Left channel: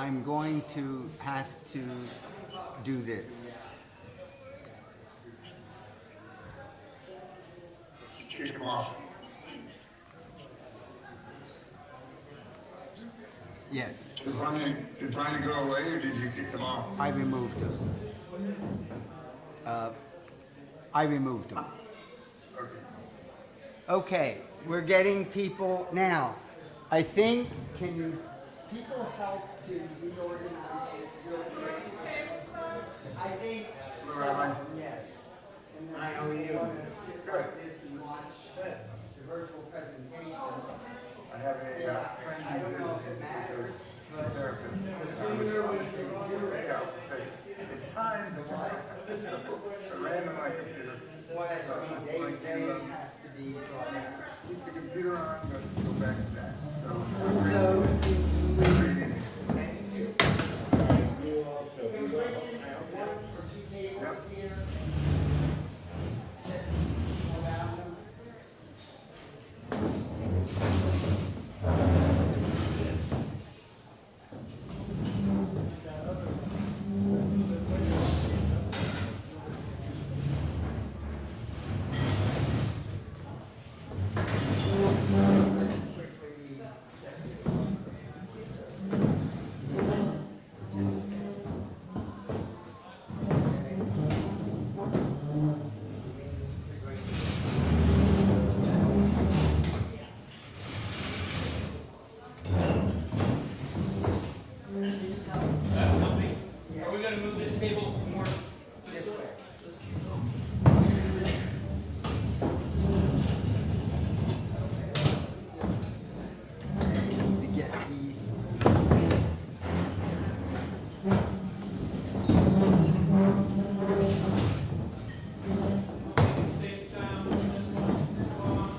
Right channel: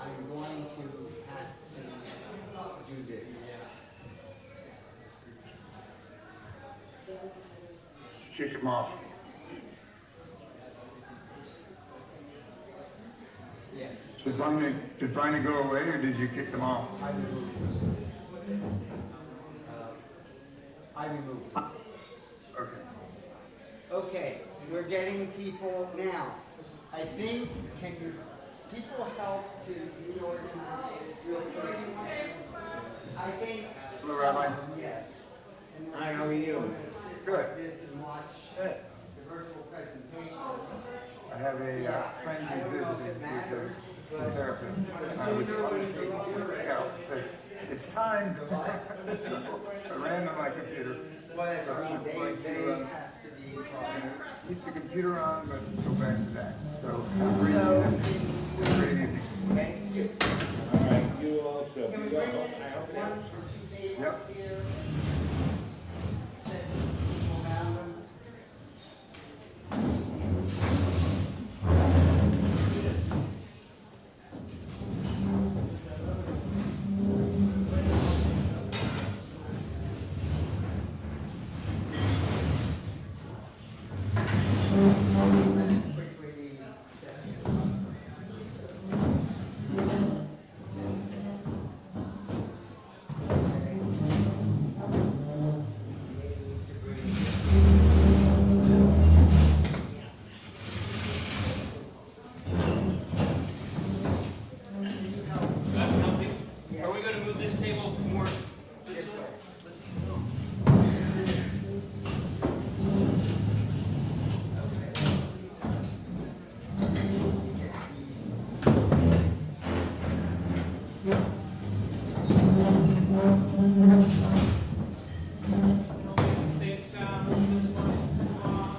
I'm going to have to do this. Kick them off. Yes, Did Bonnie go away, or did you kick them off? I removed them. I removed them. Okay. Okay, we're getting people now. I think, can people help to reorganize this? I think. Hello, Rabbi. Yes. Hi, how are you? Sit like this and watch the virtual presentation. I have a friend I who don't know if visited it matters, with but a therapist. the sooner we can hear it. It's time. I ran on my computer. Well, that's what I mean, they have to be. Keep the computer on, but go back to that. So, So, we're ready. can we bring in one or two tables here? Set people around them. Are we going to move this table more this way? Let's keep it going. To get Same sound as this one.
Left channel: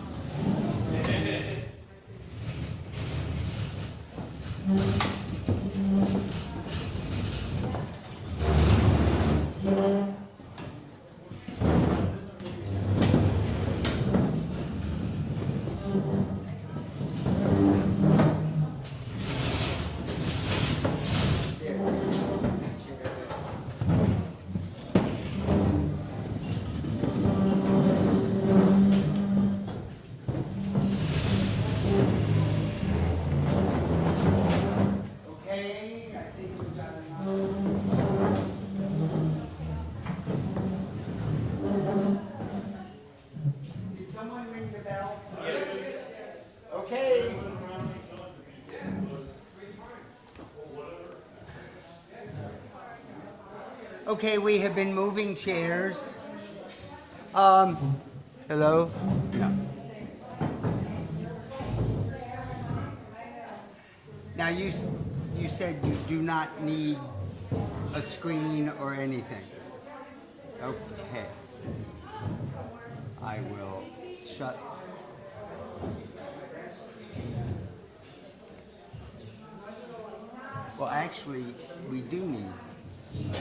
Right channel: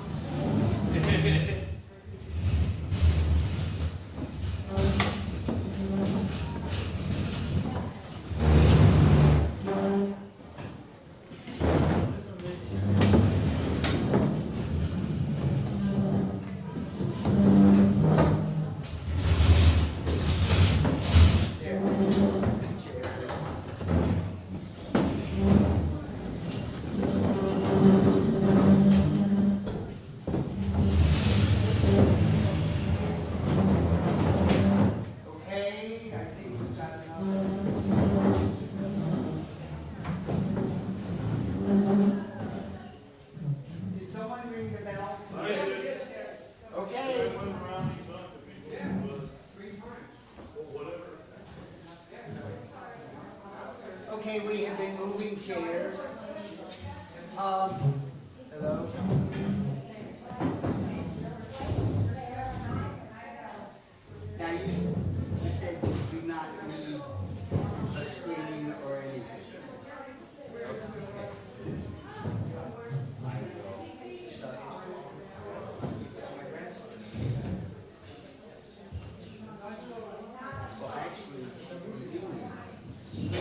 Okay, I think we've got enough. Did someone ring the bell? Okay. Okay, we have been moving chairs. Hello? Now you said you do not need a screen or anything. Okay. I will shut. Well, actually, we do need.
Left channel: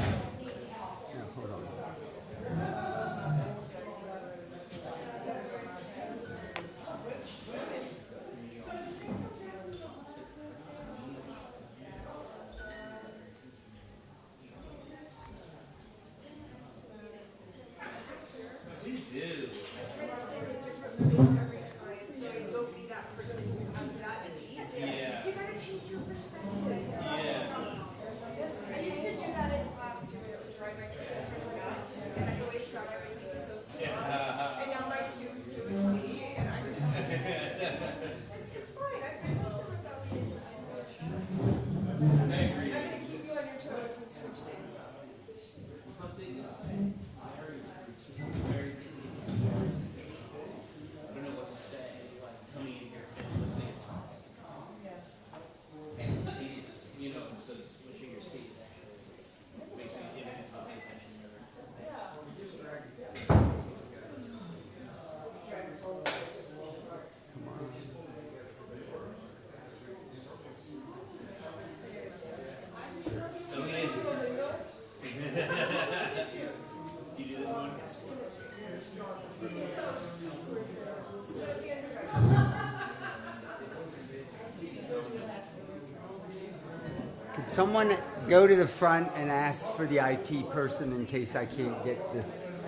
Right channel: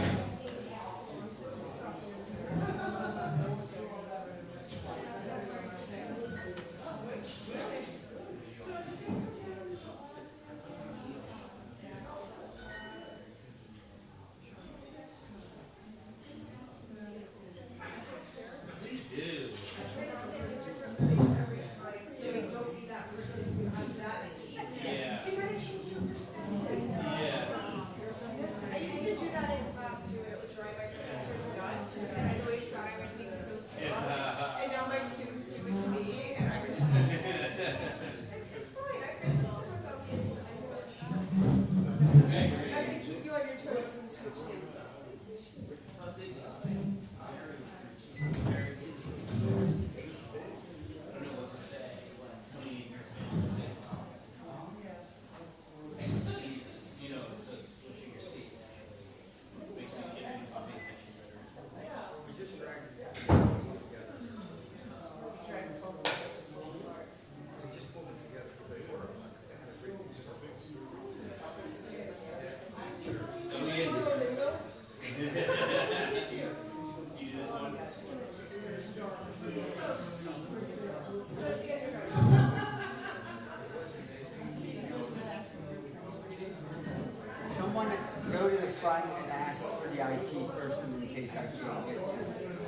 someone go to the front and ask for the IT person in case I can't get this?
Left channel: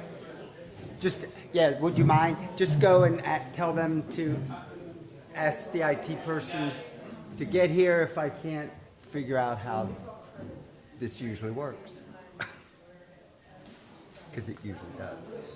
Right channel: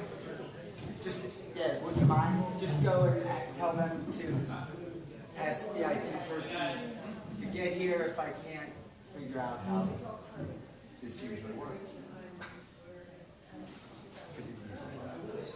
Just, yeah, would you mind? Just go and tell them to ask the IT person to get here if I can't figure out how this usually works. Because it usually does.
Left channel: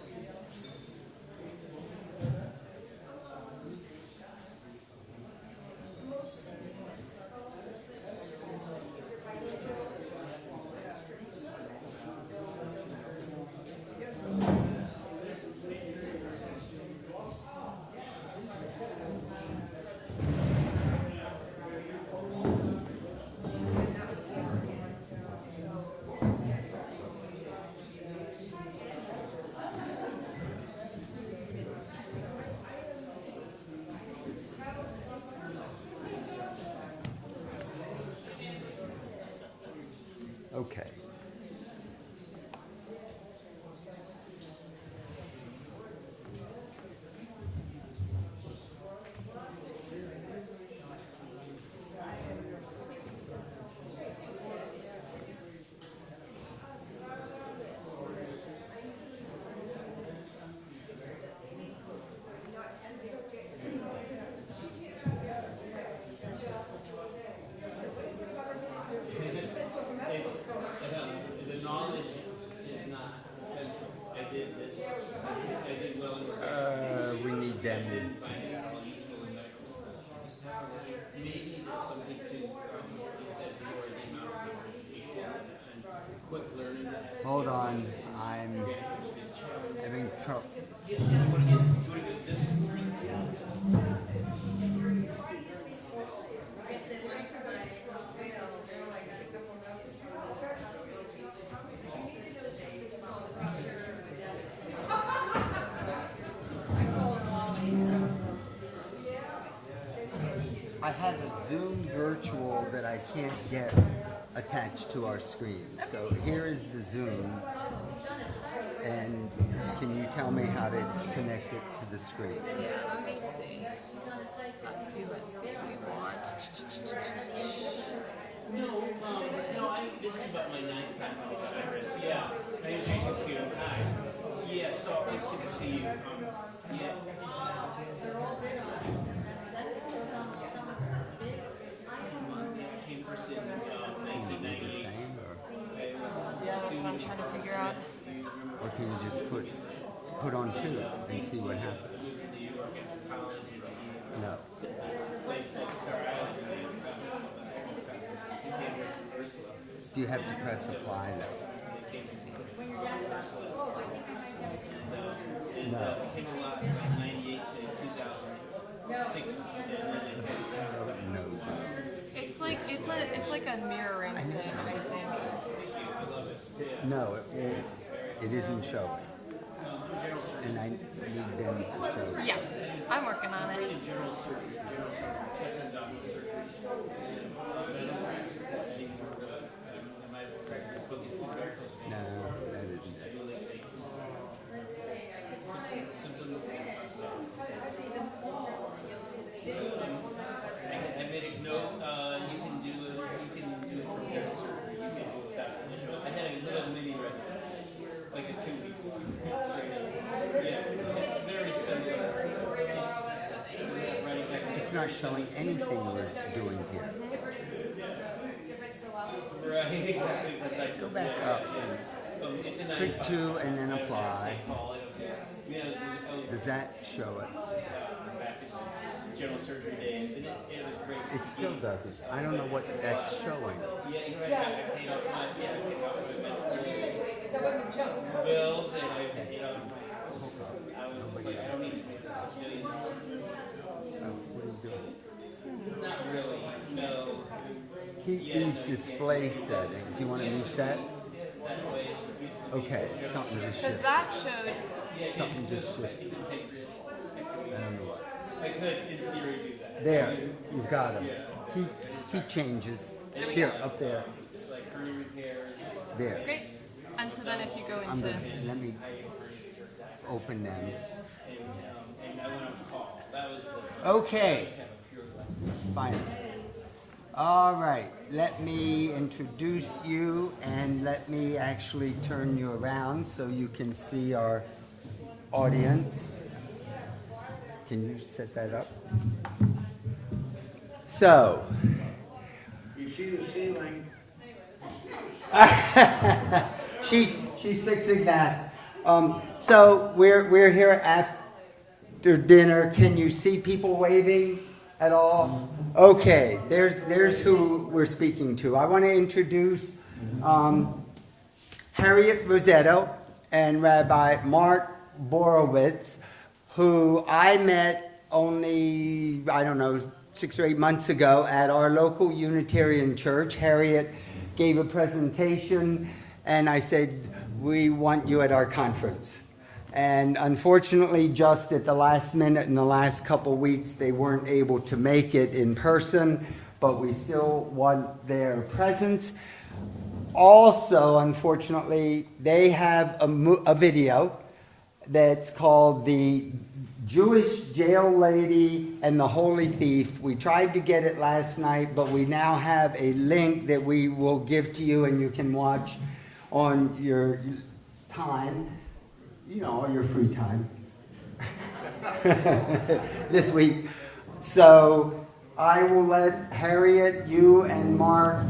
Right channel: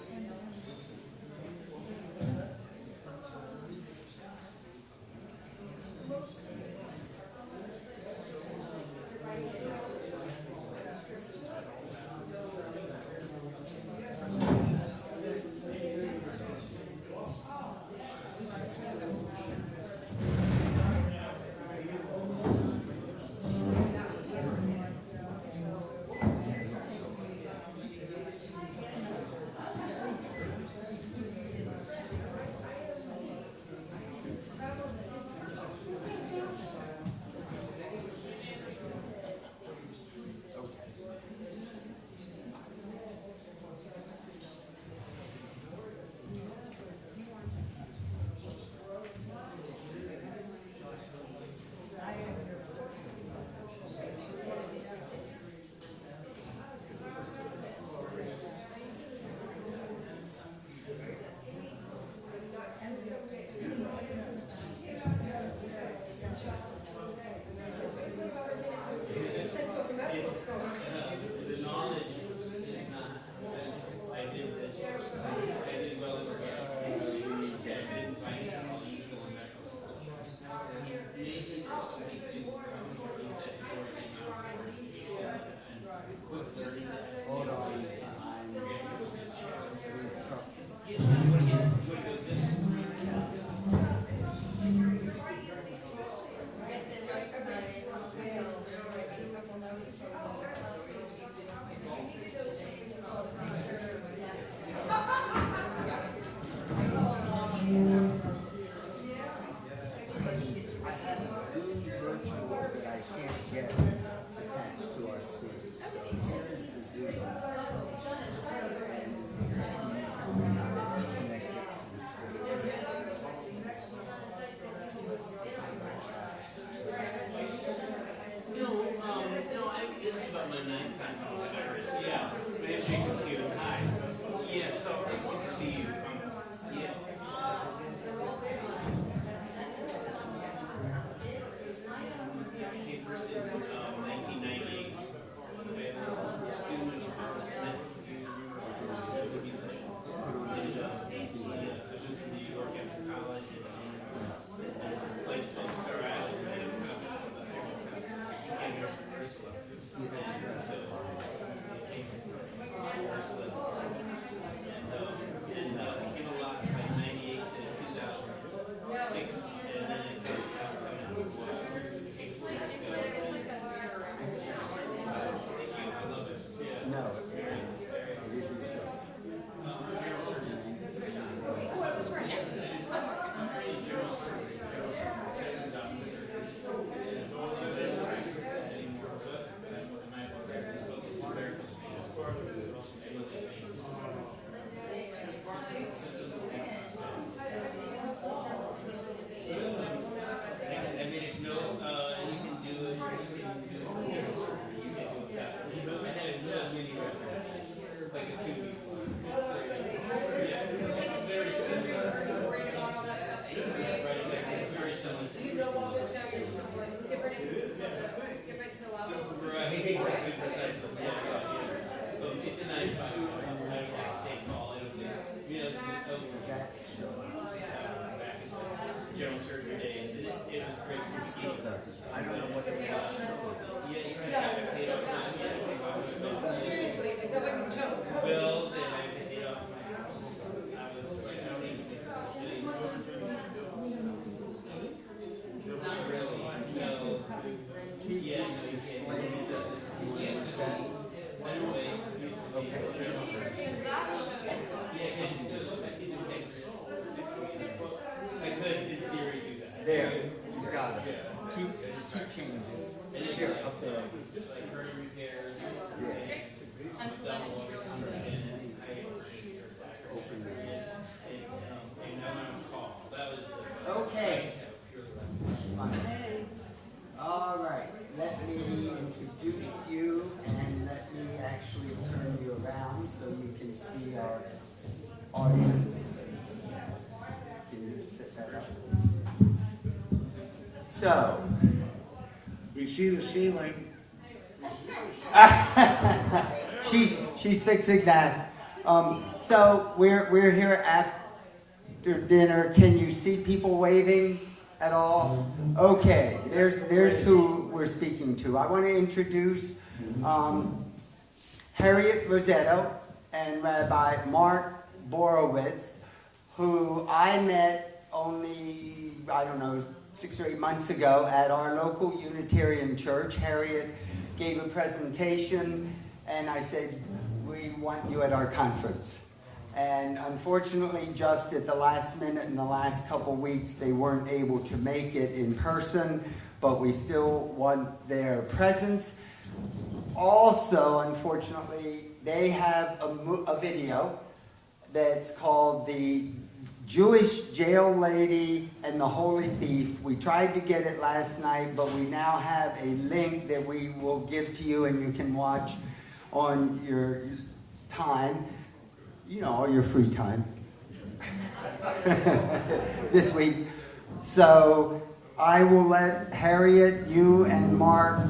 Okay. We need them. Hold on, I'm having trouble. I have a Zoom virtual that I can't get attached to our screen. So here is the Zoom. And can you tell me how to connect it to the screen? Let me see. Let's see if we want. No, this is about my ninth time on IRAS. Yeah, my name's Jason Q. Hi. Yeah, so it's good to see you. Yeah. Came first in 1998. I'm trying to figure out. Or can you just put on two and see what happens? Moved to New York after college and Yeah. place called Star Island. Came here from Ursula. Do you have to press apply? Became a lot about 98 to 2006. It's like a mirroring thing, I think. No, it isn't showing. And I need them to Yeah, I'm working on it. I made a note, you can do it from here, or you can do it without it. I had a little mini reference, like a 2 week one. Yeah, it's very similar. It's not showing anything we're doing here. Right, exactly, precisely. Go back up. It's a Click 95. two and then apply. Yeah, Does that show it? back in general surgery days, and it was great. It still doesn't. I don't know what that's showing. Yeah, you had to pay off my bills, and I paid off I was like, I don't need to make much millions. Not really, no. Keep these display settings. You want to reset? Okay, something just Because shifted. that showed. Something just shifted. I could, in theory, do that. There, you've got it. Keep changes. Here, up there. Like hernia repairs. There. Great. And so then if you go I'm into. gonna, let me open them. Okay. Fine. All right. let me introduce you and let me actually turn you around so you can see our audience. Can you set that up? So, We see the ceiling. she's fixing that. So we're here after dinner. Can you see people waving at all? Okay, there's who we're speaking to. I want to introduce Harriet Rosetto and Rabbi Mark Borowitz, who I met only, I don't know, 6 or 8 months ago at our local Unitarian church. Harriet gave a presentation and I said, we want you at our conference. And unfortunately, just at the last minute in the last couple weeks, they weren't able to make it in person, but we still want their presence. Also, unfortunately, they have a video that's called The Jewish Jail Lady and the Holy Thief. We tried to get it last night, but we now have a link that we will give to you and you can watch on your time, you know, your free time this week. So I will let Harriet, you and Mark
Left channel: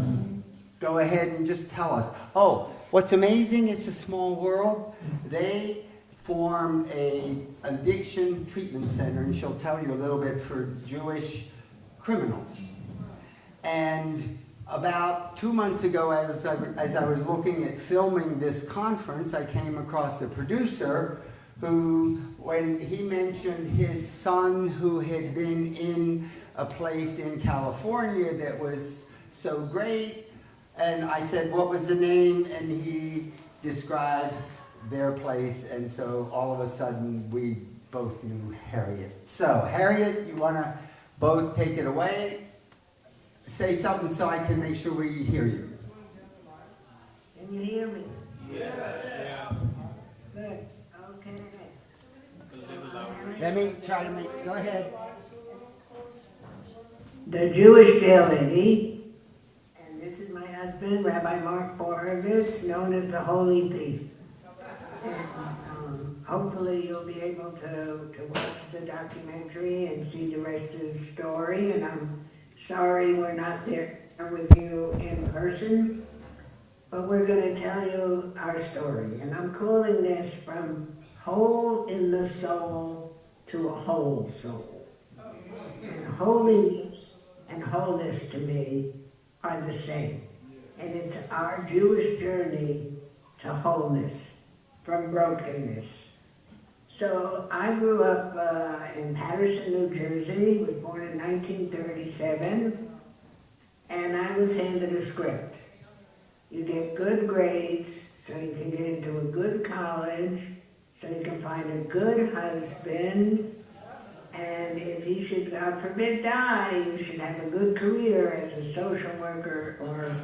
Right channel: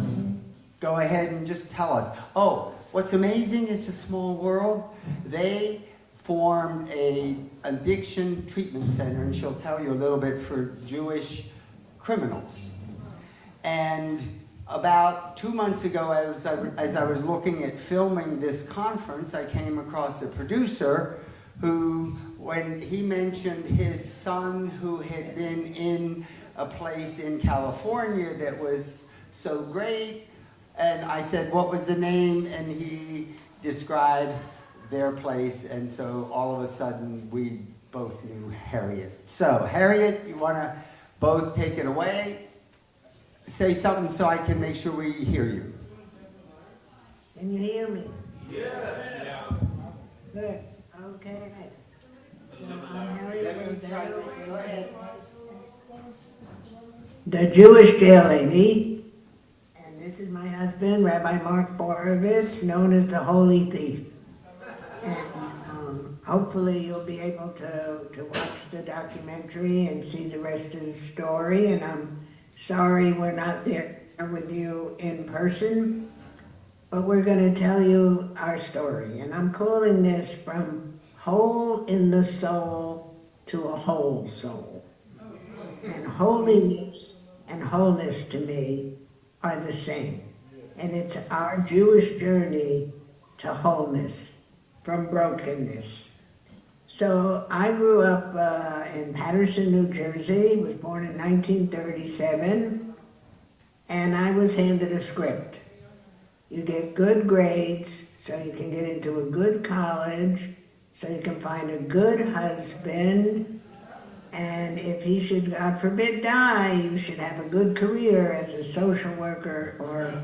go ahead and just tell us. Oh, what's amazing, it's a small world. They formed an addiction treatment center, and she'll tell you a little bit, for Jewish criminals. And about 2 months ago, as I was looking at filming this conference, I came across a producer who, when he mentioned his son who had been in a place in California that was so great, and I said, what was the name? And he described their place, and so all of a sudden we both knew Harriet. So Harriet, you want to both take it away? Say something so I can make sure we hear you. Can you hear me? Yeah. Good. Okay. Let me try to make, go ahead. The Jewish Jail Lady, and this is my husband, Rabbi Mark Borowitz, known as the Holy Thief. And hopefully you'll be able to watch the documentary and see the rest of the story. And I'm sorry we're not there with you in person, but we're going to tell you our story. And I'm calling this From Hole in the Soul to a Whole Soul. And holiness and wholeness to me are the same. And it's our Jewish journey to wholeness from brokenness. So I grew up in Patterson, New Jersey, was born in 1937, and I was handed a script. You get good grades so you can get into a good college, so you can find a good husband, and if he should, God forbid, die, you should have a good career as a social worker or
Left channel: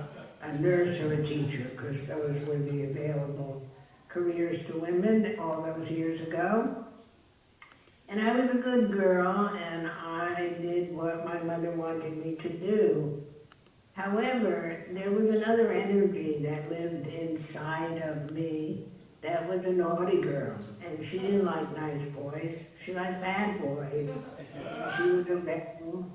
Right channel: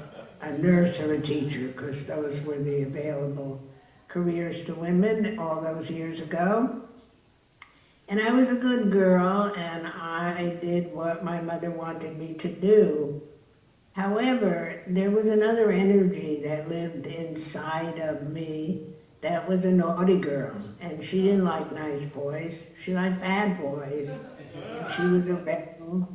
a nurse or a teacher, because those were the available careers to women all those years ago. And I was a good girl, and I did what my mother wanted me to do. However, there was another energy that lived inside of me that was a naughty girl, and she didn't like nice boys. She liked bad boys, and she was a rebel,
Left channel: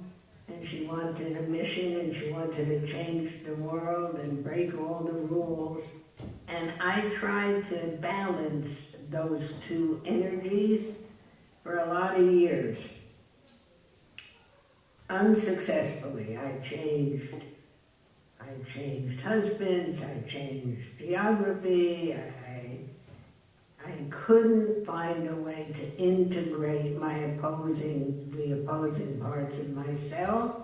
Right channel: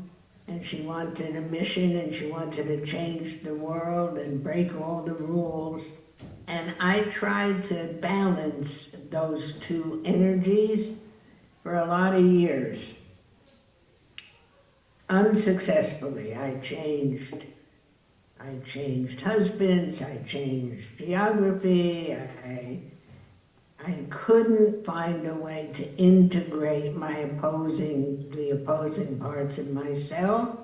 and she wanted a mission, and she wanted to change the world and break all the rules. And I tried to balance those two energies for a lot of years. Unsuccessfully, I changed husbands, I changed geography, I couldn't find a way to integrate the opposing parts of myself.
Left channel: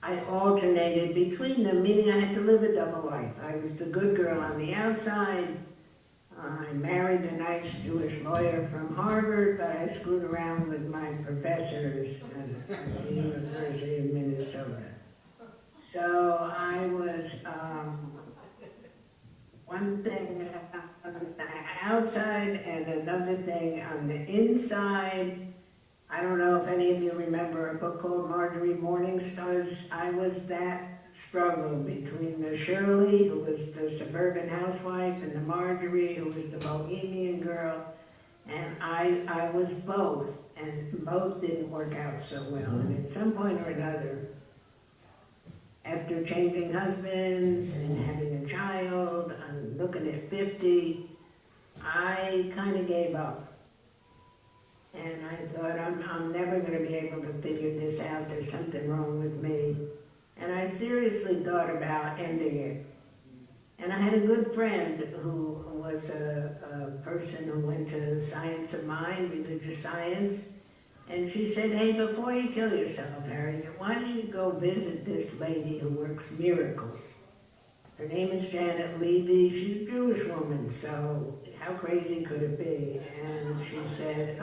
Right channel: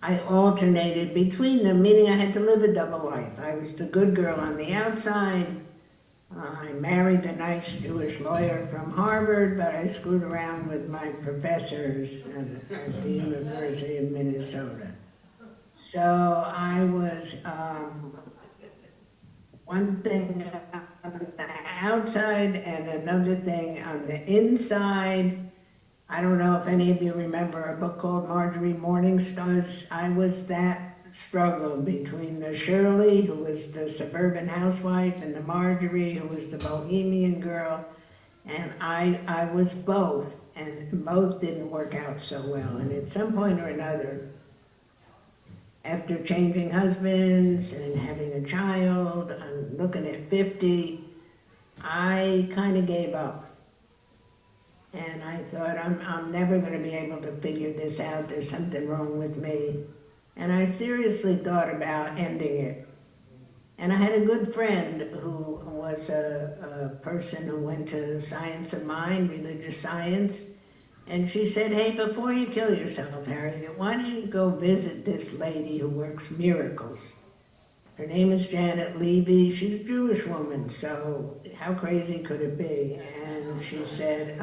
I alternated between them, meaning I had to live a double life. I was the good girl on the outside. I married a nice Jewish lawyer from Harvard, but I screwed around with my professors at the University of Minnesota. So I was one thing on the outside and another thing on the inside. I don't know if any of you remember a book called Marjorie Morningstar's I Was That struggle between the Shirley, who was the suburban housewife, and the Marjorie, who was the bohemian girl. And I was both, and both didn't work out so well. And at some point or another, after changing husbands and having a child, I'm looking at 50, I kind of gave up. And I thought, I'm never going to be able to figure this out. There's something wrong with me. And I seriously thought about ending it. And I had a good friend who was a person who went to science of mind, religious science. And she said, hey, before you kill yourself, Harriet, why don't you go visit this lady who works miracles? Her name is Janet Levy. She's a Jewish woman, so how crazy could it be? And she said,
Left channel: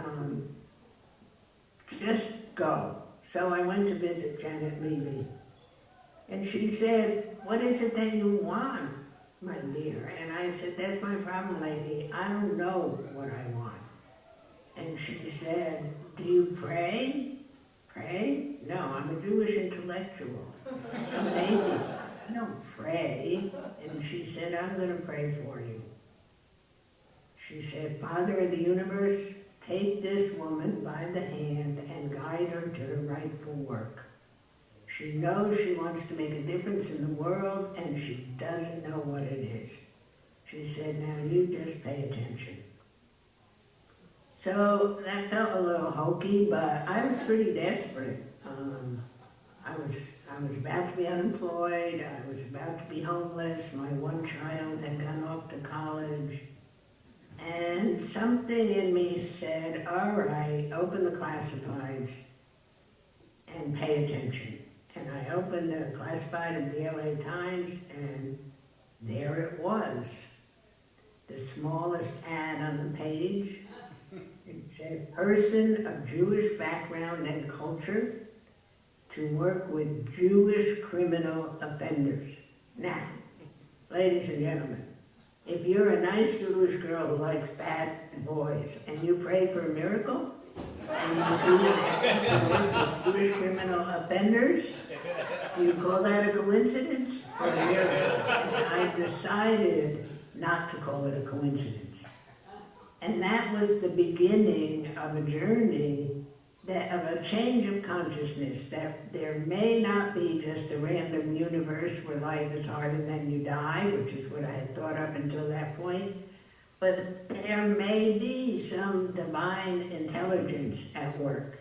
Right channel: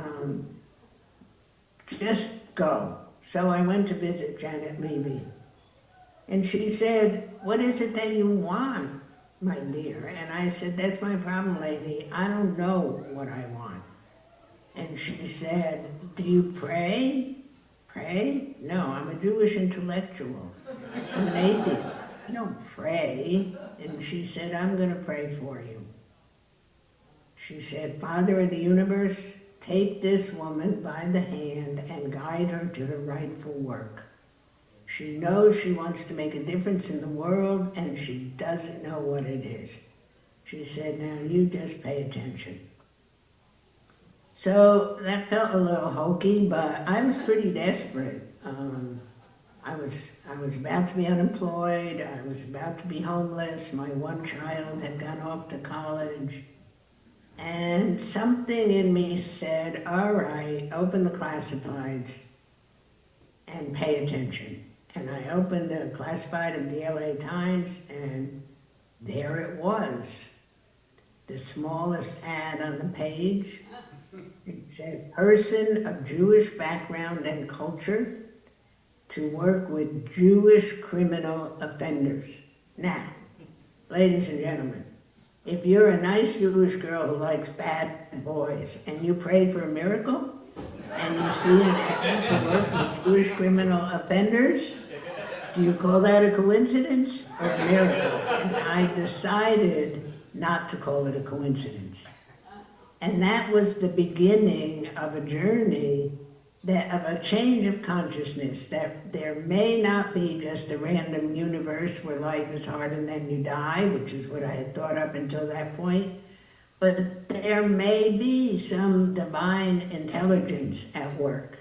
just go. So I went to visit Janet Levy. And she said, what is it that you want, my dear? And I said, that's my problem, lady. I don't know what I want. And she said, do you pray? Pray? No, I'm a Jewish intellectual. I'm an atheist. I don't pray. And she said, I'm going to pray for you. She said, Father of the universe, take this woman by the hand and guide her to her rightful work. She knows she wants to make a difference in the world, and she doesn't know what it is. She said, now you just pay attention. So that felt a little hokey, but I was pretty desperate. I was about to be unemployed. I was about to be homeless. My one child had gone off to college. And something in me said, all right, open the classifieds and pay attention. And I opened the classified of the LA Times, and there it was. The smallest ad on the page. It said, person of Jewish background and culture to work with Jewish criminal offenders. Now, ladies and gentlemen, if you're a nice Jewish girl who likes bad boys and you pray for a miracle, and you see that to work with Jewish criminal offenders, do you call that a coincidence or a miracle? And I decided not to call it a coincidence. And that was the beginning of a journey, of a change of consciousness, that there may not be just a random universe where life is hard and then you die, which is what I had thought up until that point, but there may be some divine intelligence at work.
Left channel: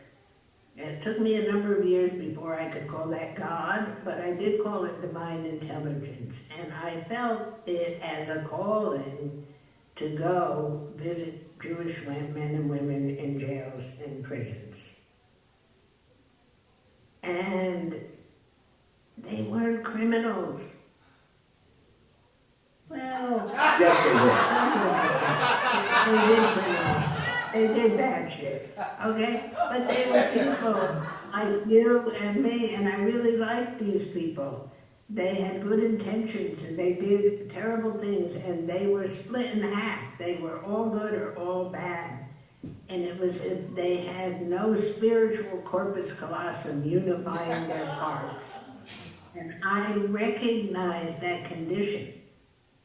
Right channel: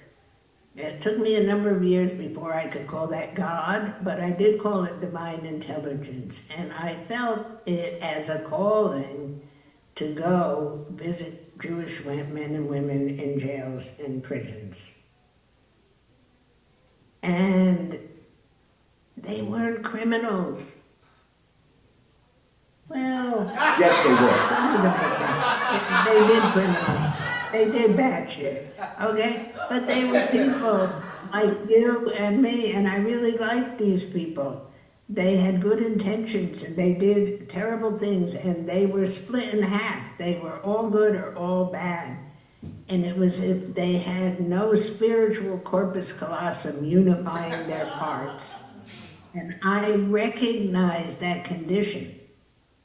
It took me a number of years before I could call that God, but I did call it divine intelligence. And I felt it as a calling to go visit Jewish men and women in jails and prisons. And they weren't criminals. Well, they did criminal. They did bad shit, okay? But they were people like you and me, and I really liked these people. They had good intentions, and they did terrible things, and they were split in half. They were all good or all bad. And it was if they had no spiritual corpus callosum unifying their parts. And I recognized that condition.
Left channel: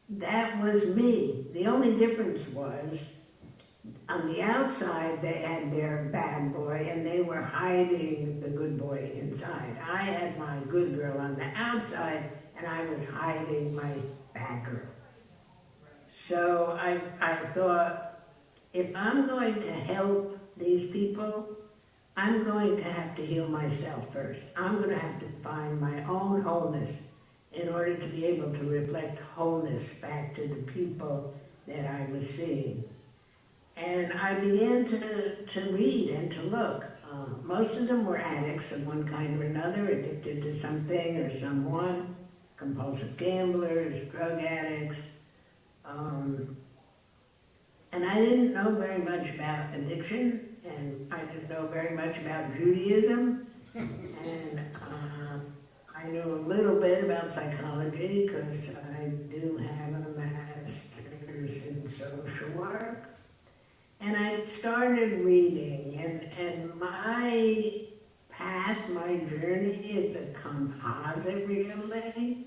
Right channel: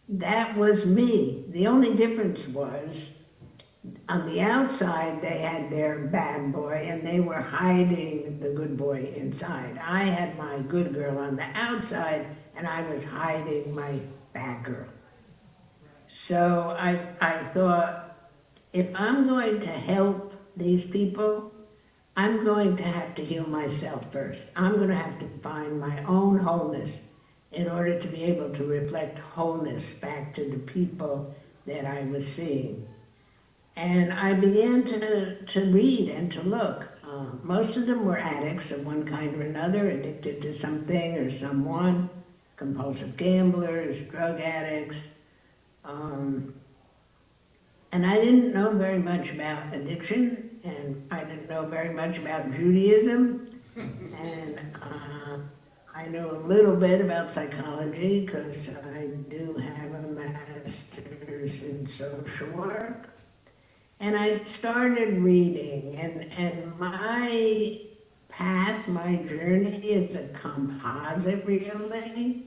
That was me. The only difference was, on the outside, they had their bad boy, and they were hiding the good boy inside. I had my good girl on the outside, and I was hiding my bad girl. So I thought, if I'm going to help these people, I'm going to have to heal myself first. I'm going to have to find my own wholeness in order to be able to reflect wholeness back to the people that I was seeing. And I began to read and to look. Most of them were addicts of one kind or another, addicted to something or someone, compulsive gamblers, drug addicts. And I didn't know very much about addiction, and I didn't know very much about Judaism, and I knew a little bit about psychology because I do have a master's in social work. And I started reading, and my path my journey is a composite, really,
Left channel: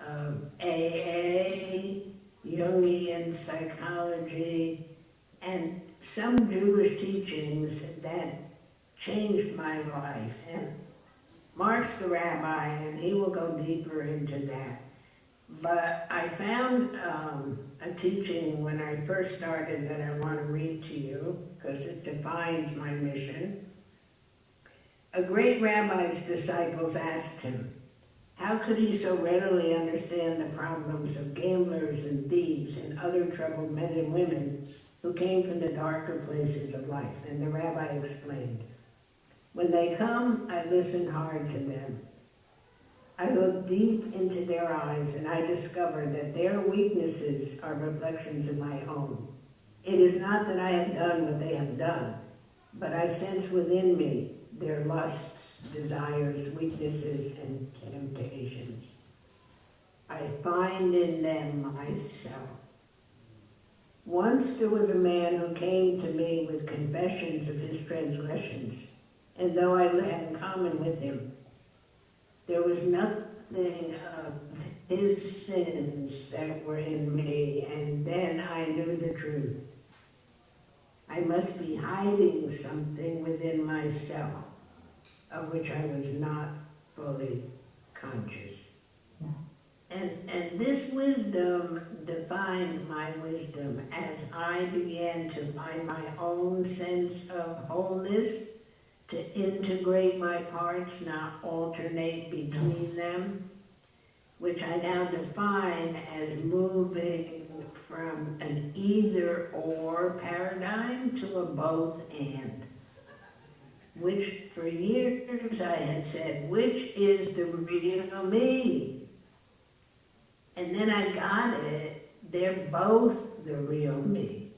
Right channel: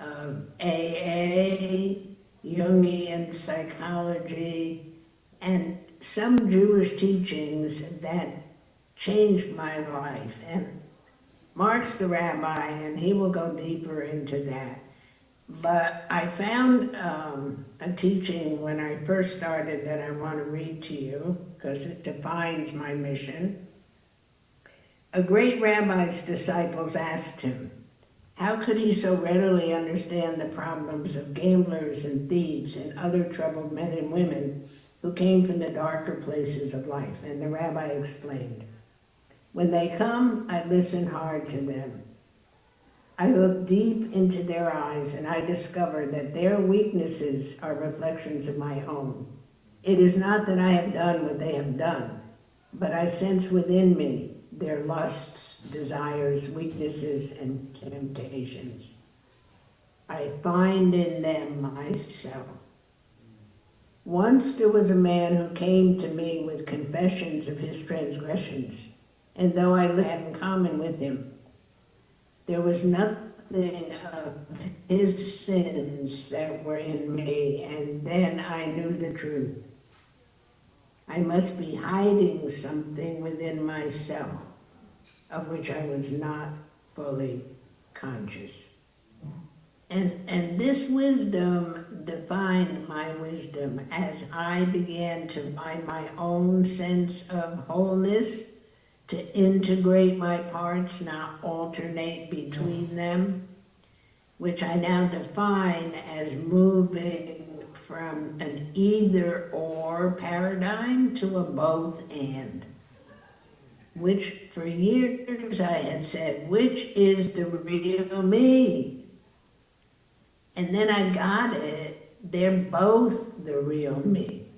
of AA, Jungian psychology, and some Jewish teachings that changed my life. And Mark's the rabbi, and he will go deeper into that. But I found a teaching when I first started that I want to read to you, because it defines my mission. A great rabbi's disciples asked him, how could he so readily understand the problems of gamblers and thieves and other troubled men and women who came from the darker places of life? And the rabbi explained, when they come, I listen hard to them. I look deep into their eyes and I discover that their weaknesses are reflections of my own. It is not that I have done what they have done, but I sense within me their lusts, desires, weaknesses, and temptations. I find in them myself. Once there was a man who came to me with confessions of his transgressions, and though I had in common with him, there was nothing of his sins that were in me, and then I knew the truth. I must be hiding something within myself, of which I was not fully conscious. And this wisdom defined my wisdom as I began to find my own sense of wholeness, to integrate my parts, not alternate between them, which I now define as moving from an either-or paradigm to a both-and, which for years I had said, which is the real me? And then I got it, they're both the real me.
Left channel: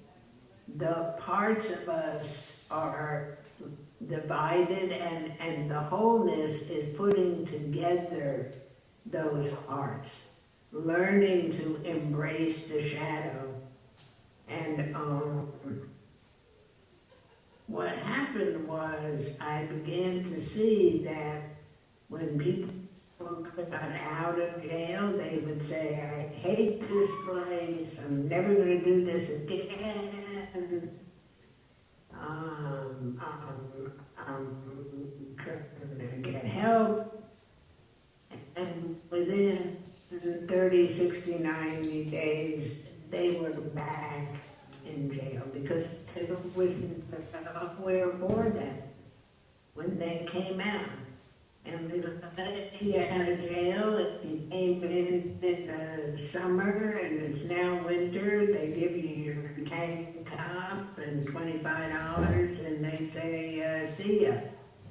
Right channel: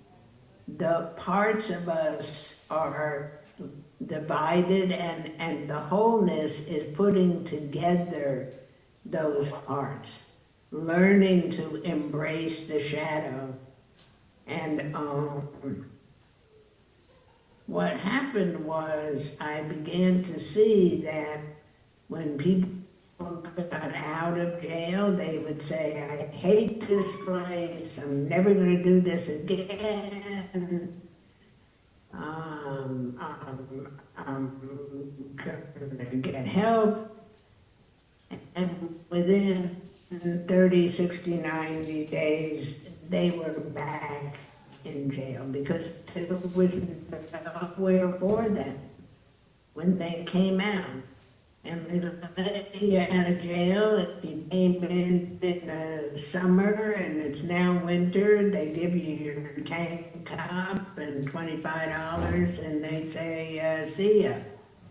The parts of us are divided, and the wholeness is putting together those parts, learning to embrace the shadow. And what happened was I began to see that when people got out of jail, they would say, I hate this place, I'm never going to do this again. I'm going to get help. And within 30, 60, 90 days, they were back in jail because it was nowhere for them when they came out. And they let you out of jail, if you came in the summer and it's now winter, they give you your tank top and $25 and they say, see ya,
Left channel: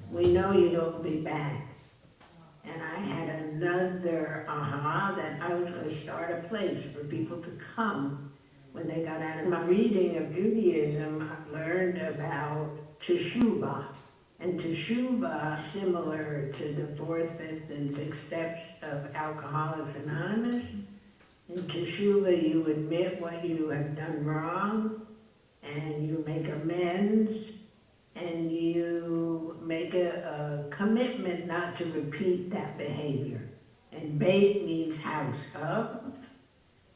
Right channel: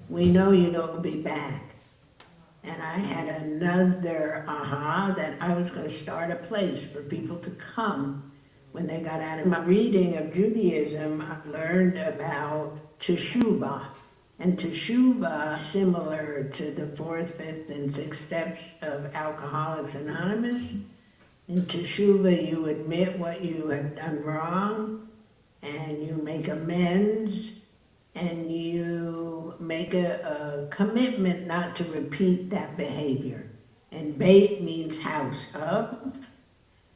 we know you'll be back. And I had another aha that I was going to start a place for people to come when they got out of my reading of Judaism. I learned about teshuvah. And teshuvah, similar to the 4th, 5th, and 6th steps of Alcoholics Anonymous. In teshuvah, you admit what you have done wrong, and you make amends, and you make a commitment not to repeat that behavior. And Beit means house of.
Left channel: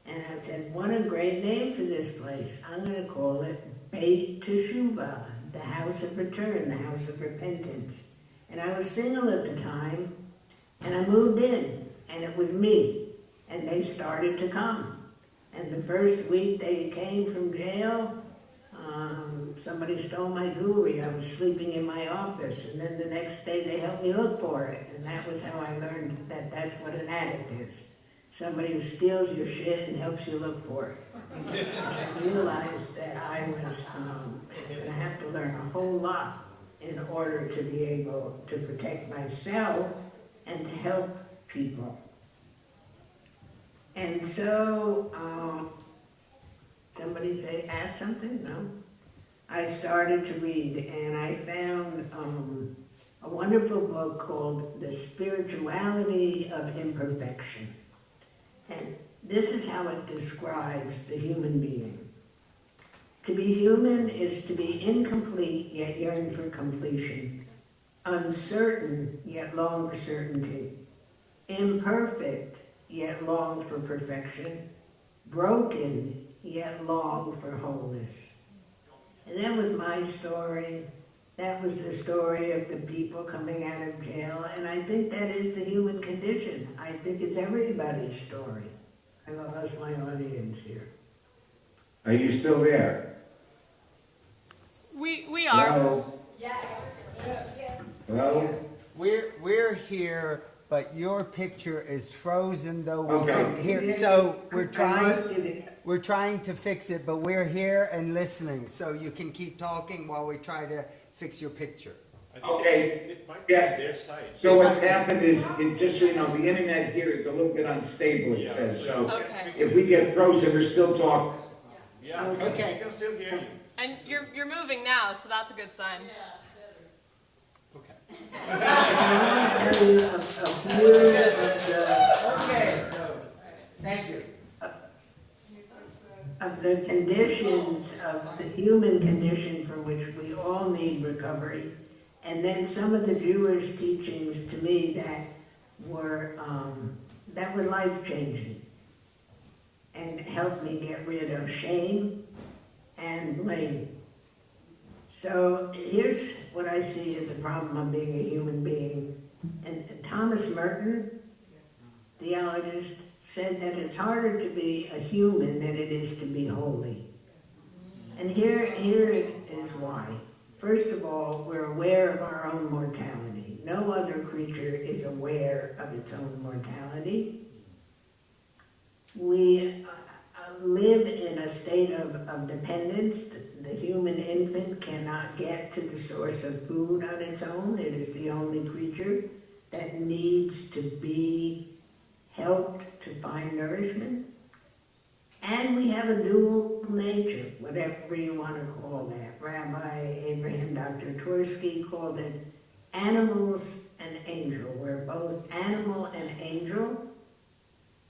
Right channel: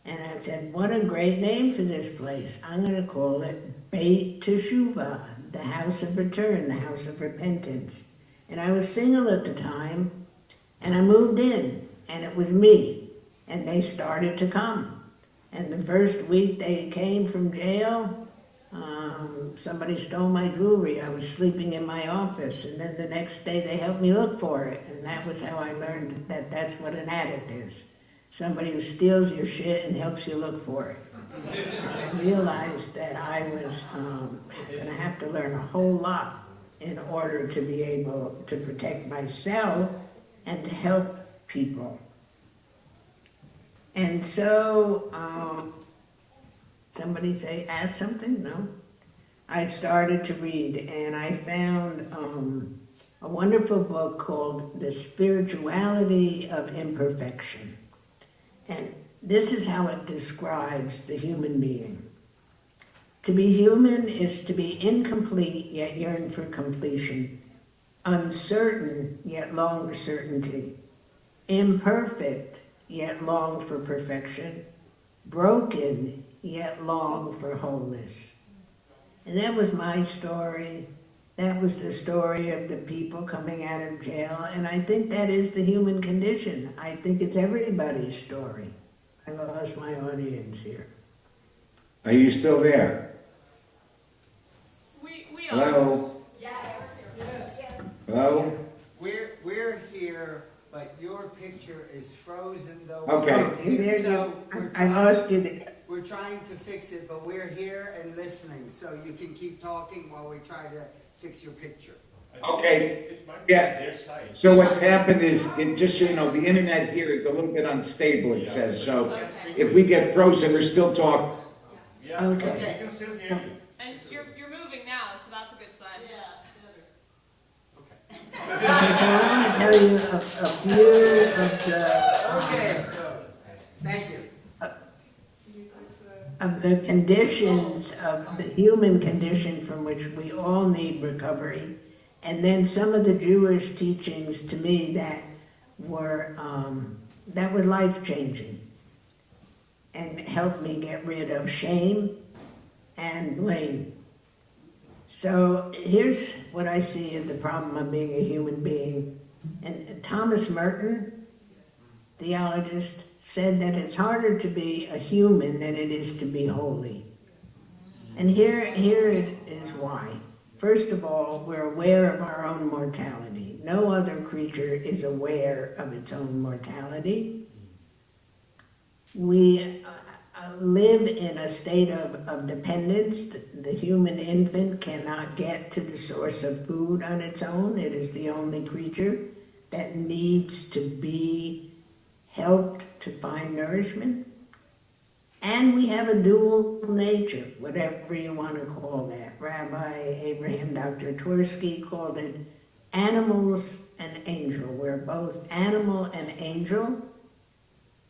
And I said, what a great name for this place. I'm going to call it Beit Teshuvah, the house of return, the house of repentance. And I was single at the time, and I moved in, and it was me. And they started to come. And the first week they came from jail, somebody stole my jewelry. I was sleeping in my office, and then the next day they helped me look for it. And that was how I learned that that's what an addict is. Somebody who steals your shit and helps you look for it. I realized that I was going to have to learn a whole lot in order to be able to protect myself and to help people. And so, somebody say, ask something? No? I started to read, and I found a wonderful book called The Spirituality of Imperfection. And this is how it describes the human being. To be human is to be incomplete, yet yearn for completion. uncertain yet long for certainty, imperfect yet long for perfection, broken yet long for wholeness. And that was my story. That was the story of the people coming out of jail, and I think that is the human condition. I think it's everybody's story. I lost my audience here. Are you still there? We are. Hello? Hello? We're here, but your picture is frozen though. Okay. Here, so I lost you there. we're trying to fix it, but we're here and listening, so you can keep talking while we try to fix your picture. Okay. It might be Yeah. their site. So what's happened is, just so you know, the internet here is a little bit unstable, it says. So Okay. if we get frozen, we're still talking. Yeah, Okay. we can still hear you. And you're moving now, so that's a good sign. Okay. So I want to tell you a few of the Okay, thank you. of the conditions of the human condition from which we all need recovery, and then some of the Jewish teachings to me that were life-changing and helped me get rid of shame and blame. So here's what I see as the problem of being a human being. And Thomas Merton, theologist, said that it's harder to be a human than it is to be holy. And here it is why. First of all, we're aware of our own mortality. No other creature is aware of its own mortality. We live in a state of dependence. The human infant cannot get to the source of food on its own. It is the only creature that needs to be helped to find nourishment. And we have a dual nature, whatever you want to call that. Rabbi Abraham Dr. Twersky called it animals and angel. We're both animal and angel,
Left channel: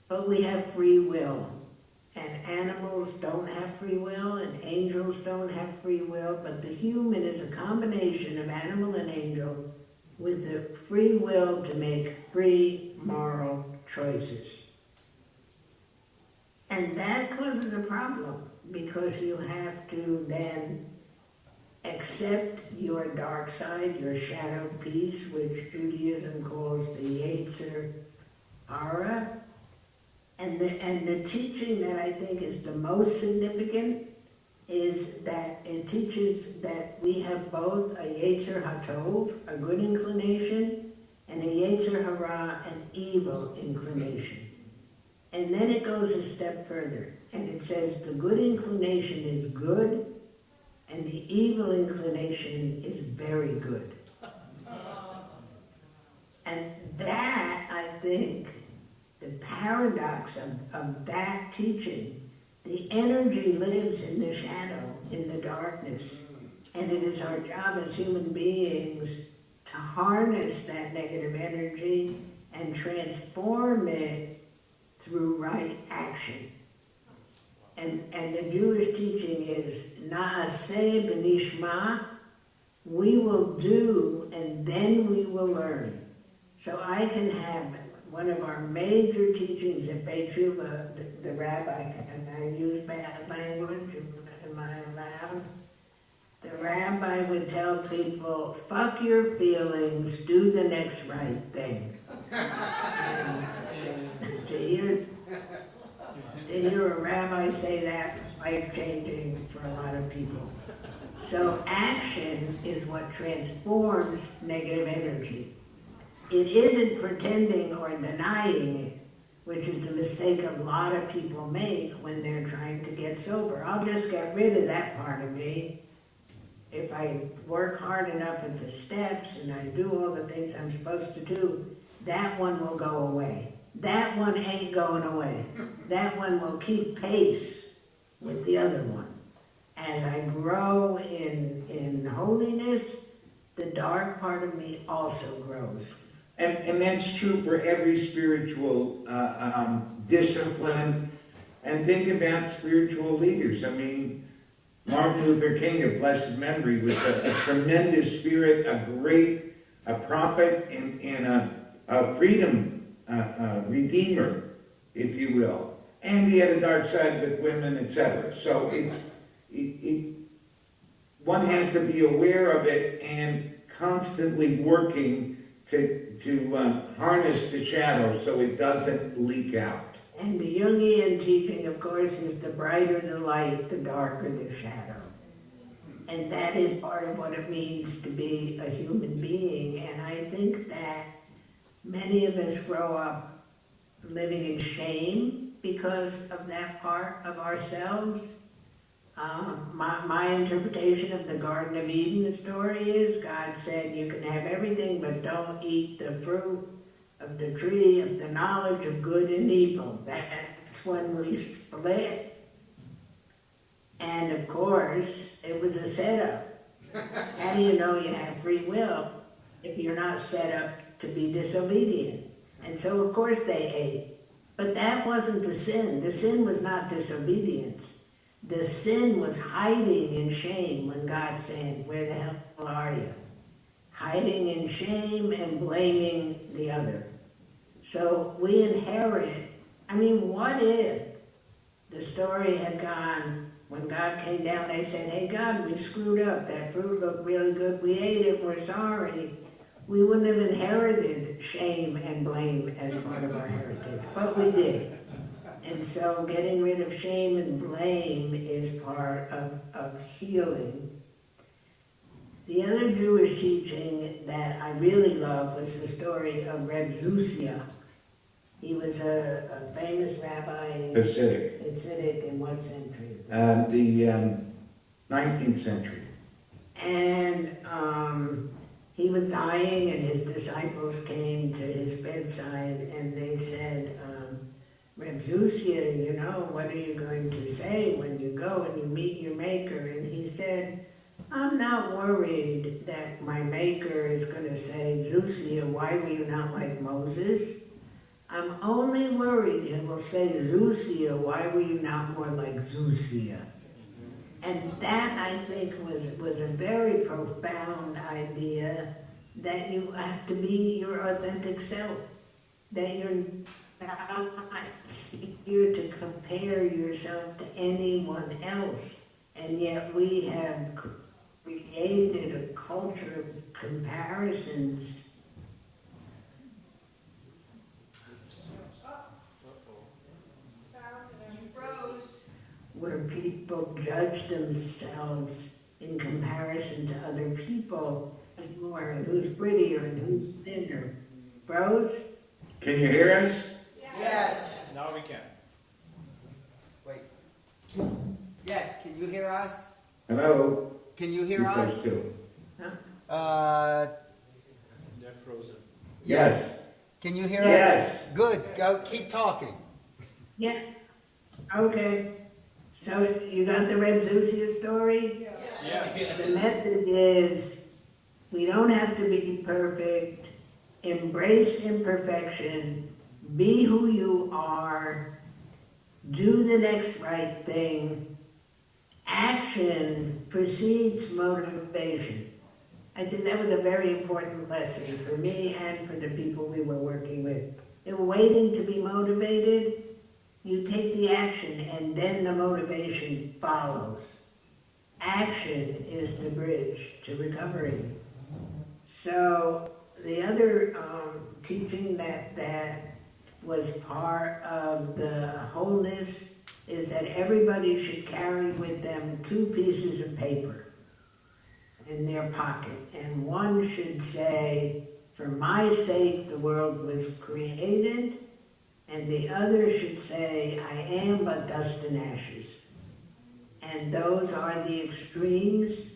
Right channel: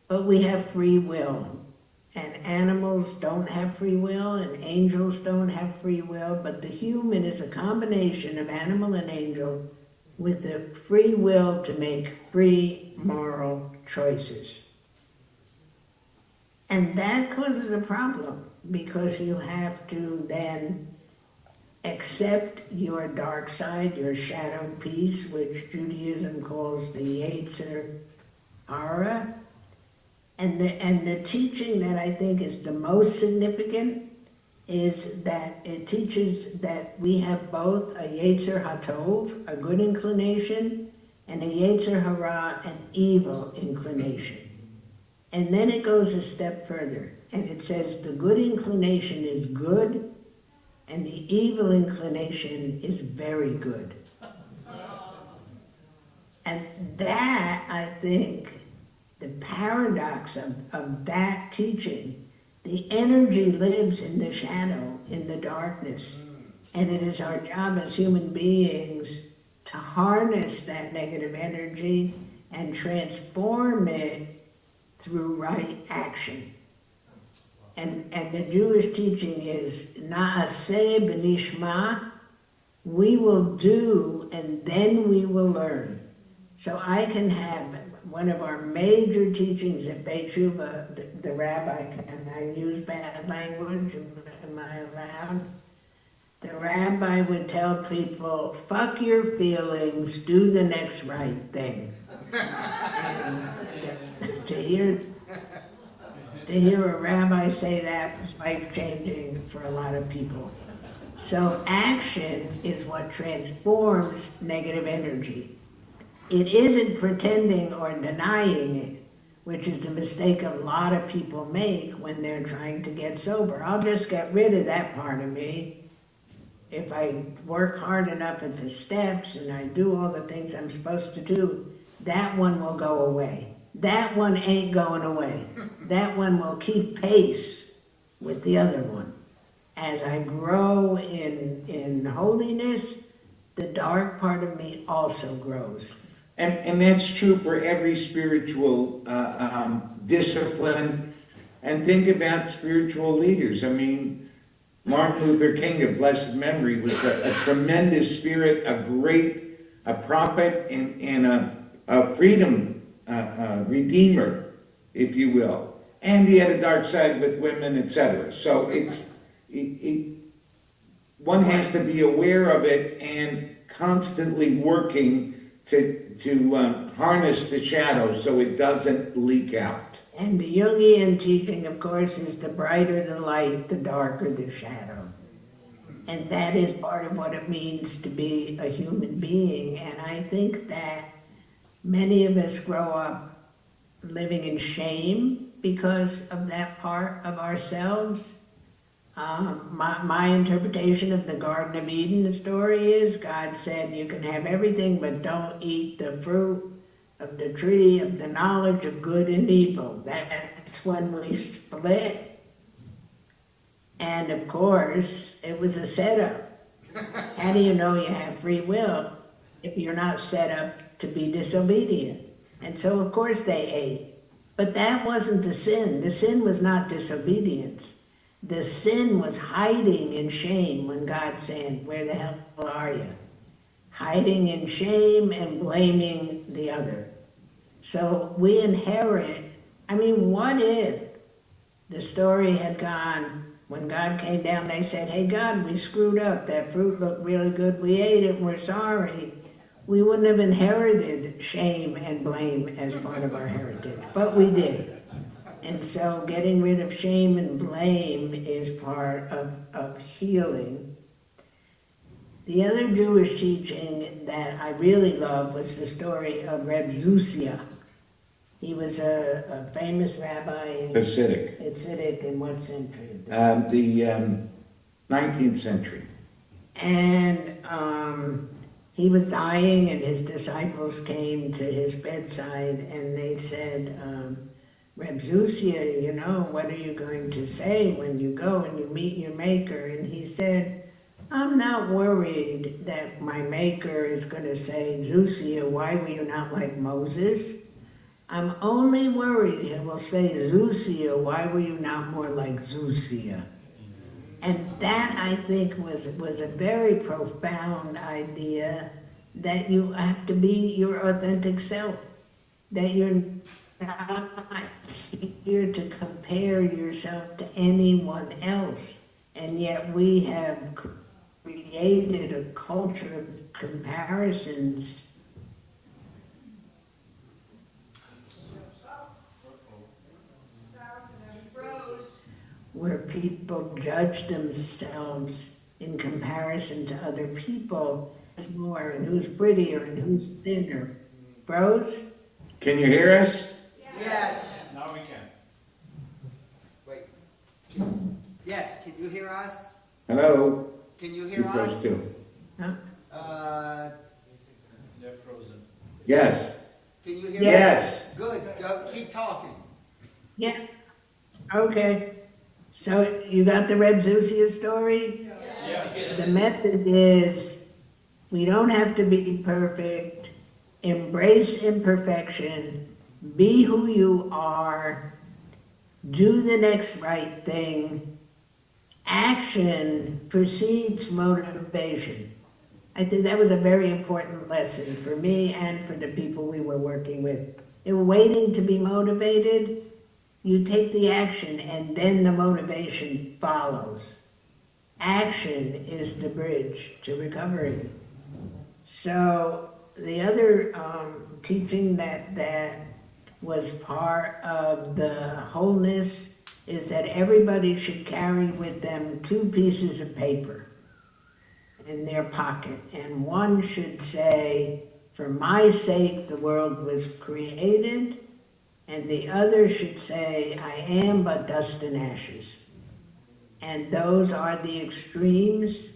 but we have free will. And animals don't have free will, and angels don't have free will, but the human is a combination of animal and angel with the free will to make free moral choices. And that causes a problem, because you have to then accept your dark side, your shadow piece, which Judaism calls the Yetzer Hara. And the teaching that I think is the most significant is that it teaches that we have both a Yetzer HaTov, a good inclination, and a Yetzer Hara, an evil inclination. And then it goes a step further, and it says the good inclination is good, and the evil inclination is very good. And that, I think, the paradox of that teaching, the energy lives in the shadow, in the darkness. And it is our job as human beings to harness that negative energy and transform it through right action. And the Jewish teaching is na'aseh b'nishma, we will do and then we will learn. So I can have one of our major teachings at Beit Tshuva, the rabbi, and I use bad language, am I allowed? The rabbi would tell people, fuck your feelings, do the next right thing. To hear a rabbi say that is life-changing for a lot of people. So action is what transforms negative energy. It isn't pretending or denying it, which is the mistake a lot of people make when they're trying to get sober. I'll just get rid of that part of me. If I work hard enough at the steps and I do all the things I'm supposed to do, that one will go away. That one ain't going away. That one will keep pace with the other one. As I grow in holiness, the dark part of me also grows. And that's true for every spiritual discipline. And think about spiritual leaders. I mean, Martin Luther King of blessed memory was a tremendous spirit, a a prophet and a freedom redeemer, if you will. And he had a dark side with women, etc. So one has to be aware of it and constantly working to harness the shadow so it doesn't leak out. And the Jungian teaching, of course, is the brighter the light, the darker the shadow. And that is part of what it means to be a human being. And I think that many of us grow up living in shame because of that part of ourselves. My interpretation of the Garden of Eden story is God said you can have everything, but don't eat the fruit of the tree of the knowledge of good and evil. That's when we split. And of course, it was a setup. How do you know you have free will if you're not set up to be disobedient? And so of course they ate. But that wasn't the sin. The sin was not disobedience. The sin was hiding in shame when God said, where the hell are you? Hiding in shame and blaming the other. So we inherit, what if the story had gone, when God came down, they said, hey God, we screwed up. That fruit looked really good. We ate it. We're sorry. We wouldn't have inherited shame and blame as part of our heritage, but we did. And so getting rid of shame and blame is part of healing. The other Jewish teaching that I really love was the story of Reb Zusia. He was a famous rabbi. Hasidic in what century? The 19th century. And he was dying, and his disciples came to his bedside, and they said, Reb Zusia, what are you going to say when you go and you meet your maker? And he said, I'm not worried that my maker is going to say, Zusia, why were you not like Moses? I'm only worried he will say, Zusia, why were you not more like Zusia? And that, I think, was a very profound idea, that you have to be your authentic self, that you're not here to compare yourself to anyone else. And yet we have created a culture of comparisons. Where people judge themselves in comparison to other people, who's more and who's prettier and who's thinner. Bros? Can you hear us? Yes. Now we can. Wait. Yes, can you hear us? Hello? Can you hear You us? guys too. They're frozen. Yes. Can you hear us? Yes. Good. Go. Keep talking. Yeah. Okay. So you got the Reb Zusia story? Yes. The method is, we don't have to be perfect. Embrace imperfection. Be who you are. Do the next right thing. Action precedes motivation. I think that was a very important lesson for me and for the people we were working with. They were waiting to be motivated. You take the action and then the motivation follows. Action is the bridge to recovery. So the other teaching that was part of the wholeness is that everybody should carry with them 2 pieces of paper in their pocket. And one should say, for my sake the world was created, and the other should say, I am but dust and ashes. And those are the extremes.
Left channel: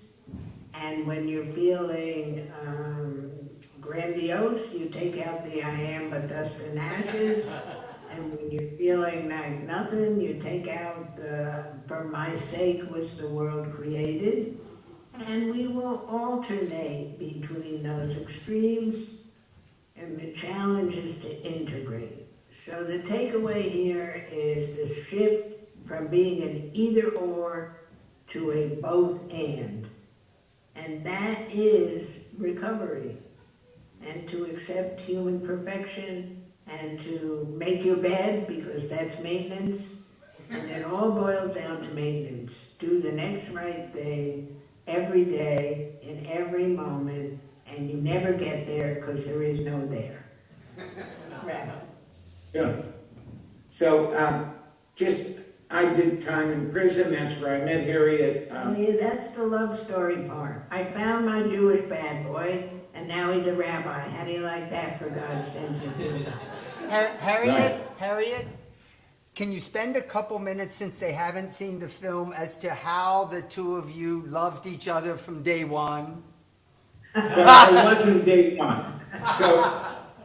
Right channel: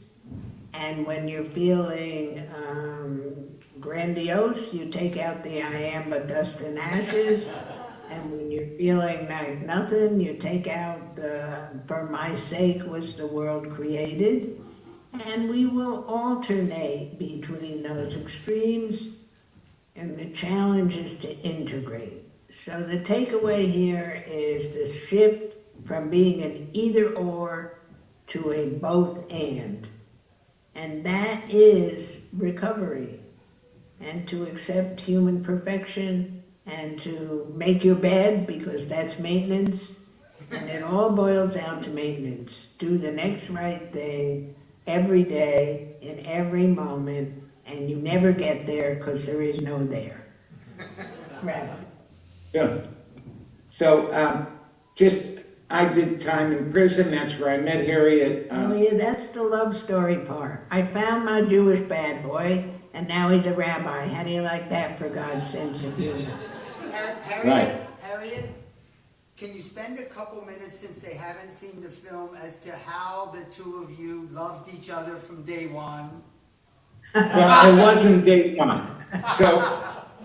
And when you're feeling grandiose, you take out the I am but dust and ashes. And when you're feeling like nothing, you take out the for my sake was the world created. And we will alternate between those extremes. And the challenge is to integrate. So the takeaway here is to shift from being an either or to a both and. And that is recovery. and to accept human perfection and to make your bed because that's maintenance. And it all boils down to maintenance. Do the next right thing every day, in every moment, and you never get there because there is no there. Right. Yeah. So, I did time in prison. That's where I met Harriet. Oh yeah, that's the love story part. I found my Jewish bad boy, and now he's a rabbi. How do you like that for God's sense of humor? Harriet, can you spend a couple minutes, since they haven't seen the film, as to how the two of you loved each other from day one? Well, it wasn't day one. So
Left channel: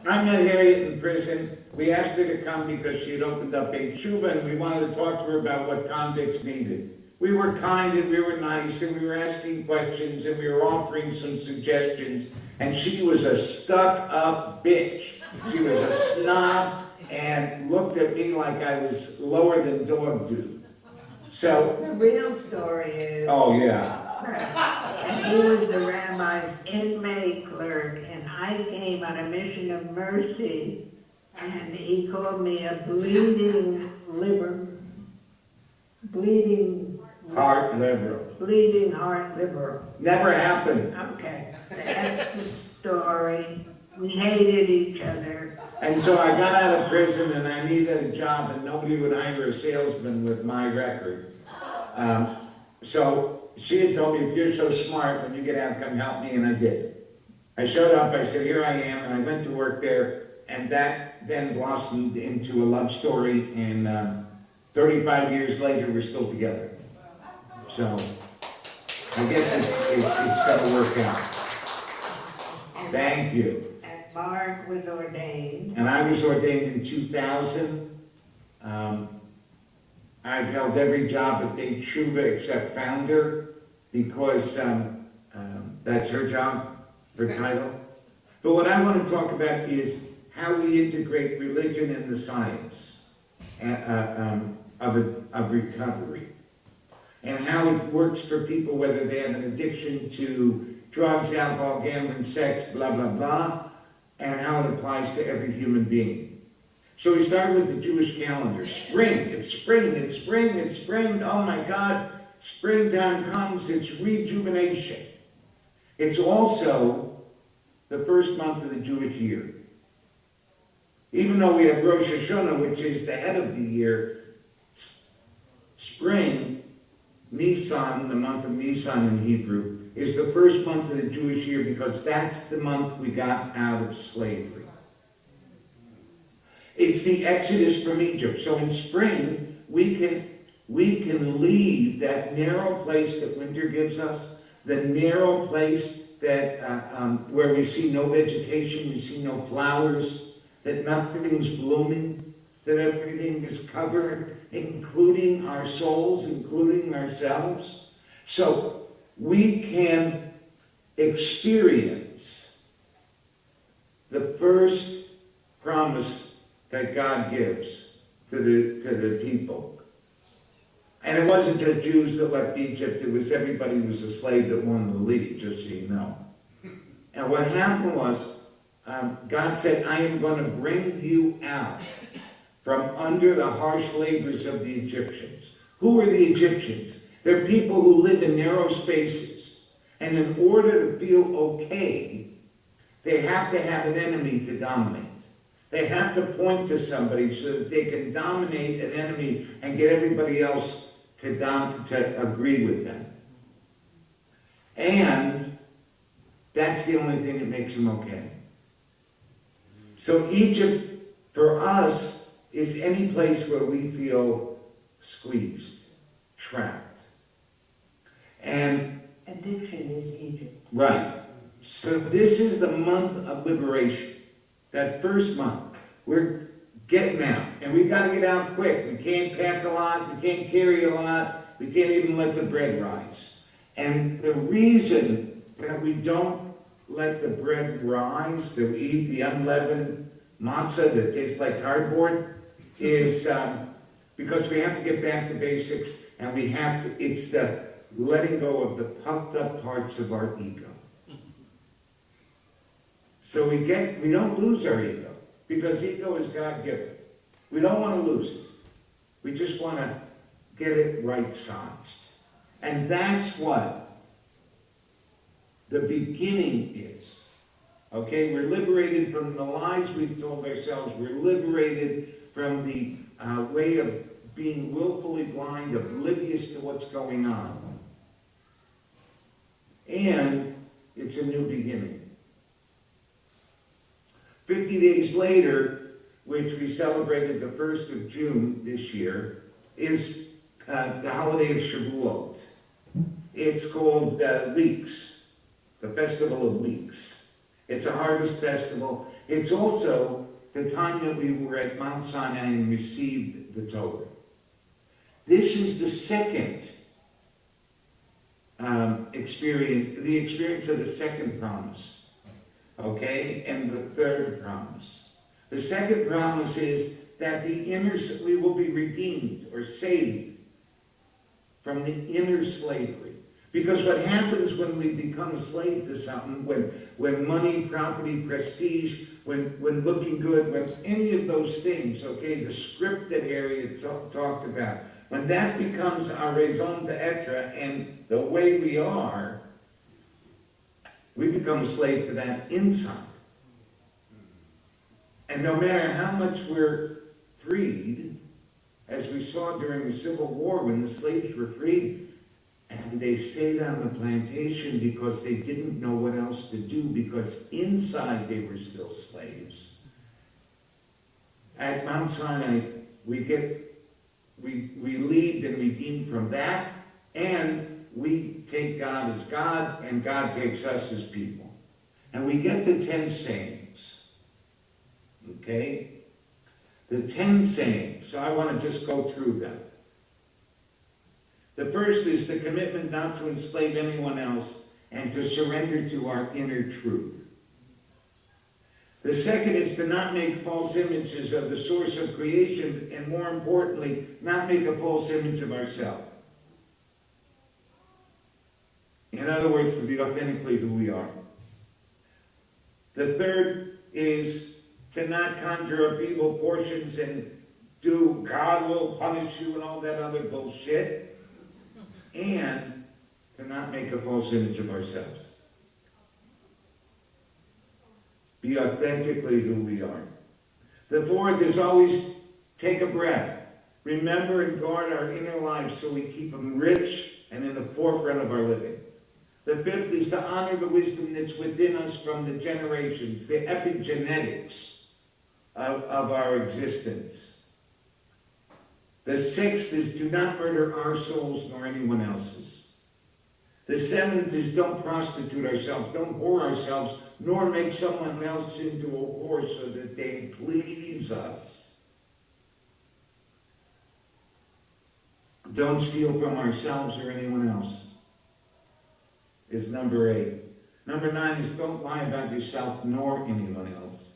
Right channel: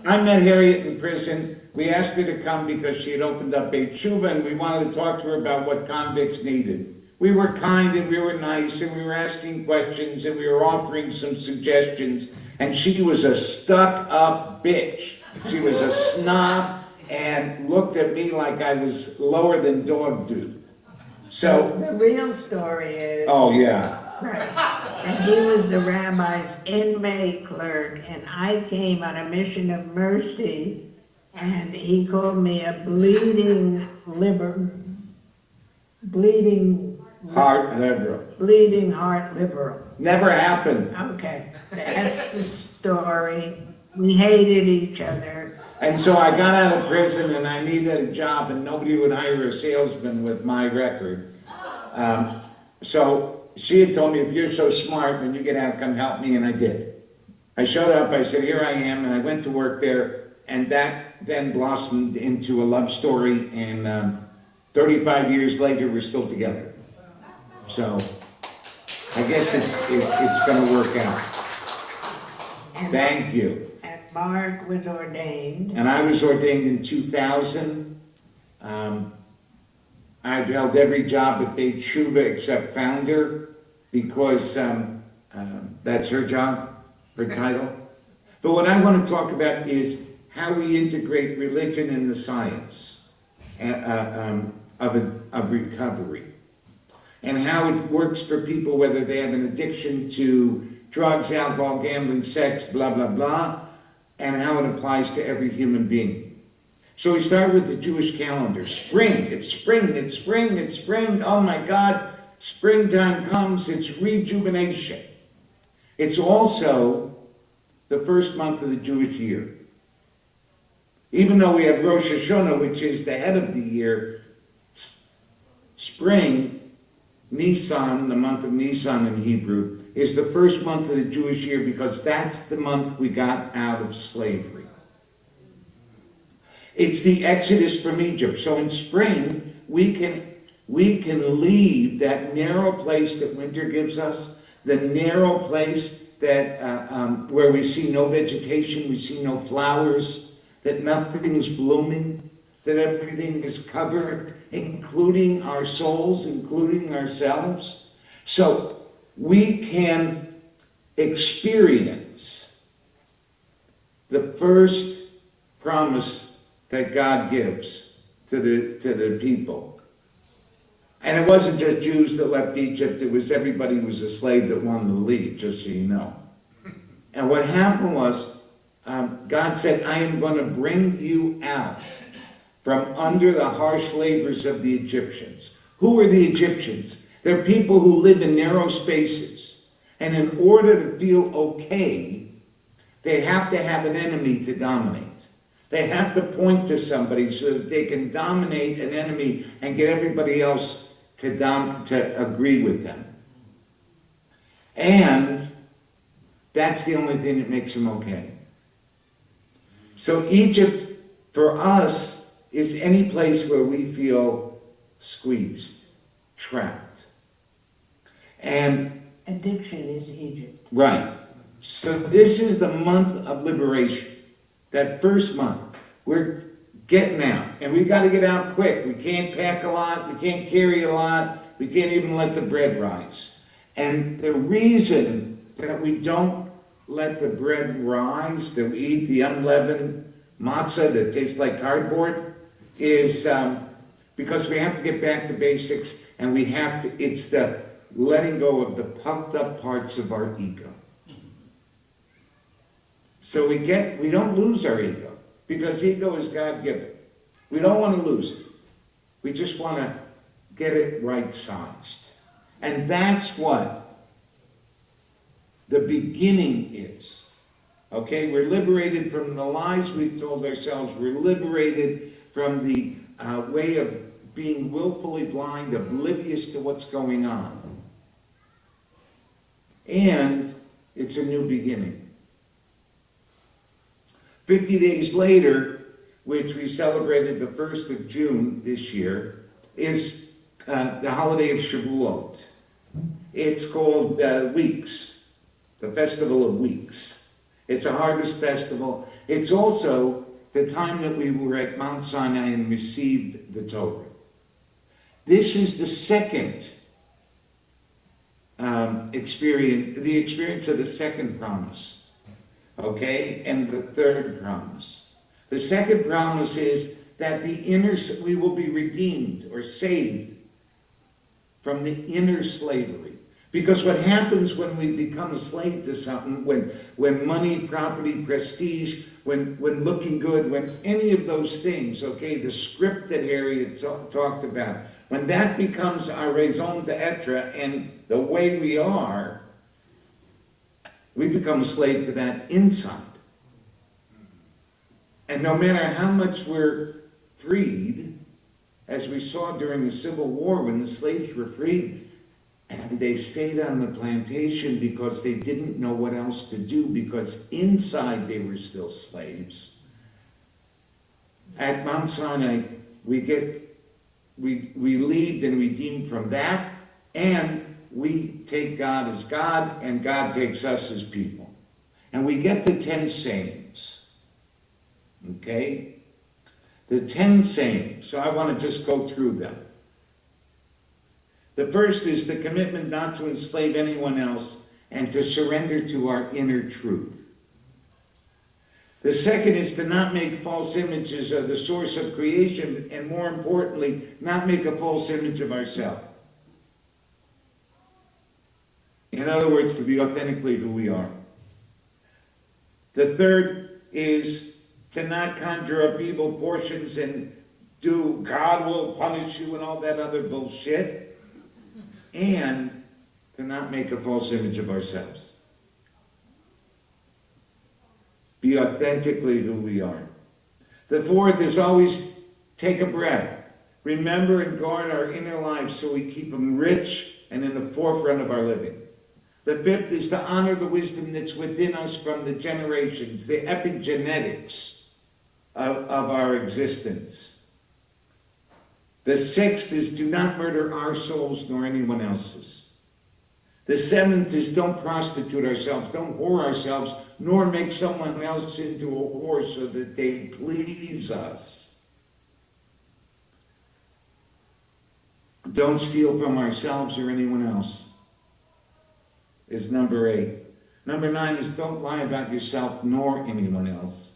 I met Harriet in prison. We asked her to come because she had opened up a tshuva, and we wanted to talk to her about what convicts needed. We were kind and we were nice and we were asking questions and we were offering some suggestions. And she was a stuck-up bitch. She was a snob and looked at me like I was lower than dog do. So The real story is, oh yeah. and he was the rabbi's inmate clerk, and I came on a mission of mercy, and he called me a bleeding Heart liberal. bleeding heart liberal. Never happened. Okay, that's the story. We hated each other. And so I got out of prison and I needed a job, and nobody would hire a salesman with my record. So she had told me, if you're so smart, then you can come help me, and I did. I showed up, I said, here I am, and I went to work there, and that then blossomed into a love story, and 35 years later, we're still together. So I guess it's going to work out. Thank you. And Mark was ordained. And I was ordained in 2000. I've held every job at Beit Tshuva except founder, because that's her job, her title. But what I want to talk about is how we integrate religion in the science of recovery, and how it works for people, whether they have an addiction to drugs, alcohol, gambling, sex, blah, blah, blah, and how it applies to every human being. So we start with the Jewish calendar. Spring, it's spring, it's spring, it's spring. Oh my God, springtime comes, it's rejuvenation. It's also the first month of the Jewish year. Even though we have Rosh Hashanah, which is the head of the year, spring, Nisan, the month of Nisan in Hebrew, is the first month of the Jewish year because that's the month we got out of slavery. It's the exodus from Egypt. So in spring, we can leave that narrow place that winter gives us, the narrow place that where we see no vegetation, we see no flowers, that nothing's blooming, that everything is covered, including our souls, including ourselves. So we can experience the first promise that God gives to the people. And it wasn't just Jews that left Egypt, it was everybody who was a slave that wanted to leave, just so you know. And what happened was, God said, I am going to bring you out from under the harsh labors of the Egyptians. Who are the Egyptians? They're people who live in narrow spaces. And in order to feel okay, they have to have an enemy to dominate. They have to point to somebody so that they can dominate an enemy and get everybody else to agree with them. And that's the only thing that makes them okay. So Egypt, for us, is any place where we feel squeezed, trapped. And Addiction is Egypt. right. So this is the month of liberation. That first month, we're getting out. And we got to get out quick. We can't pack a lot. We can't carry a lot. We can't even let the bread rise. And the reason that we don't let the bread rise, that we eat the unleavened matzah that tastes like cardboard, is because we have to get back to basics, and we have to, it's the letting go of the puffed up parts of our ego. So we don't lose our ego, because ego is God-given. We don't want to lose it. We just want to get it right-sized. And that's what the beginning is. Okay, we're liberated from the lies we've told ourselves. We're liberated from the way of being willfully blind, oblivious to what's going on. And it's a new beginning. 50 days later, which we celebrated the 1st of June this year, is the holiday of Shavuot. It's called Weeks, the Festival of Weeks. It's a harvest festival. It's also the time that we were at Mount Sinai and received the Torah. This is the second experience, the experience of the second promise, okay, and the third promise. The second promise is that we will be redeemed or saved from the inner slavery. Because what happens when we become a slave to something, when money, property, prestige, when looking good, when any of those things, okay, the script that Elliott talked about, when that becomes our raison d'etre and the way we are, we become a slave to that inside. And no matter how much we're freed, as we saw during the Civil War when the slaves were freed, and they stayed on the plantation because they didn't know what else to do, because inside they were still slaves. At Mount Sinai, we lead and redeemed from that, and we take God as God, and God takes us as people. And we get the 10 sayings. Okay? The 10 sayings. So I want to just go through them. The first is the commitment not to enslave anyone else and to surrender to our inner truth. The second is to not make false images of the source of creation, and more importantly, not make a false image of ourselves. In other words, to be authentically who we are. The third is to not conjure up evil portions and do God will punish you and all that other bullshit. And to not make a false image of ourselves. Be authentically who we are. The fourth is always take a breath. Remember and guard our inner lives so we keep them rich and in the forefront of our living. The fifth is to honor the wisdom that's within us from the generations, the epigenetics of our existence. The sixth is do not murder our souls nor anyone else's. The seventh is don't prostitute ourselves, don't whore ourselves, nor make someone else into a whore so that they please us. Don't steal from ourselves or anyone else, is number 8. Number 9 is don't lie about yourself nor anyone else.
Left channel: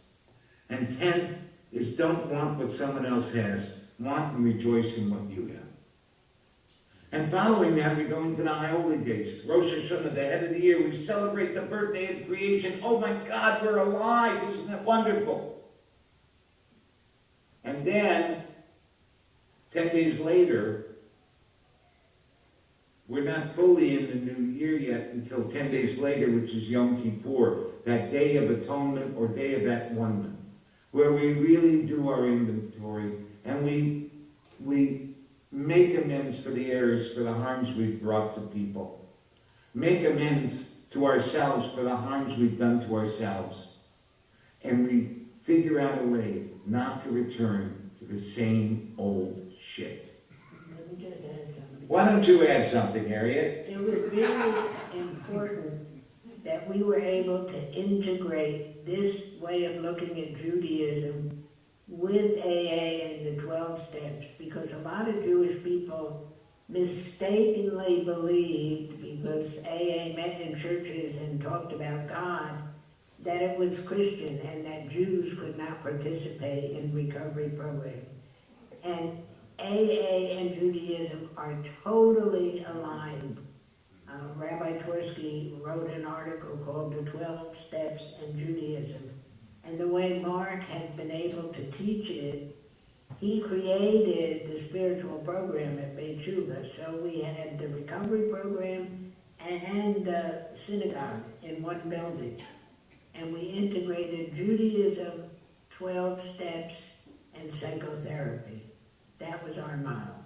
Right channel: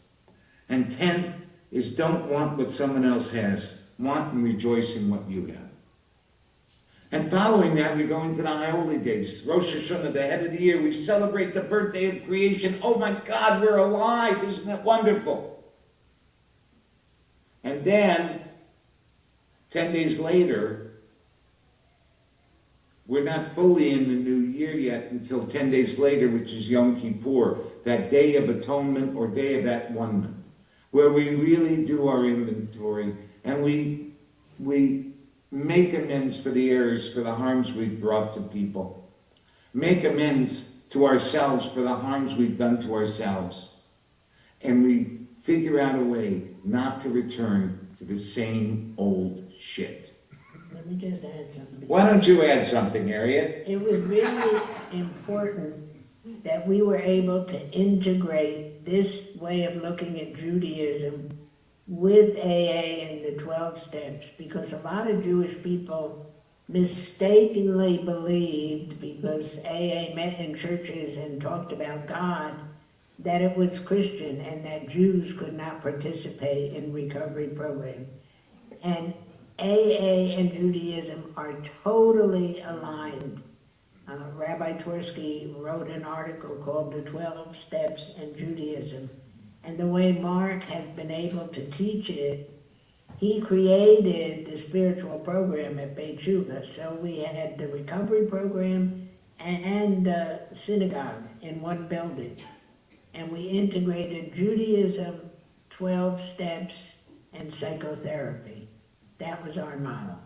And 10 is don't want what someone else has. Want and rejoice in what you have. And following that, we go into the High Holy Days. Rosh Hashanah, the head of the year. We celebrate the birthday of creation. Oh my God, we're alive. Isn't that wonderful? And then, 10 days later, we're not fully in the new year yet until 10 days later, which is Yom Kippur, that Day of Atonement or Day of At-One-ment, where we really do our inventory and we make amends for the errors, for the harms we've brought to people. Make amends to ourselves for the harms we've done to ourselves. And we figure out a way not to return to the same old shit. Let me just add something. Why don't you add something, Elliott? It was really important that we were able to integrate this way of looking at Judaism with AA and the 12 steps, because a lot of Jewish people mistakenly believed, because AA met in churches and talked about God, that it was Christian and that Jews could not participate in recovery program. And AA and Judaism are totally aligned. Rabbi Twersky wrote an article called The 12 Steps in Judaism, teach it. He created the spiritual program at Beit Shuvah, so we had the recovery program and the synagogue in one building. And we integrated Judaism, 12 steps, and psychotherapy. That was our model.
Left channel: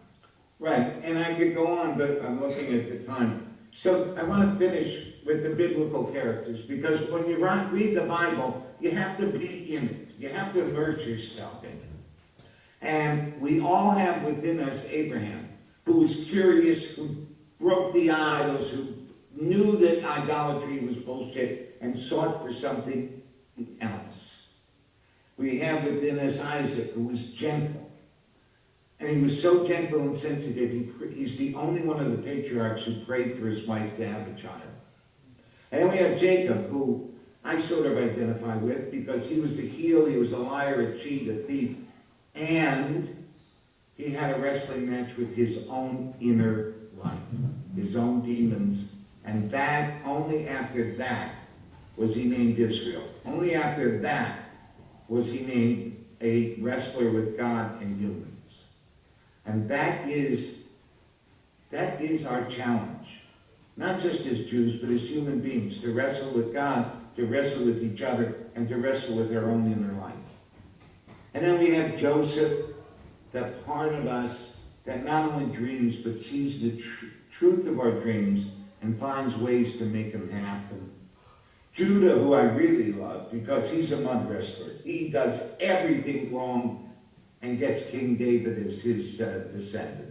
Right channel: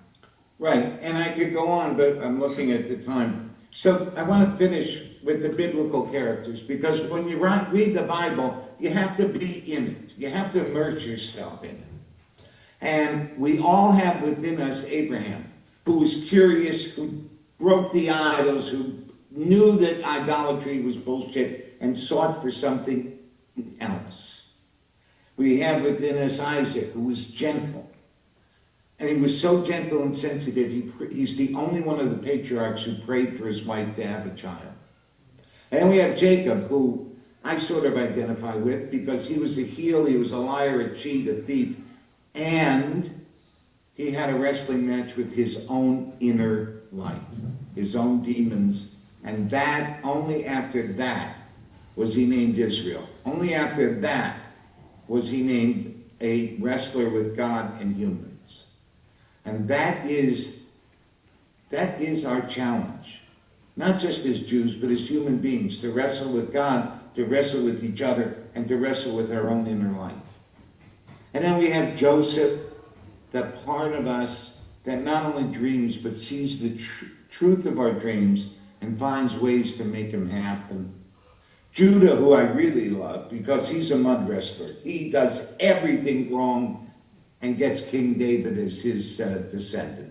Right, and I could go on, but I'm looking at the time. So I want to finish with the biblical characters, because when you read the Bible, you have to be in it. You have to immerse yourself in it. And we all have within us Abraham, who was curious, who broke the idols, who knew that idolatry was bullshit and sought for something else. We have within us Isaac, who was gentle. And he was so gentle and sensitive, he's the only one of the patriarchs who prayed for his wife to have a child. And we have Jacob, who I sort of identify with, because he was a heel, he was a liar, a cheat, a thief, and he had a wrestling match with his own inner life, his own demons, and that, only after that, was he named Israel. Only after that was he named a wrestler with God and humans. And that is our challenge, not just as Jews, but as human beings, to wrestle with God, to wrestle with each other, and to wrestle with our own inner life. And then we have Joseph, the part of us that not only dreams, but sees the truth of our dreams and finds ways to make them happen. Judah, who I really love, because he's a mud wrestler. He does everything wrong and gets King David as his descendant.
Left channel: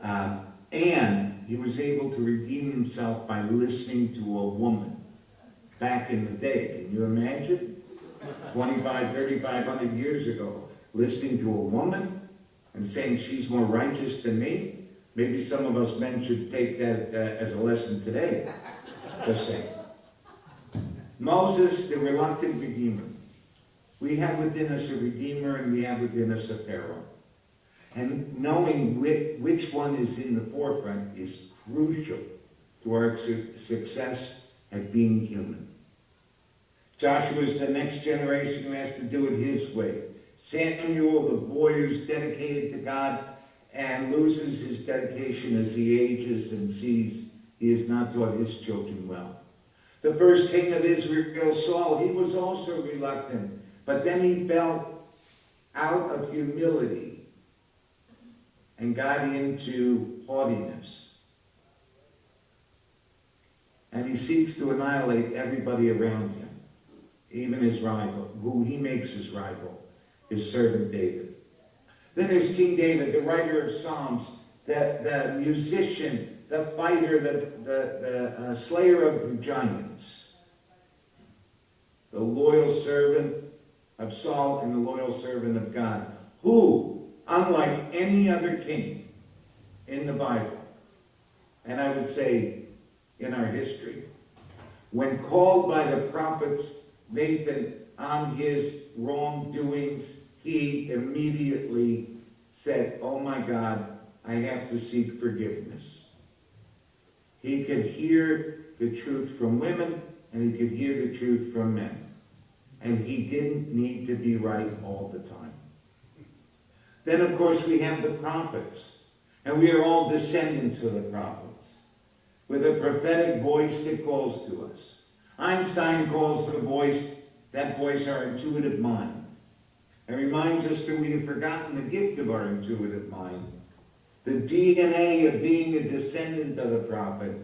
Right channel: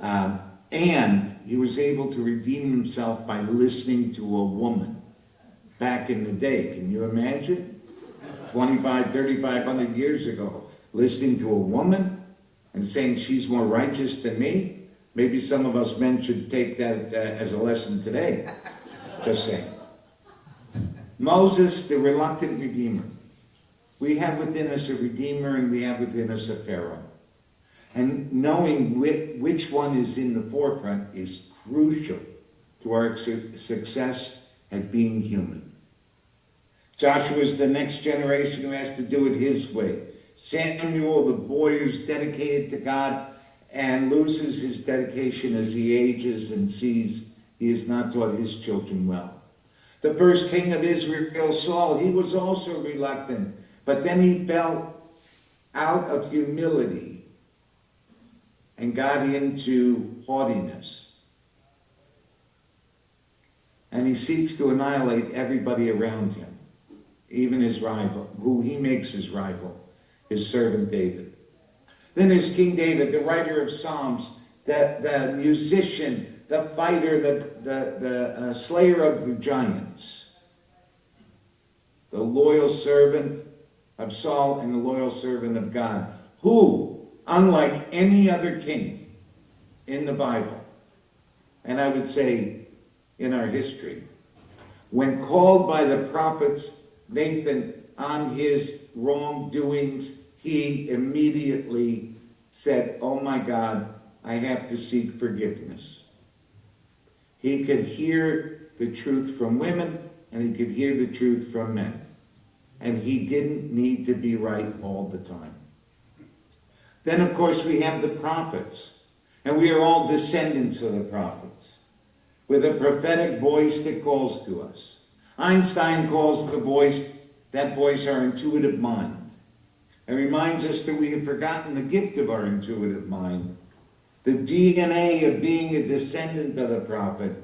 And he was able to redeem himself by listening to a woman back in the day. Can you imagine? 3,500 years ago, listening to a woman and saying she's more righteous than me. Maybe some of us men should take that as a lesson today. Just saying. Moses, the reluctant redeemer. We have within us a redeemer and we have within us a Pharaoh. And knowing which one is in the forefront is crucial to our success at being human. Joshua is the next generation who has to do it his way. Samuel, the boy who's dedicated to God and loses his dedication as he ages and sees he has not taught his children well. The first king of Israel, Saul, he was also reluctant, but then he fell out of humility and got into haughtiness. And he seeks to annihilate everybody around him, even his rival, who he makes his rival, his servant David. Then there's King David, the writer of Psalms, the musician, the fighter, the slayer of the giants, the loyal servant of Saul and the loyal servant of God, who, unlike any other king in the Bible, and I would say in our history, when called by the prophets Nathan on his wrongdoings, he immediately said, "Oh my God, I have to seek forgiveness." He could hear the truth from women, and he could hear the truth from men. And he didn't need to be right all the time. Then, of course, we have the prophets. And we are all descendants of the prophets, with a prophetic voice that calls to us. Einstein calls that voice our intuitive mind. It reminds us that we have forgotten the gift of our intuitive mind, the DNA of being a descendant of the prophet,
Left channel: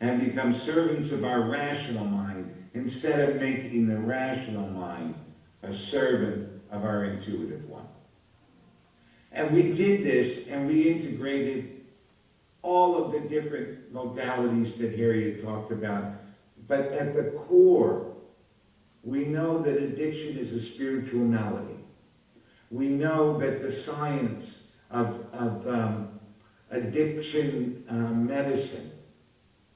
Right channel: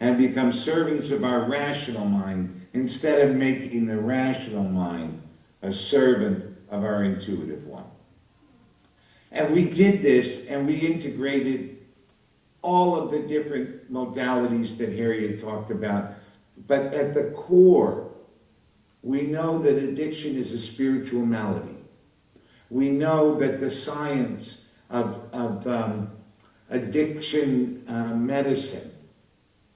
and become servants of our rational mind instead of making the rational mind a servant of our intuitive one. And we did this, and we integrated all of the different modalities that Harriet talked about. But at the core, we know that addiction is a spiritual malady. We know that the science of addiction medicine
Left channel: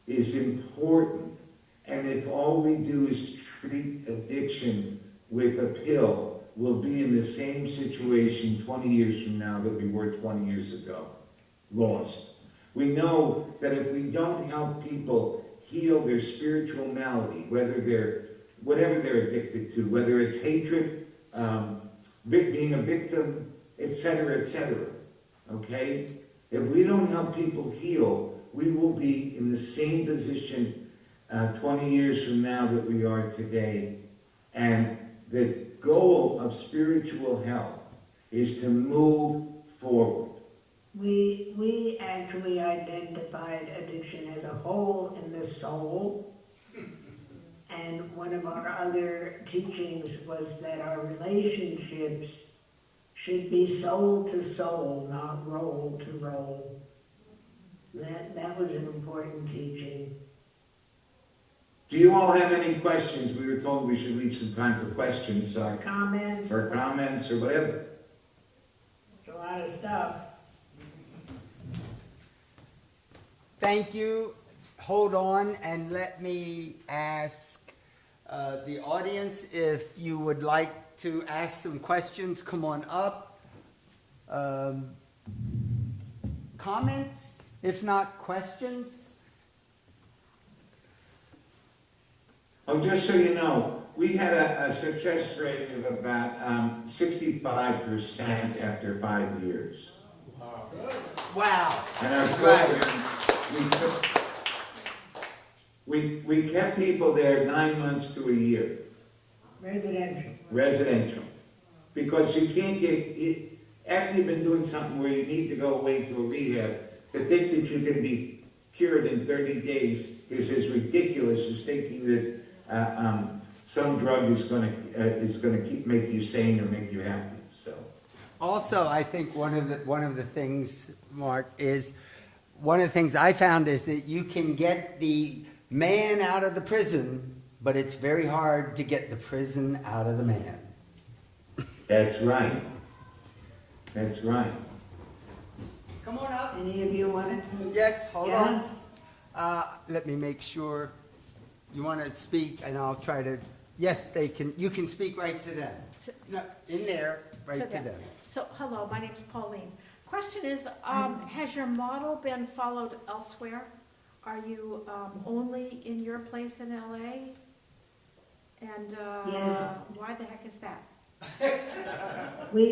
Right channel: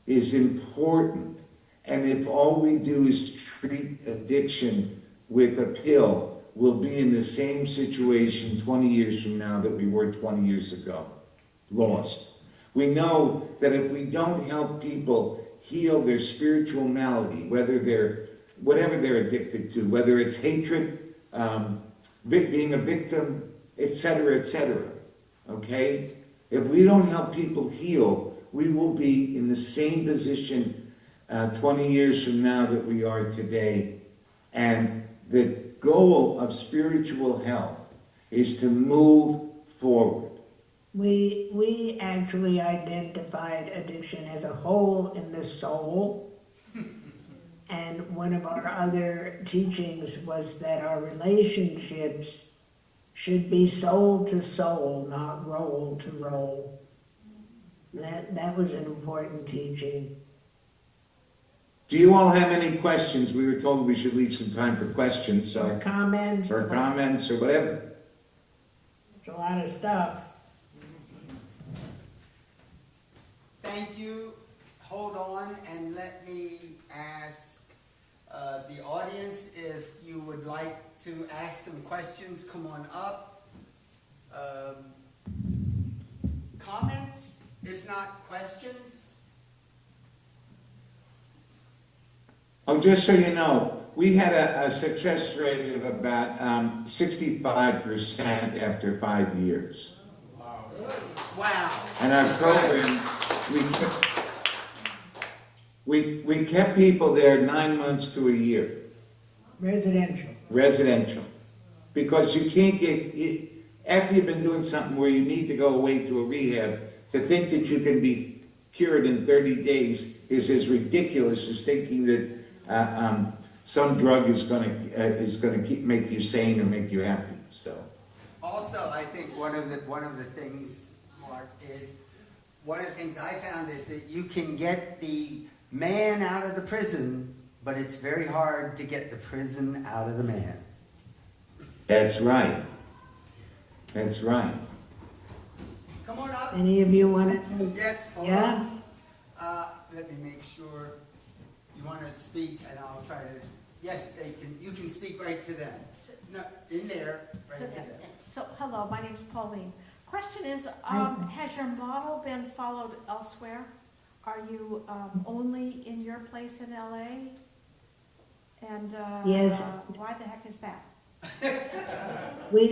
is important. And if all we do is treat addiction with a pill, we'll be in the same situation 20 years from now that we were 20 years ago, lost. We know that if we don't help people heal their spiritual malady, whatever they're addicted to, whether it's hatred, being a victim, etc., etc. Okay? If we don't help people heal, we will be in the same position 20 years from now that we are today. And the goal of spiritual health is to move forward. We actually identified addiction as a hole in the soul. And one of our other teachings was that our relationships should be soul to soul, not role to role. That was an important teaching. Do you all have any questions? We were told we should leave some time for questions, Or so comments? or comments or whatever. It's a lot of stuff. Thank you. Hold on and let me ask the audience if you would like to ask some questions. Come on up. Comments? If not, questions? Oh, just so you know, we had a success rate of about 65% after 5 years. Wow. And our program, we kept people there 9 months to a year. Residential. Because you can't get, after you've been doing something where you need to go away to a rehab, to think that you can be cured in 30 days is as ridiculous as thinking that some drug is going to make you sane or make you happy. So. Also, I think one of the things, Mark, is one of the things I found is that you can get the man out of the prison, but it's very hard to get the prison out of the man. That's right. That's right. Come on up. Any of you want to? Yes, hold Yeah? on. Let me make sure you want to speak, and I'll try to. Yes, they can. You can speak right to them. No, in there, right to them. So, hello, my name is Pauline. Question is, has your model been followed elsewhere? Are you only in your place in LA? And Yes. why the heck is that? We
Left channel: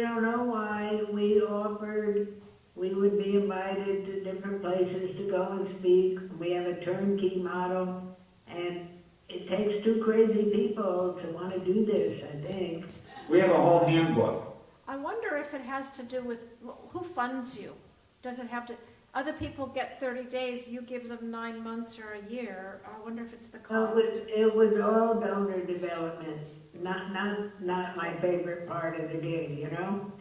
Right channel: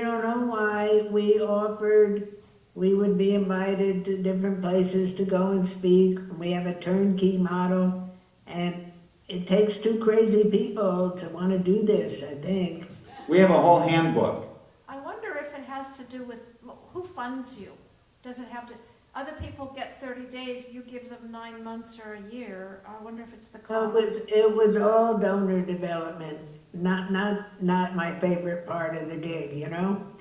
don't know why. We offered, we would be invited to different places to go and speak. We have a turnkey model, and it takes two crazy people to want to do this, I think. We have a whole handbook. I wonder if it has to do with who funds you. Does it have to, other people get 30 days, you give them 9 months or a year. I wonder if it's the cost. It was all donor development, not my favorite part of the gig, you know?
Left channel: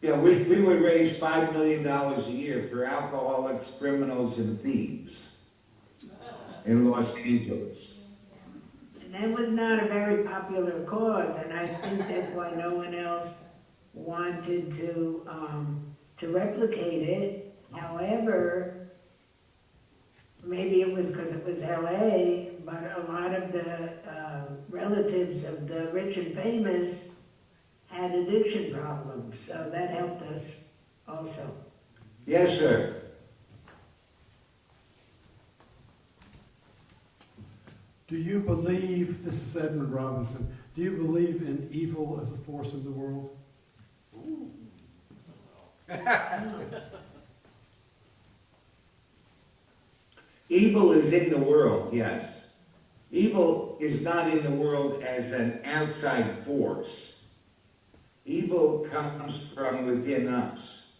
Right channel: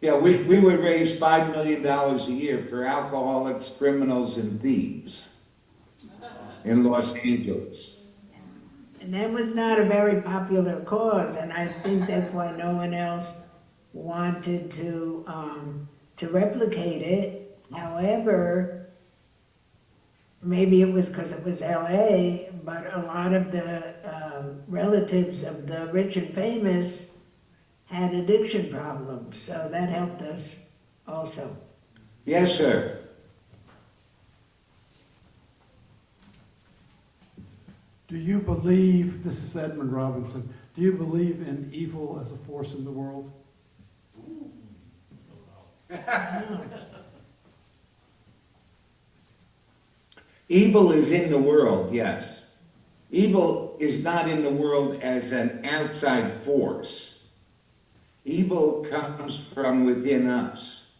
Yeah, we would raise $5 million a year for alcoholics, criminals, and thieves in Los Angeles. And that was not a very popular cause, and I think that's why no one else wanted to replicate it. However, maybe it was because it was LA, but a lot of the relatives of the rich and famous had addiction problems, so that helped us also. Yes, sir. Do you believe, this is Edmund Robinson, do you believe in evil as a force in the world? Evil is in the world, yes. Evil is not in the world as an outside force. Evil comes from within us.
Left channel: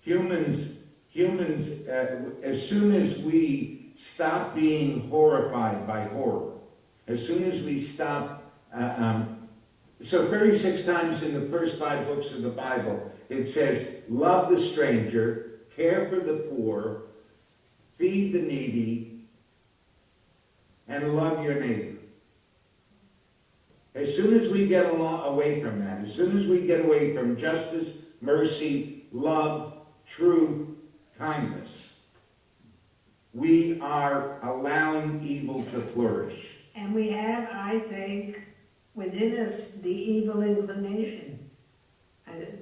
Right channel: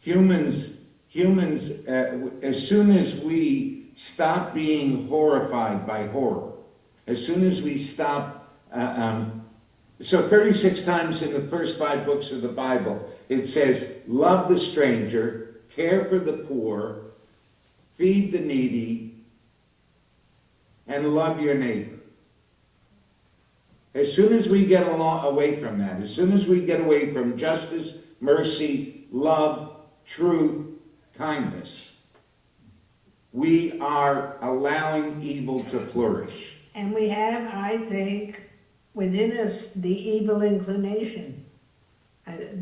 Humans, as soon as we stop being horrified by horror, as soon as we stop, so 36 times in the first 5 books of the Bible, it says, love the stranger, care for the poor, feed the needy, and love your neighbor. As soon as we get away from that, as soon as we get away from justice, mercy, love, truth, kindness, we are allowing evil to flourish. And we have, I think, within us the evil inclination,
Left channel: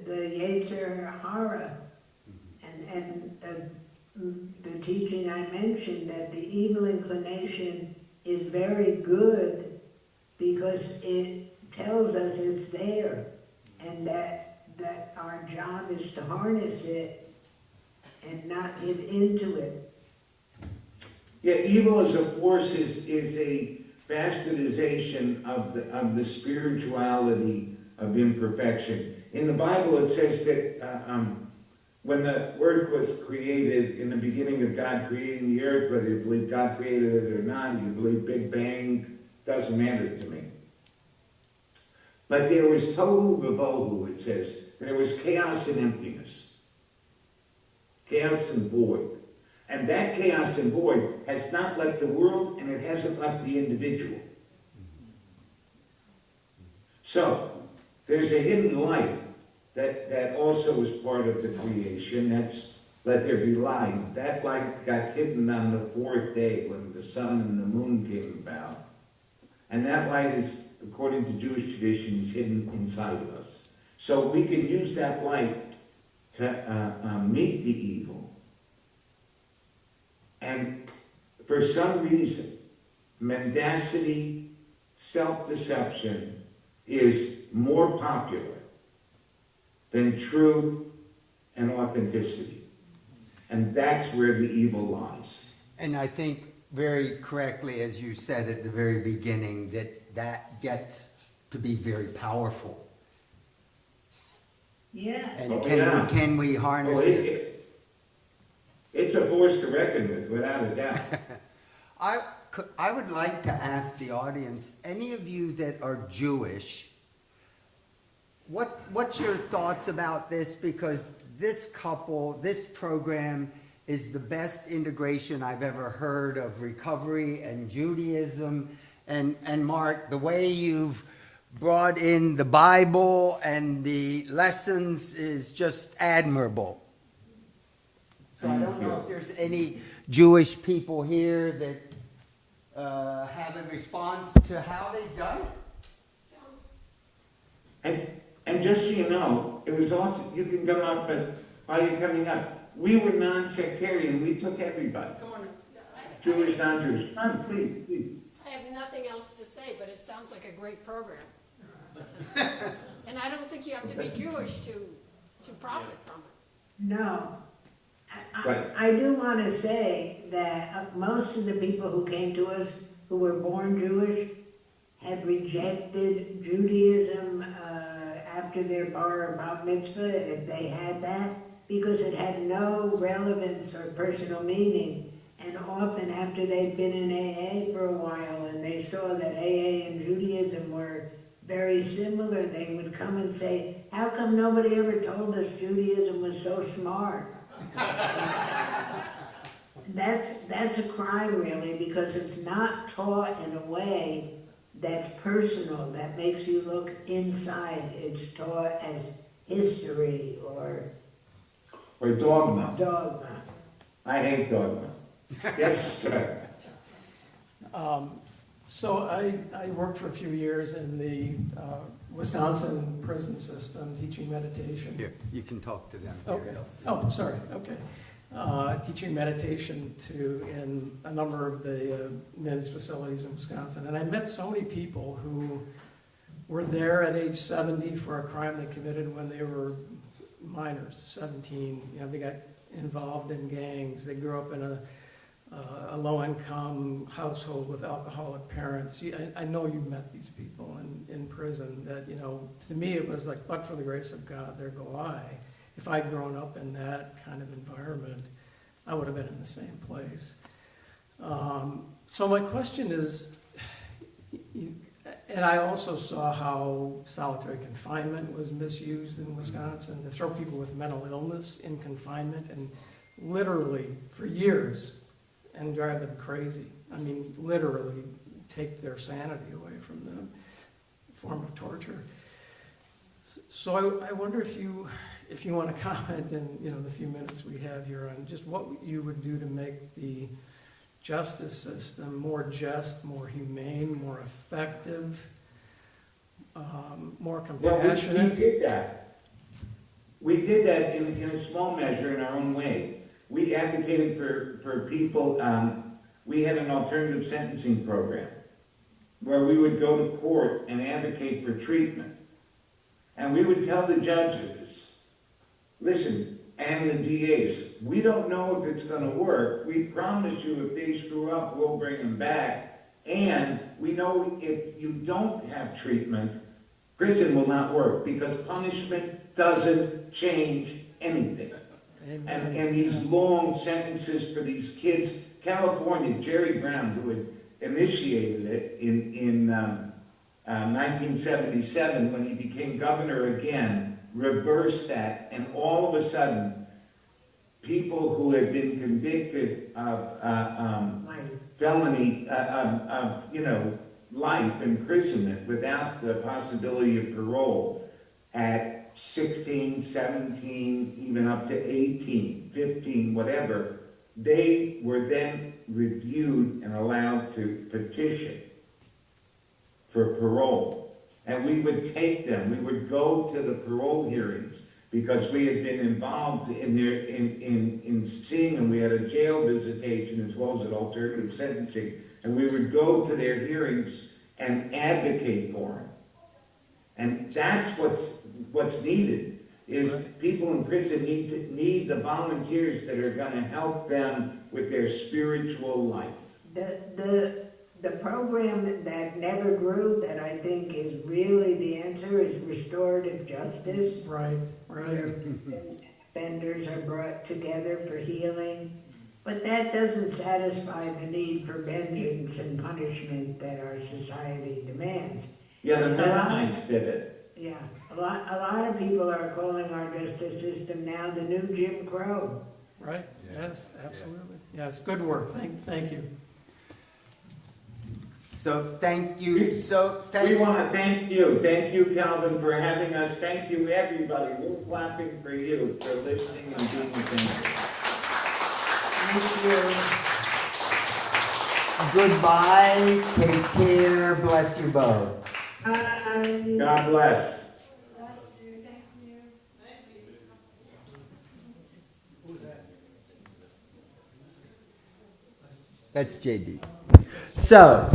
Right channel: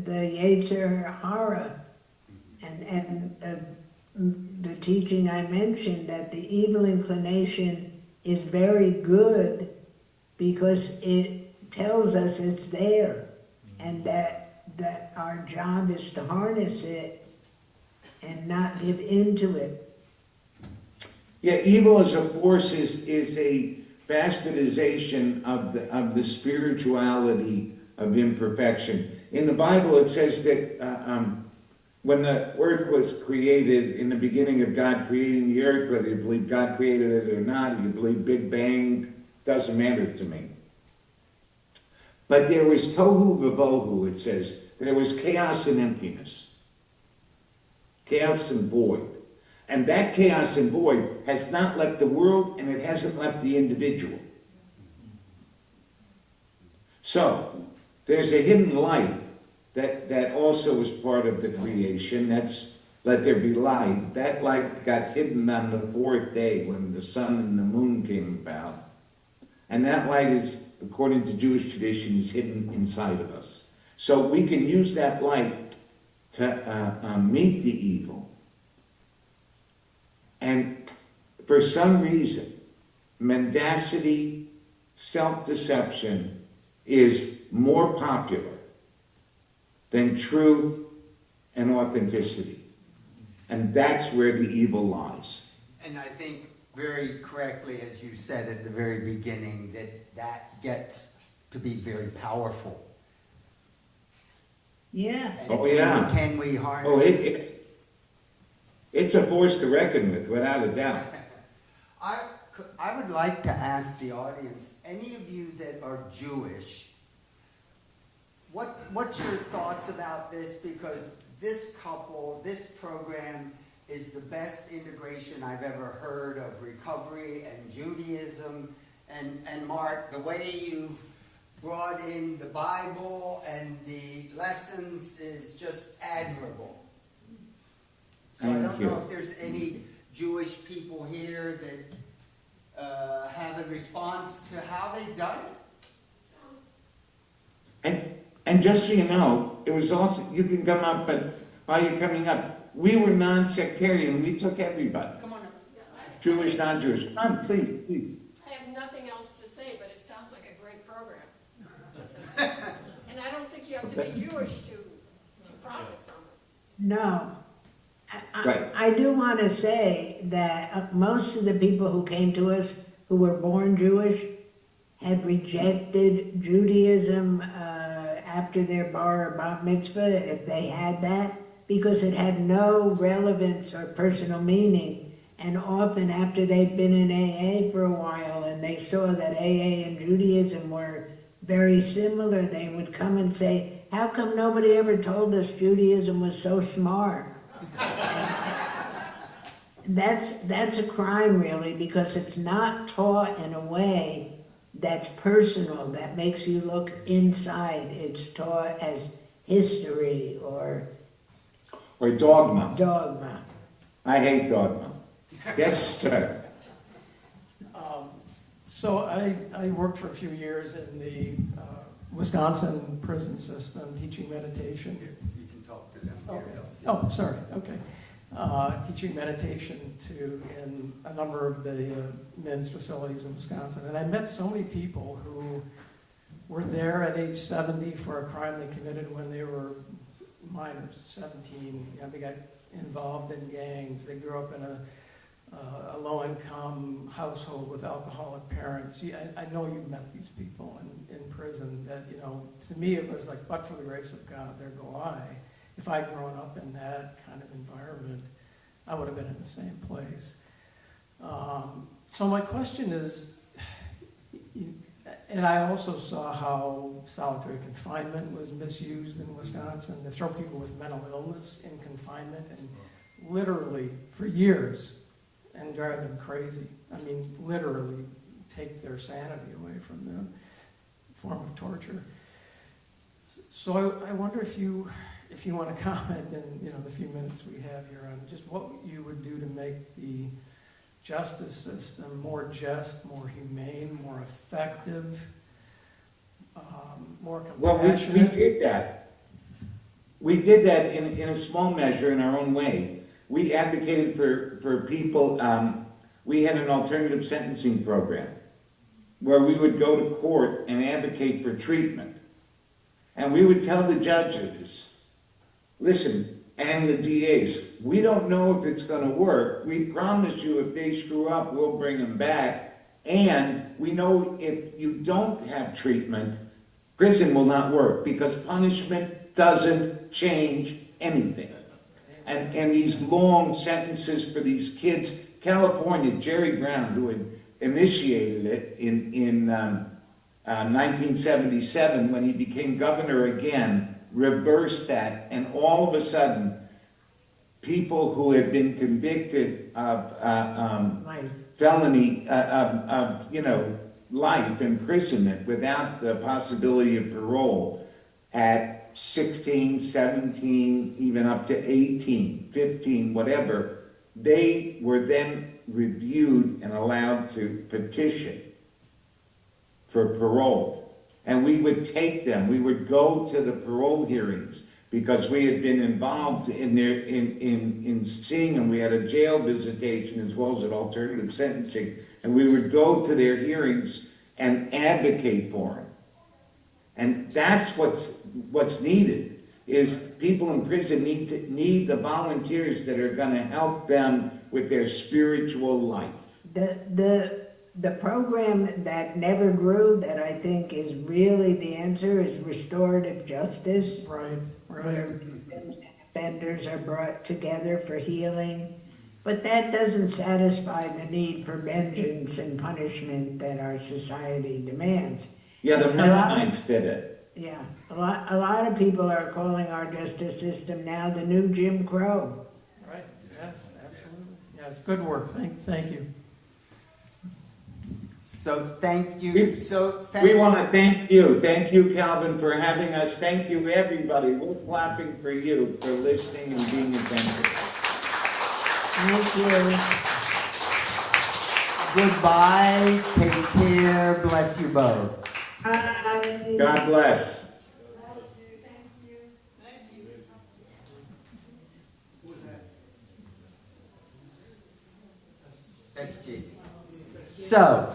the Yetzer Hara, and the teaching I mentioned that the evil inclination is very good because it tells us it's there, and that our job is to harness it and not give into it. Yeah, evil as a force is a bastardization of the spirituality of imperfection. In the Bible, it says that when the earth was created, in the beginning of God creating the earth, whether you believe God created it or not, you believe Big Bang, doesn't matter to me. But there was tohu vavohu, it says. There was chaos and emptiness. Chaos and void. And that chaos and void has not left the world, and it hasn't left the individual. So, there's a hidden light that also was part of the creation. That's let there be light. That light got hidden on the fourth day when the sun and the moon came about. And that light is, according to Jewish tradition, is hidden inside of us. So we can use that light to meet the evil. And for some reason, mendacity, self-deception is more popular than truth and authenticity. And that's where the evil lies. And I think very correctly, as you said at the very beginning, that gets to be very powerful. Yeah. And can we harness it? It's a force to reckon with, without a doubt. I would like to ask the audience, any of you that are Jewish, what's your thoughts about this? Because this program is the best integration I've ever heard of recovery and Judaism. And Mark, the way you've brought in the Bible and the lessons is just admirable. So I don't know if there's any Jewish people here that have a response to how they've done it. And just so you know, it was also, you can come up, but while you're coming up, we were non-sectarian. We took everybody. Come on. Jewish, non-Jewish. Come on, please. I have nothing else to say, but it sounds like a great program. And I don't think you have to be Jewish to profit from it. No. Right. I do want to say that most of the people who came to us who were born Jewish had rejected Judaism after their bar or bat mitzvah, if they had that, because it had no relevance or personal meaning. And often after they'd been in AA for a while and they saw that AA and Judaism were very similar, they would come and say, how come nobody ever told us Judaism was so smart? That's a crime, really, because it's not taught in a way that's personal, that makes you look inside. It's taught as history or dogma. Dogma. I hate dogma. Yes, sir. So I worked for a few years in the Wisconsin prison system, teaching meditation. Here, you can talk to them. Oh, sorry. Okay. Teaching meditation in a number of the men's facilities in Wisconsin. And I met so many people who were there at age 70 for a crime they committed when they were minors, 17. You know, they got involved in gangs. They grew up in a low-income household with alcoholic parents. I know you met these people in prison that, you know, to me it was like, but for the grace of God, there go I. If I'd grown up in that kind of environment, I would have been in the same place. So my question is, and I also saw how solitary confinement was misused in Wisconsin, to throw people with mental illness in confinement and literally for years and drive them crazy. I mean, literally take their sanity away from them, form of torture. So I wonder if you want to comment in the few minutes we have here on just what you would do to make the justice system more just, more humane, more effective, more compassionate. Well, we did that. We did that in a small measure in our own way. We advocated for people. We had an alternative sentencing program where we would go to court and advocate for treatment. And we would tell the judges, listen, and the DAs, we don't know if it's going to work. We promise you if they screw up, we'll bring them back. And we know if you don't have treatment, prison will not work because punishment doesn't change anything. And these long sentences for these kids, California, Jerry Brown, who had initiated it in 1977 when he became governor again, reversed that, and all of a sudden, people who had been convicted of felony, life imprisonment without the possibility of parole at 16, 17, even up to 18, 15, whatever, they were then reviewed and allowed to petition for parole. And we would take them, we would go to the parole hearings because we had been involved in their, in seeing them. We had a jail visitation as well as an alternative sentencing. And we would go to their hearings and advocate for them. And that's what's needed, is people in prison need the volunteers that are going to help them with their spiritual life. The program that never grew, that I think is really the answer, is restorative justice. Right. Where offenders are brought together for healing. But that doesn't satisfy the need for vengeance and punishment that our society demands. Yeah, the Mennonites did it. Yeah, a lot of people are calling our justice system now the new Jim Crow. Right, yes, absolutely. Yes, good work, thank you. So thank you. We want to thank you. Thank you, Calvin, for having us. Thank you, everybody. We're clapping for you for listening and being attentive. Thank you. Goodbye. Take care. Bless you both. Bye. God bless. That's JD. So,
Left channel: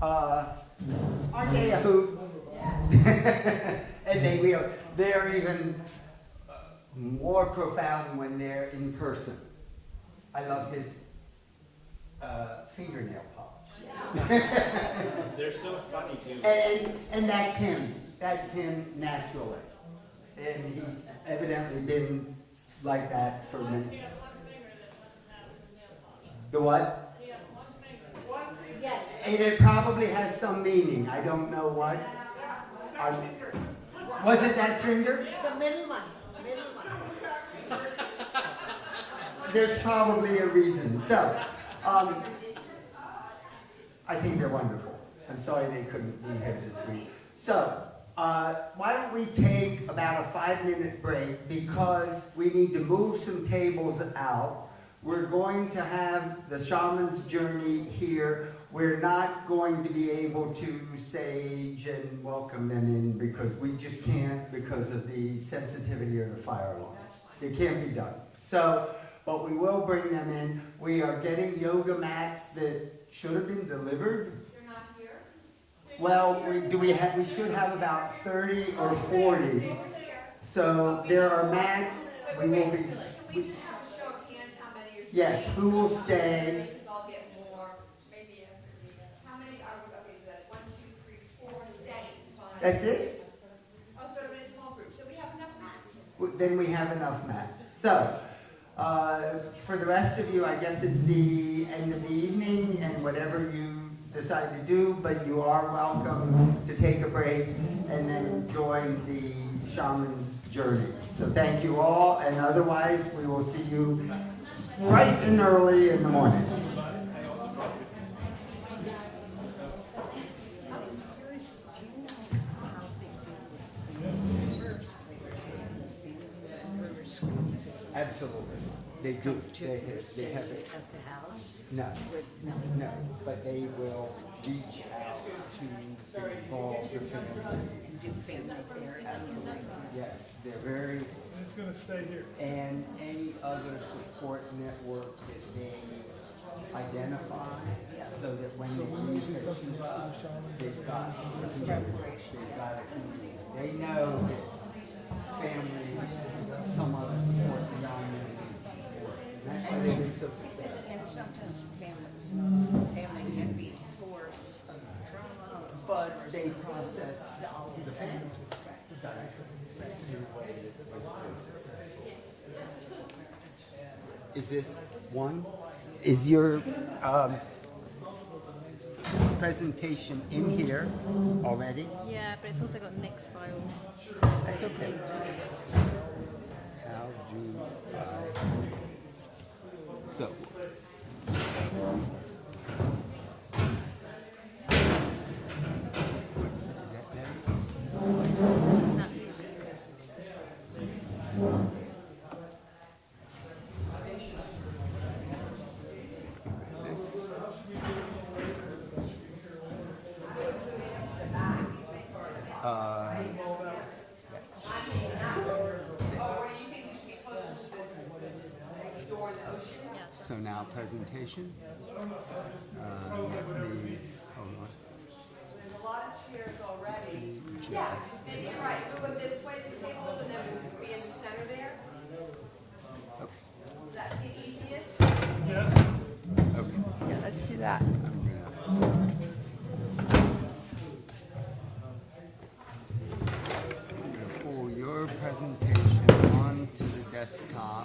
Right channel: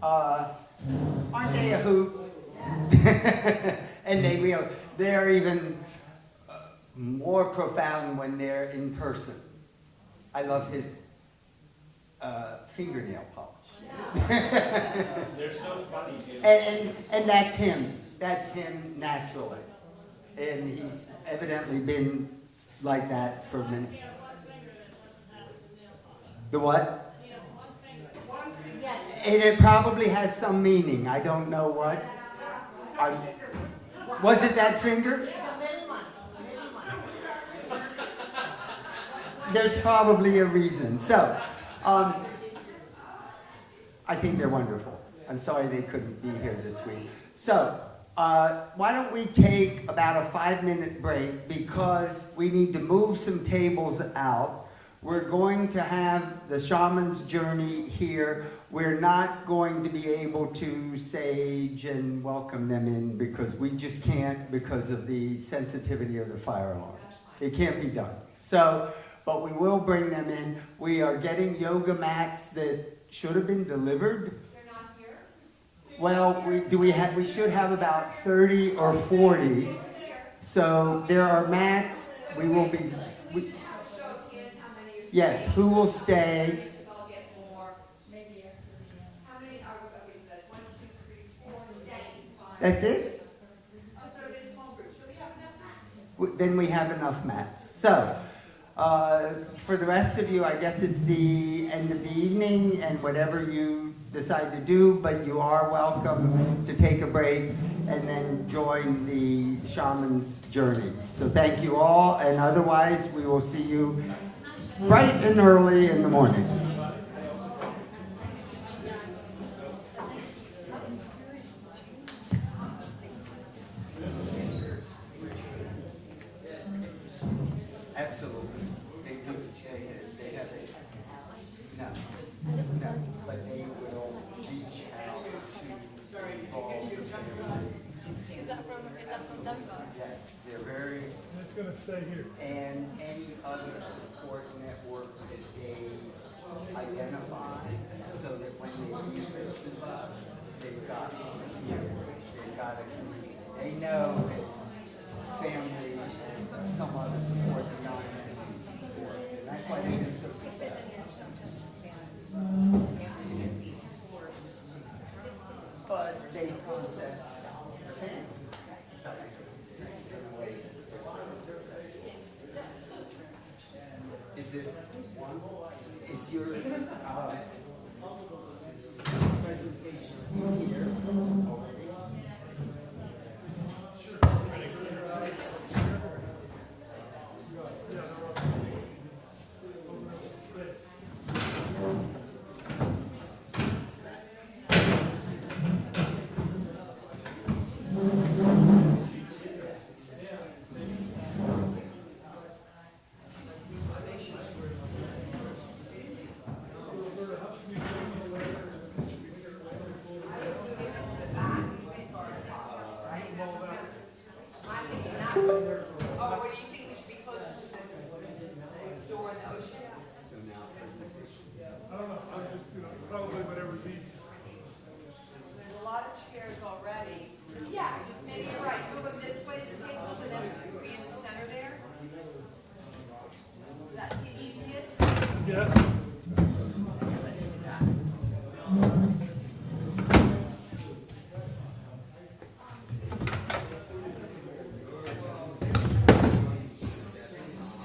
aren't they a hoot? And they're even more profound when they're in person. I love his fingernail polish. They're so funny, too. And that's him. That's him naturally. And he's evidently been like that for many. The what? Yes. It probably has some meaning. I don't know what. Was it that finger? The middle one. There's probably a reason. So, I think they're wonderful. I'm sorry they couldn't be here this week. So, why don't we take about a 5-minute break because we need to move some tables out. We're going to have the shaman's journey here. We're not going to be able to sage and welcome them in because we just can't because of the sensitivity of the fire alarms. It can't be done. So, but we will bring them in. We are getting yoga mats that should have been delivered. They're not here? Well, we should have about 30 or 40. So there are mats. We will be. Yes, who will stay? I'll get more, maybe after the, how many are, what is that? 1, 2, 3, 4, steady. 5, That's it? 6. Oh, so it'll be a small group, so we have enough mats. Then we have enough mats. So, for the rest of you, I guess it's the end of the evening and whatever you decide to do, but you are welcome to take a break and then join the shaman's journey. So thank you all, and otherwise we will see you bright and early in the morning. Absolutely. They do. They have it at the house? No. No. But they will reach out to involve the family. Yes, they're very. It's going to stay here. And any other support network that they identify so that when they need they've got support, they've got a community. They know that family and some other support and community support. And that's why they've been so successful. But they process the family. Is this one? Is your presentation in here already? Yeah, but it's also got Nick's files. That's okay. So. So now presentation. There's a lot of chairs already. Yeah, and you're right, move it this way, the table, so then we be in the center there. Does that seem easiest? Yes. Yeah, let's do that. Pull your presentation onto the desktop.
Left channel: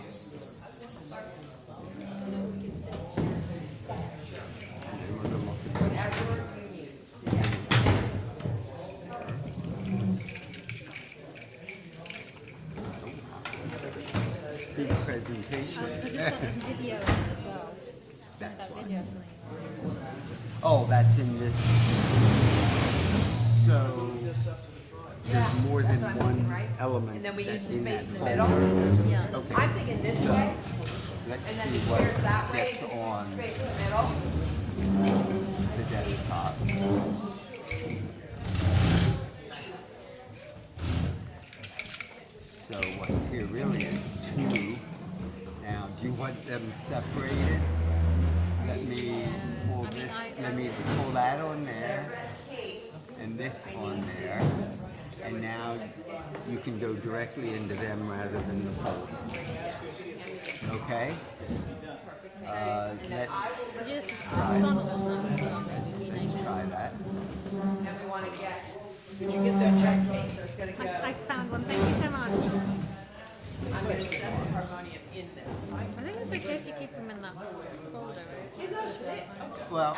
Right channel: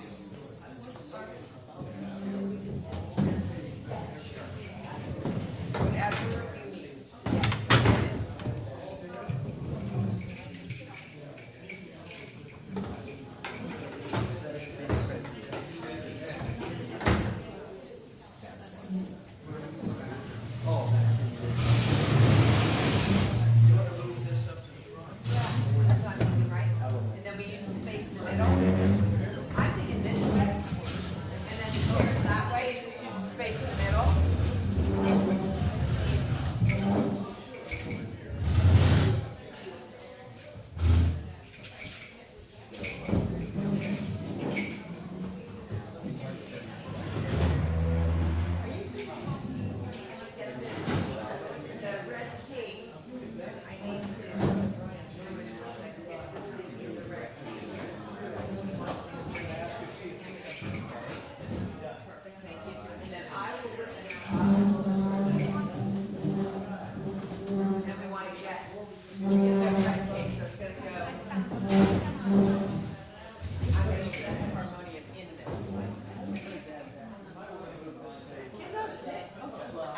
See the presentation. Video as well. That video. Oh, that's in this. So there's more than one element. And then we use the in space this in the middle. folder. Yeah. I'm thinking this way, Let's and then see the what chairs that way, gets just use on the space in the middle. the desktop. So what's here really is two. Now, do you want them separated? Let me pull this, let me pull that on there, and this on there. And now you can go directly into them rather than the folder. Okay? Let's try that. And we want to get, you get the red case, so it's gonna go, I found one. Thank you so much. I'm gonna set the harmonium in this. I think it's okay if you keep them in that folder. You notice it? Well,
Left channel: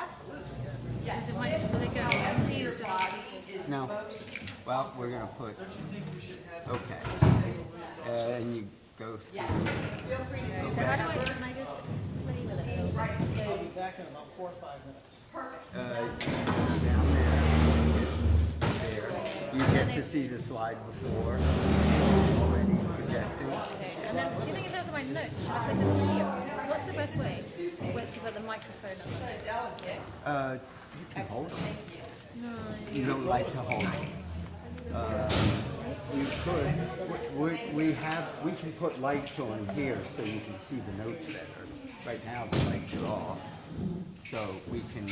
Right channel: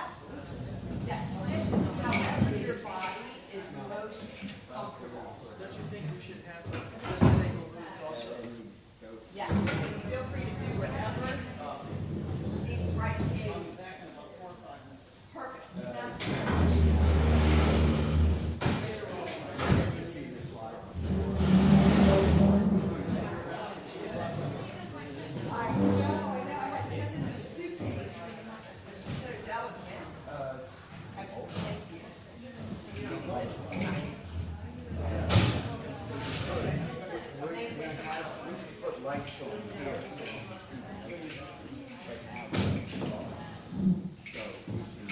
Yes. It might really go Your easy. body is no. most, Well, we're gonna put, okay. And you go. yes, feel free to move So how do I, whatever. can I just Right, You get to see the slide before. and then do you think if that's my notes? What's the best way? Wait to put the microphone up. You can hold it. You don't like to hold it. You could, we can put lights on here so you can see the notes better. Right now the lights are off, so we can,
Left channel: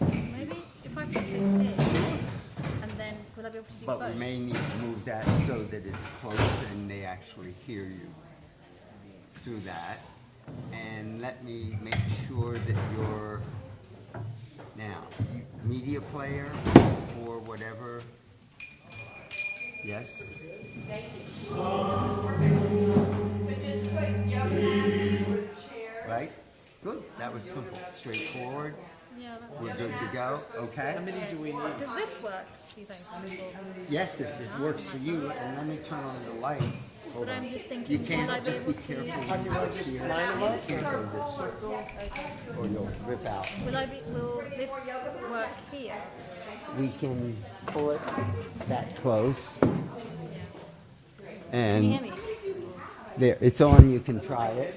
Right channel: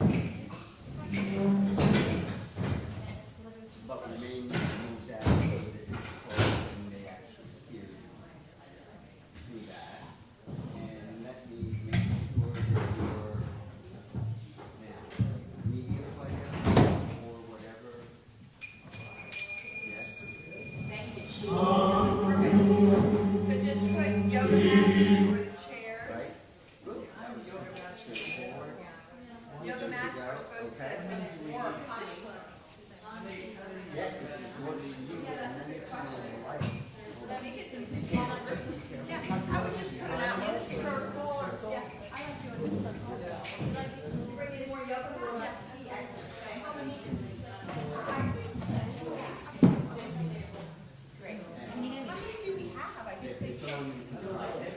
Maybe if I could do this, and then will I be able to do but both? we may need to move that so that it's close and they actually hear you through that. And let me make sure that you're, now, media player or whatever. Yes? thank you. So just put yoga mats for the chairs. Right? Good, that was simple, straightforward. Yeah, that We're good to go, okay? does this work? Do you think? Yes, if it works for you, and let me turn on the light. Hold But on. I'm just thinking, You will can't, I be just able be to? careful. I would just line them up. Or you'll rip out. Will this work here? We can pull it that close. Can you And hear me? there, it's on, you can try it.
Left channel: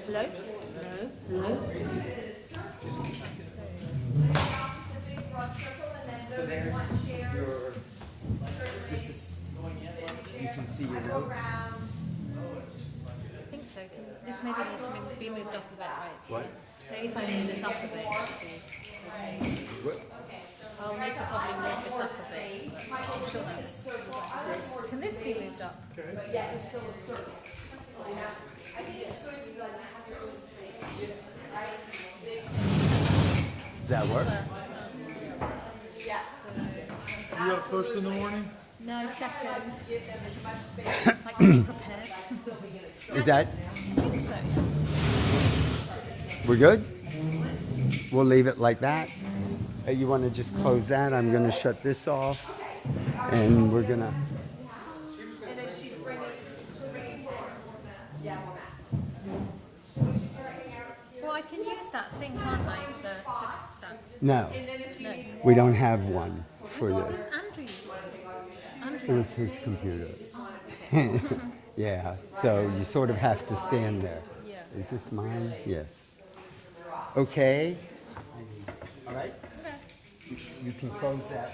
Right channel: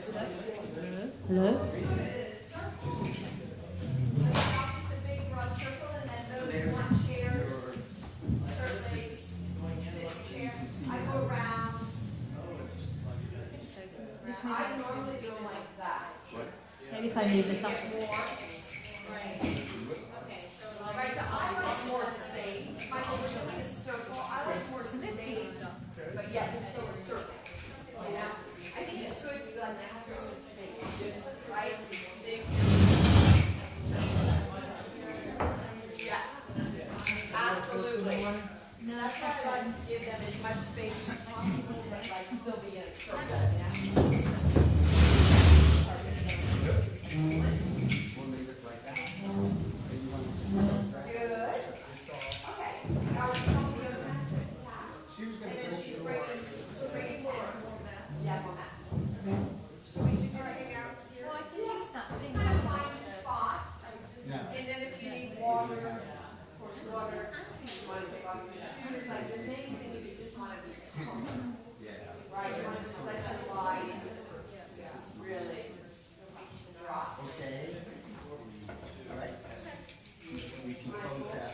Hello? So there's your, this is, you can see your notes. I think so. This maybe this could be moved up a bit, right? What? Maybe if I move this up a bit. What? first in the morning? No, second. Give them as much space as possible, but still be in a Is that? We're good? We'll leave it like that. You want to just close that? I'm going to shut this off. And we're going to... And then she's bringing more. Yeah, more mats. Well, I can use that thing, can't I? No, And then if you need we don't have one for this. Andrew. It was his computer. Yeah, so you sort of have to stand there. Is this mine? Yes. Okay. All right. You can close that.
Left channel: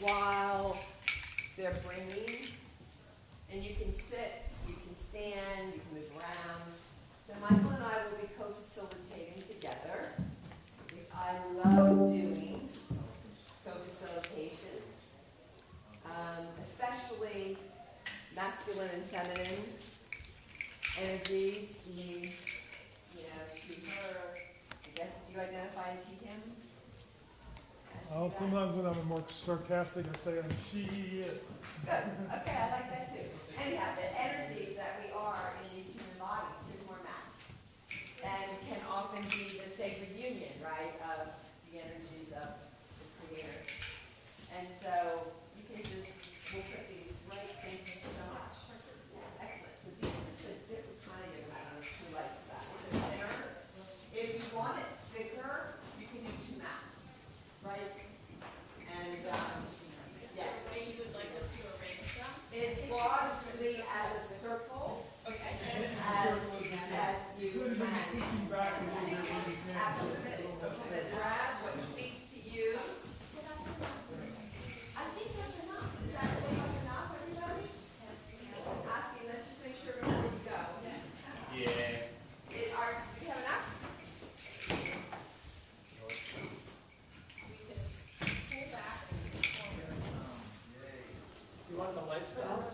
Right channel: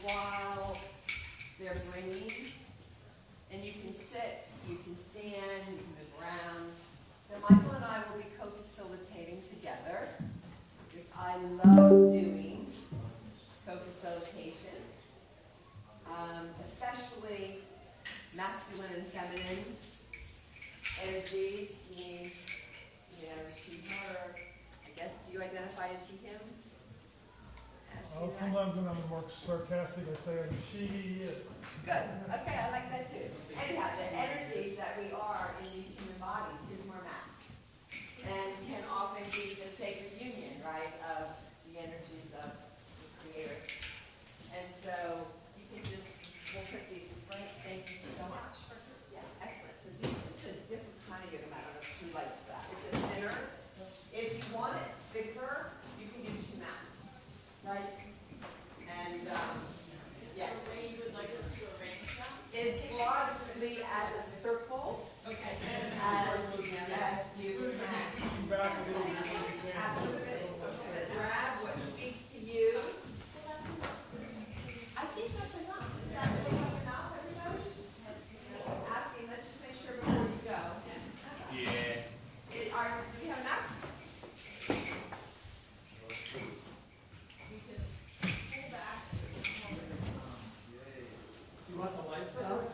while they're bringing, and you can sit, you can stand, you can move around. So Michael and I will be co-facilitating together, which I love doing, co-facilitation, especially masculine and feminine energies. You know, she, her, I guess, do you identify as he, him? Sometimes when I'm more sarcastic, I say I'm she. Good. Okay, I like that too. Anyhow, the energies that we are in these human bodies, here's more mass, and can often be the sacred union, right, of the energies of the Creator. And so you can just, we'll put these right, thank you so much. Yeah, excellent. So this is a different kind of yoga mat. I don't know if she likes that. It's a thinner. If you want it thicker, you can do 2 mats, right? And yes. The way you would like us to arrange them is largely as a circle. Okay. As you can. Absolutely. Grab what speaks to you. I think that's enough. Is that enough, everybody? Asking, let's just make sure before you go. Yeah. Do you have enough? You want the lights down?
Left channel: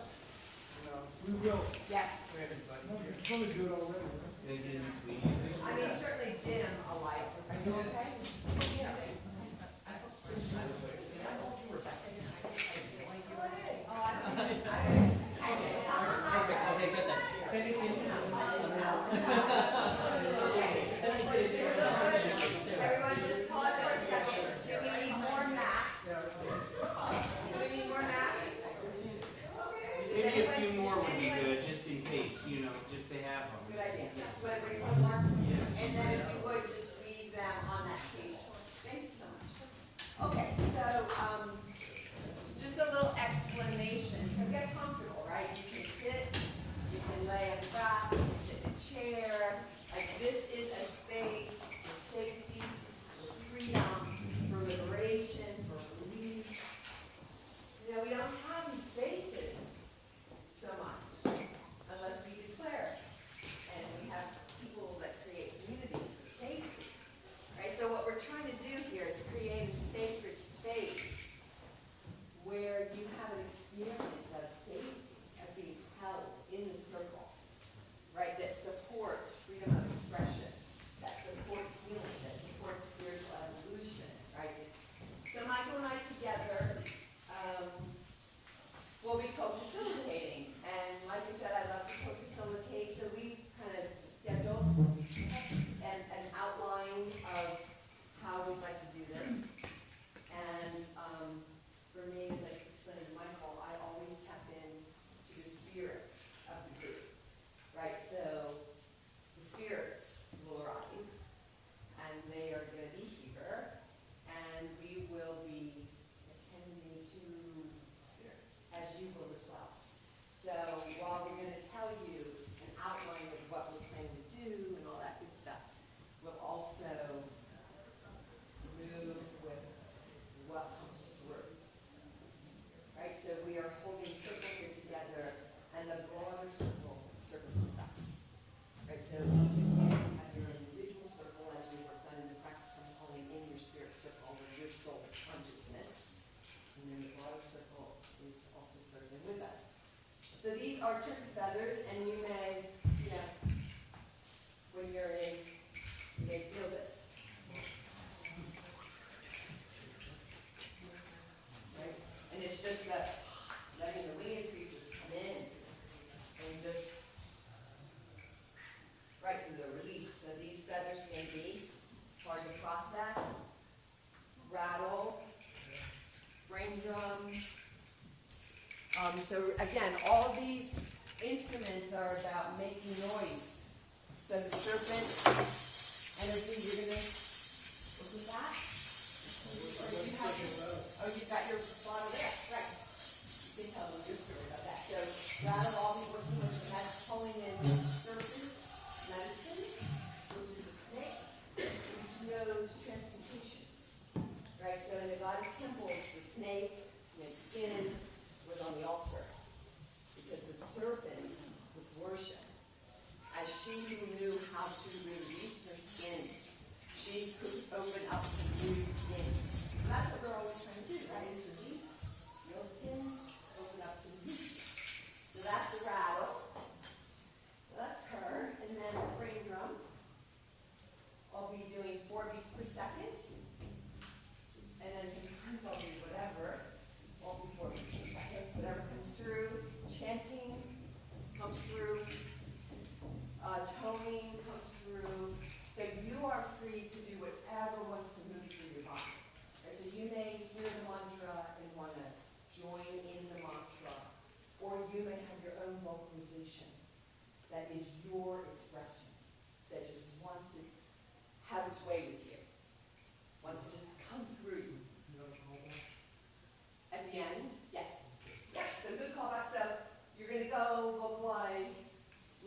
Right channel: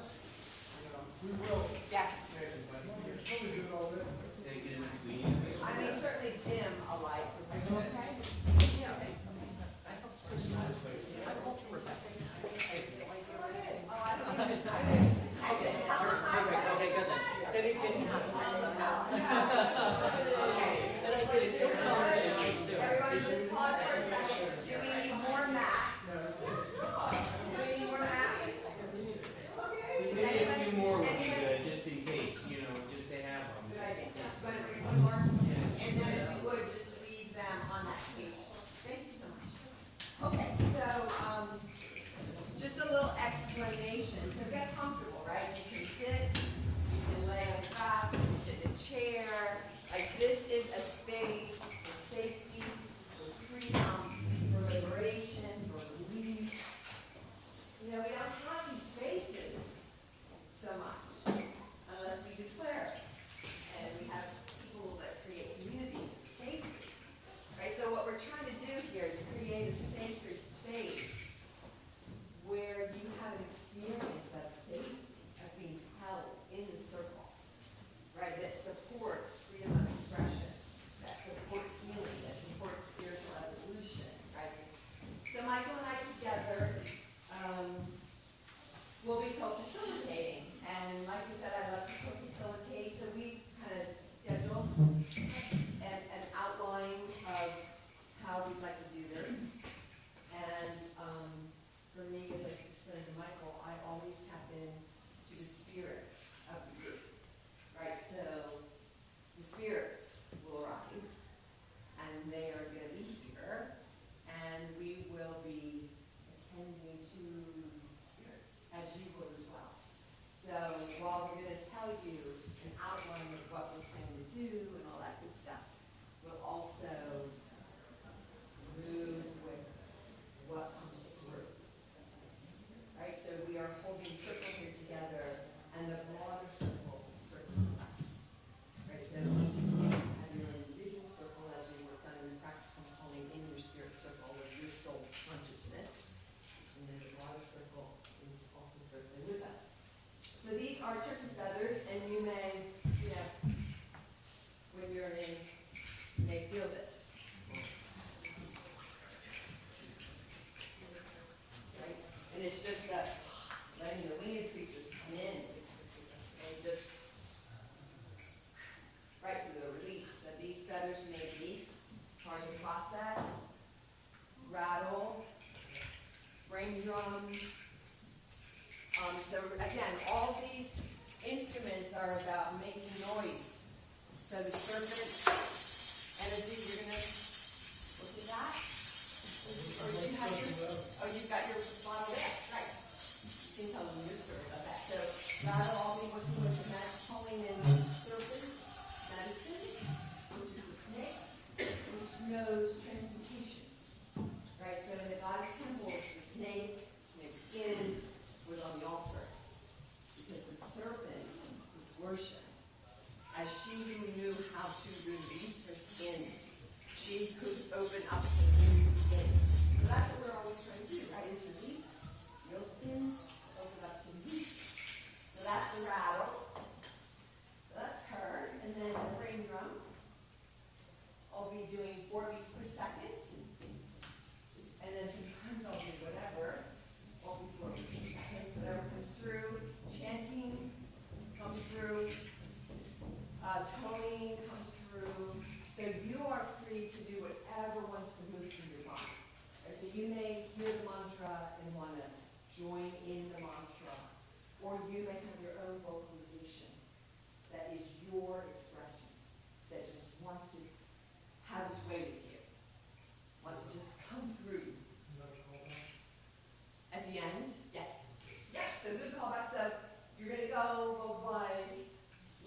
We will. Yes. Probably do it already. Take it in between. I mean, certainly dim a light. Are you okay? Everyone just pause for a second. Do we need more mats? Do we need more mats? Maybe a few more would be good, just in case, you know, just to have them. Good idea. Just want to bring one more? And then if you would, just leave them on that So while we're gonna tell you an outline of what we're trying to do and all that good stuff, we'll also move with what comes through. Right, so we are holding circle here together, and the broader circle circles with us. Right, so each of you have your individual circle as we worked on in the practice of pulling in your spirit circle with your soul consciousness. And then the broader circle is also circling with us. So these are turkey feathers, and you may, when you're in, you may feel this. Right? And it's just letting the winged creatures come in and just right to the release. So these feathers may be hard to process, rattle, brain drum. So again, all of these instruments are about making noise. So the serpent energy, you're gonna look at that. You've got your bottle there, right? You can tell them your serpent. Okay, so rattle all these instruments and that's pulling in serpent medicine, which is a snake, which knows transmutation. Right, so in the goddess temples, the snake skin was on the altar. Because the serpent was worshipped as she who knew how to release her skin. She could open up the new skin. And that's what we're always trying to do, right? Is release your skin, open up some new skin. So that's the rattle. So that's her. And then the frame drum. I'll be doing 4 beats per second. And then sometimes I'll do whatever. All before we change that hip, whatever comes through, chanting comes through, toning comes through. So you are free to do whatever wants to move through your body. Right? So you may hear the mantra and want to join in the mantra, or you may have your own vocalization that is your expression, that just wants to have its way with you, wants to just come through you. At the end, yes. Yes, so good callback. So you're going to go vocalize,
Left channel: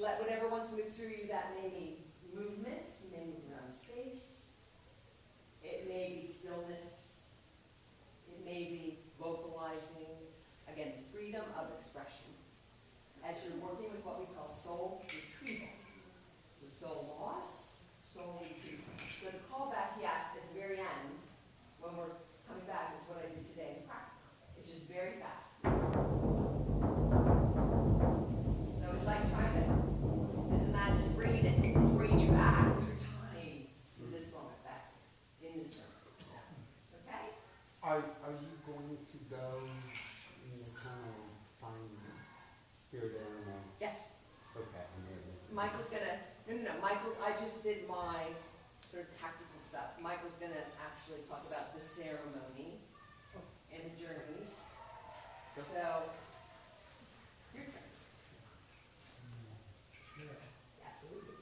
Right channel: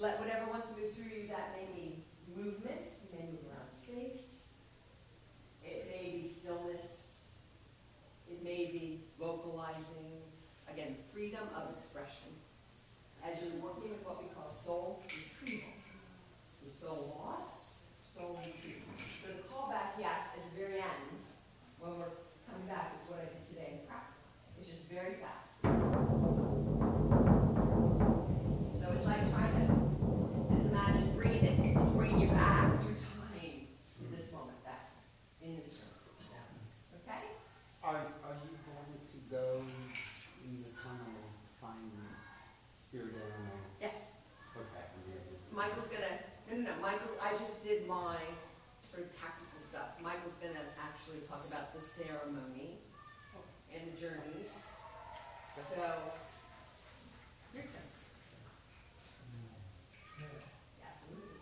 let whatever wants to move through you. That may be movement. You may move around space. It may be stillness. It may be vocalizing. Again, freedom of expression. As you're working with what we call soul retrieval. So soul loss, soul retrieval. So the callback, yes, at the very end, when we're coming back, is what I did today in practice. It's just very fast. So it's like trying to imagine bringing you back through time to this moment, back in this room. Okay? Are you going to go in the kind of fine spirit animal? Yes. Okay. Michael's gonna, no, Michael, I just did my sort of tactical stuff. Michael's gonna actually talk about the ceremony and the journeys. So, your turn. Absolutely.